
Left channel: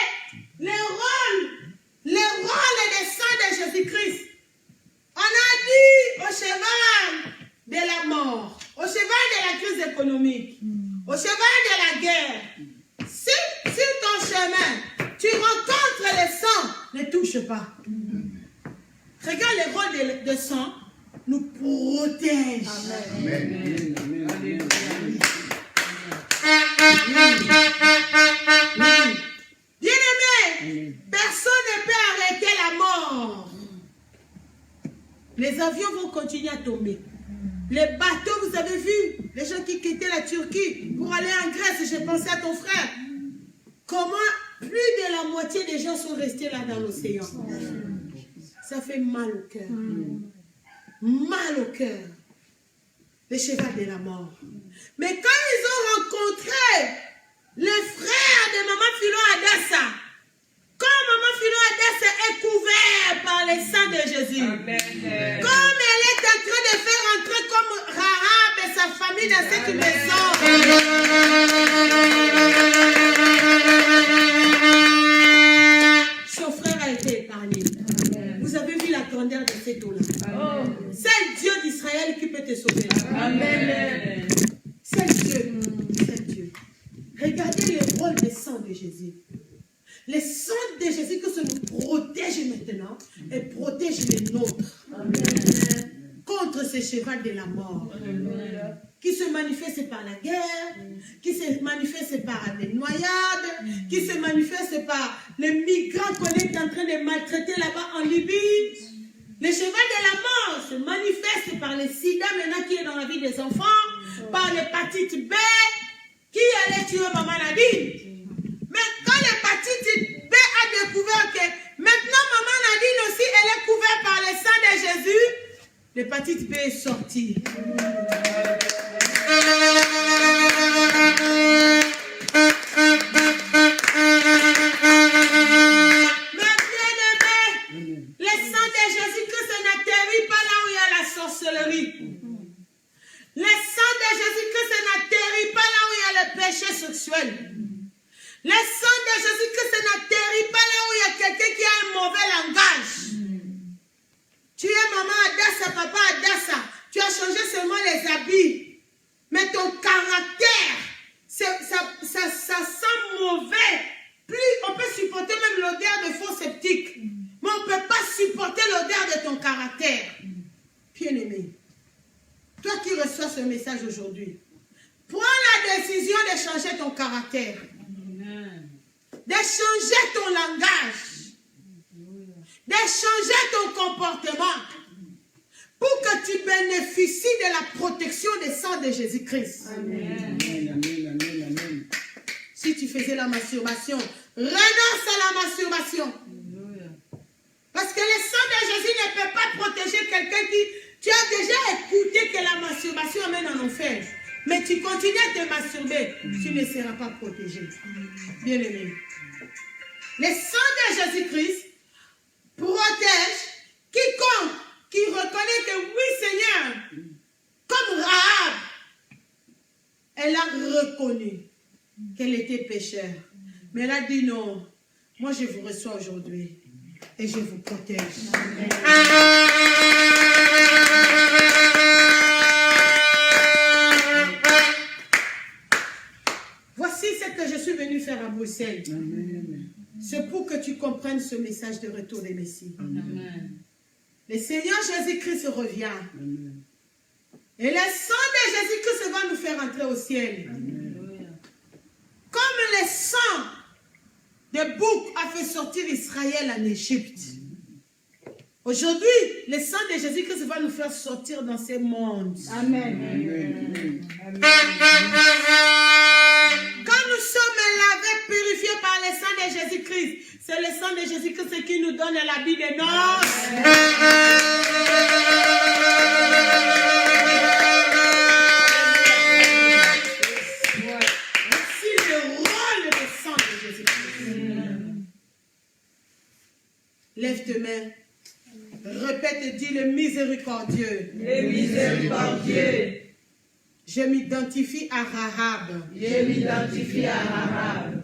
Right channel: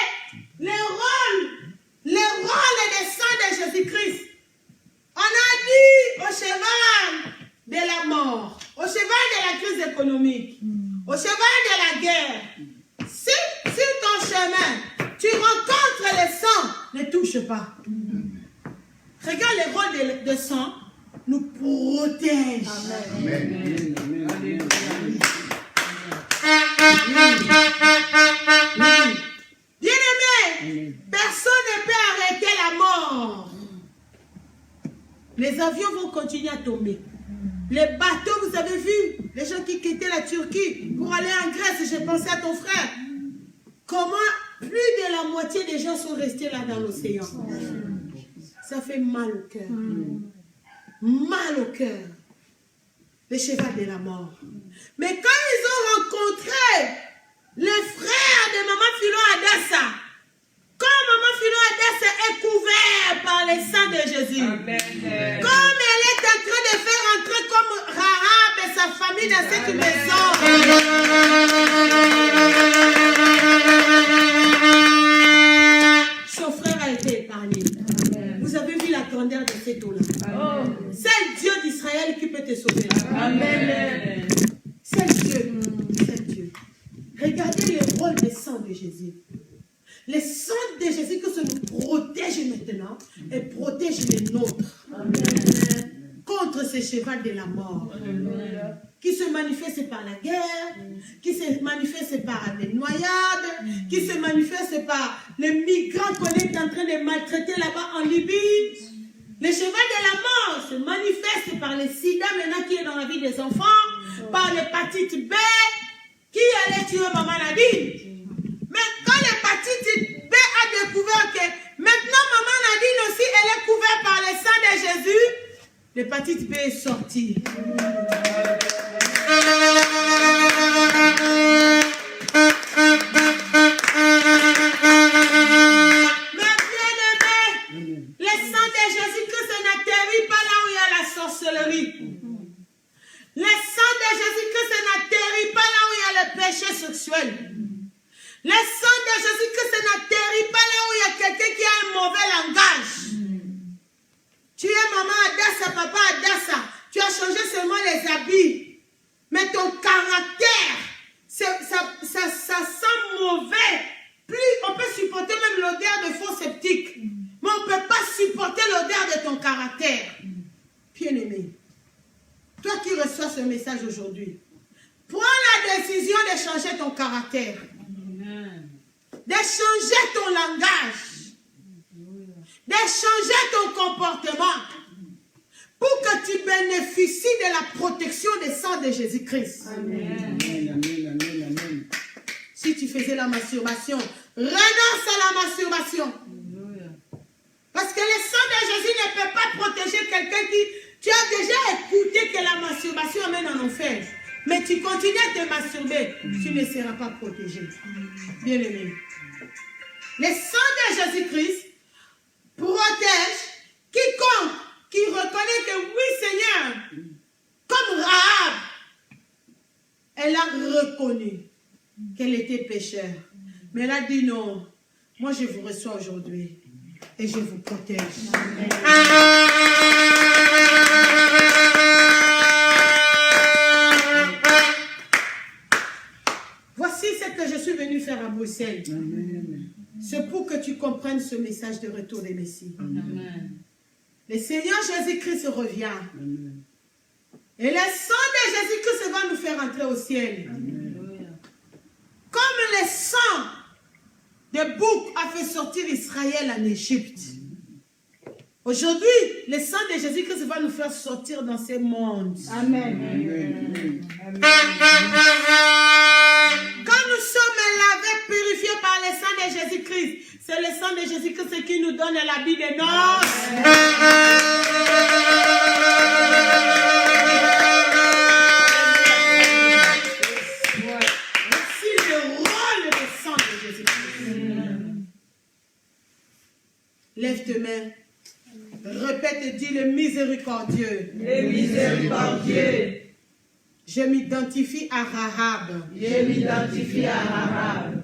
le rôle des sang de Jésus-Christ. On a dit au cheval de la mort, au cheval de la crise économique, au cheval de la guerre. Si sur ton chemin, tu rencontres le sang, ne touche pas. Regarde le rôle de sang, nous protège. Amen. Bien-aimé, personne ne peut arrêter la mort. Les avions vont continuer à tomber. Les bateaux, vous avez vu, les gens qui quittaient la Turquie pour aller en Grèce, j'ai pensé à ton frère. Comment plus de la moitié des gens sont restés là dans l'océan. Ça fait mal au cœur. Mal au cœur. Le cheval de la mort. Mais quand ils ont rencontré les frères de Maman Philo Adassa, quand Maman Philo Adassa est couverte par le sang de Jésus, amen. Comme elle est en train de faire entrer comme Rahab et sa famille dans cette maison, son frère a été épargné. Amen. Vous avez vu la grandeur de cette eau-là. C'est Dieu d'Israël qui peut te sauver. Amen. C'est Dieu. C'est Dieu. Regardez le rôle des sang de Jésus. Le sang de Jésus que ça nous protège maintenant et protège les nôtres. Amen. Contre ce cheval de la mort. Amen. Qui se manifeste par la guerre, qui se manifeste par les noyades, qui se manifeste par les migrants qu'on est en train de maltraiter là-bas en Libye. Le cheval de la mort se manifeste par le sida maintenant qui est dans la vie des enfants, par l'hépatite B qui allait tuer Maman Nadine. Mais quand l'hépatite B a découvert que maintenant Maman Nadine aussi elle est couverte par le sang de Jésus, l'hépatite B est sortie. Le sang de Jésus-Christ n'atterrit pas là où il y a quelqu'un qui a un mauvais langage. Tu es maman Adassa, papa Adassa, tu as changé seulement les habits, mais ton caractère, ça sent mauvais. Plus on peut supporter même l'odeur de faux sceptique, mais on ne peut pas supporter l'odeur de ton caractère. Bien-aimé, toi qui reçois ce message aujourd'hui, prends la décision de changer ton caractère. de changer ton langage, de changer ton comportement pour que tu bénéficies de la protection des sangs de Jésus-Christ. Amen, amen, amen, amen. Si tu faisais la masturbation, renonce à la masturbation. Parce que le sang de Jésus ne peut pas protéger quelqu'un qui... Tu as déjà écouté que la masturbation amène en enfer. Mais tu continues à te masturber, tu ne seras pas protégé. Bien aimé. Le sang de Jésus-Christ protège quiconque qui reconnaît que oui Seigneur, comme Rahab, elle a reconnu qu'elle était pécheur. Mais elle a dit non, moi je vous reçois aujourd'hui et je vous protège. Voici ce que je suis venu faire à Bruxelles. C'est pour que tu comprennes ce message de retour des Messies. Le Seigneur Jésus-Christ revient. Amen. Et le sang de Jésus-Christ va nous faire entrer au ciel. Amen. Comme le sang de bouc a fait sortir Israël en Égypte. Aujourd'hui, le sang de Jésus-Christ va nous faire sortir dans ce monde. Amen. Quand nous sommes lavés, purifiés par le sang de Jésus-Christ, c'est le sang de Jésus-Christ qui nous donne l'habit de noces. Lève tes mains. Répète et dis le miséricordieux. Le miséricordieux. Je m'identifie à Rahab. Je m'identifie à Rahab.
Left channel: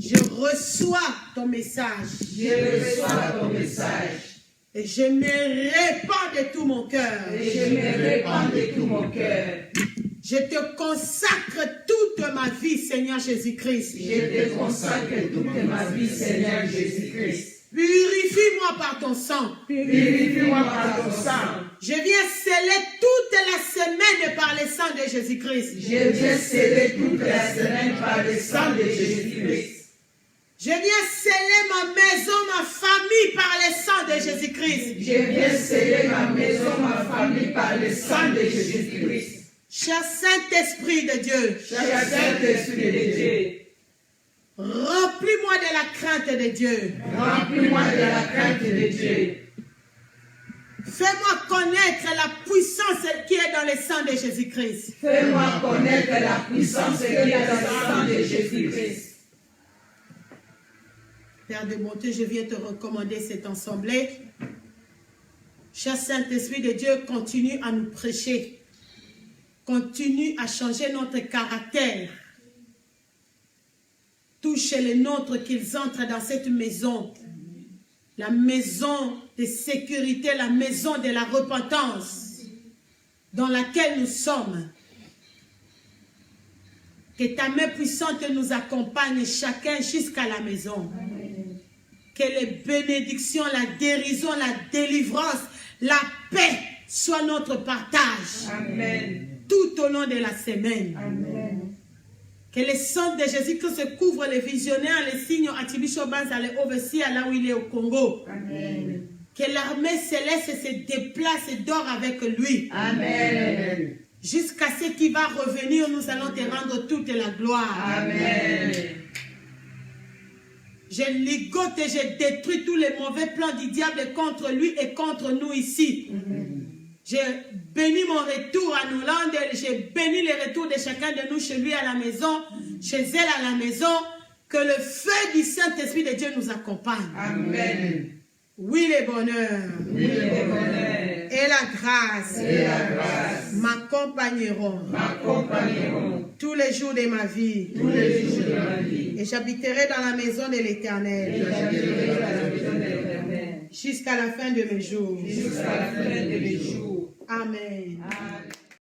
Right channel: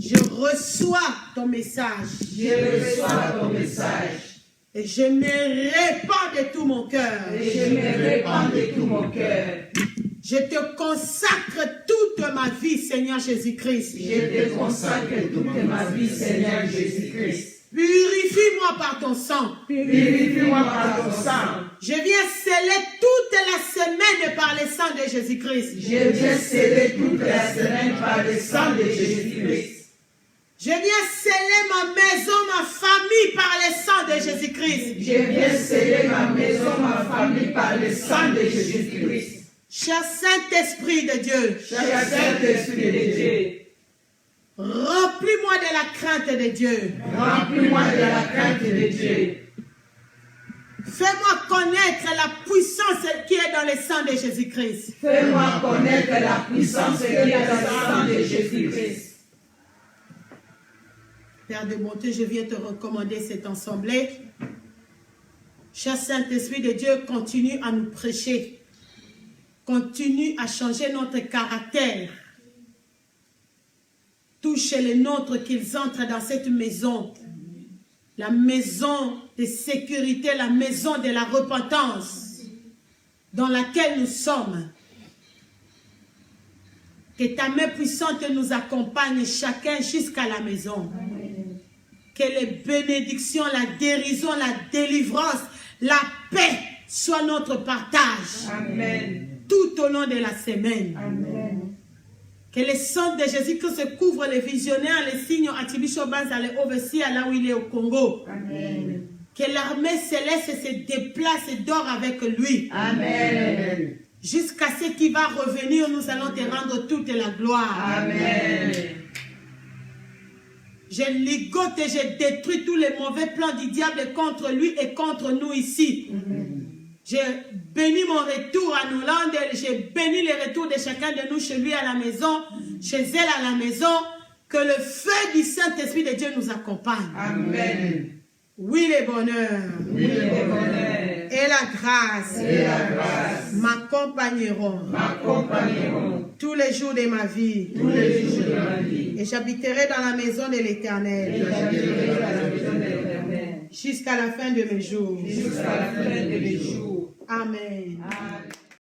Je reçois ton message. Je reçois ton message. Et je me répands de tout mon cœur. Et je me répands de tout mon cœur. Je te consacre toute ma vie, Seigneur Jésus-Christ. Je te consacre toute ma vie, Seigneur Jésus-Christ. Purifie-moi par ton sang. Purifie-moi par ton sang. Je viens sceller toute la semaine par le sang de Jésus-Christ. Je viens sceller toute la semaine par le sang de Jésus-Christ. Je viens sceller ma maison, ma famille par le sang de Jésus-Christ. Je viens sceller ma maison, ma famille par le sang de Jésus-Christ. Cher Saint-Esprit de Dieu, Cher Saint-Esprit de Dieu, remplis-moi de la crainte de Dieu. remplis-moi de la crainte de Dieu. Fais-moi connaître la puissance qui est dans le sang de Jésus-Christ. Fais-moi connaître la puissance qui est dans le sang de Jésus-Christ. Père de bonté, je viens te recommander cette assemblée. Cher Saint-Esprit de Dieu, continue à nous prêcher. Continue à changer notre caractère. Touche les nôtres qu'ils entrent dans cette maison. La maison de sécurité, la maison de la repentance dans laquelle nous sommes. Que ta main puissante nous accompagne chacun jusqu'à la maison. Amen. Que les bénédictions, la guérison, la délivrance, la paix soient notre partage. Amen. Tout au long de la semaine. Amen. Que le sang de Jésus-Christ couvre les visionnaires, les signes Atibisho Banza, les overseers là où il est au Congo. Amen. Que l'armée céleste se déplace et dort avec lui. Amen. Jusqu'à ce qu'il va revenir, nous allons te rendre toute la gloire. Amen. Je ligote et je détruis tous les mauvais plans du diable contre lui et contre nous ici. Je bénis mon retour à Noland, je bénis le retour de chacun de nous chez lui à la maison, chez elle à la maison. Que le feu du Saint-Esprit de Dieu nous accompagne. Amen. Oui, le bonheur. Oui, le bonheur. Et la grâce. Et la grâce. M'accompagneront. M'accompagneront. Tous les jours de ma vie. Tous les jours de ma vie. Et j'habiterai dans la maison de l'Éternel. Et j'habiterai dans la maison de l'Éternel. Jusqu'à la fin de mes jours. Jusqu'à la fin de mes jours. Amen. Amen.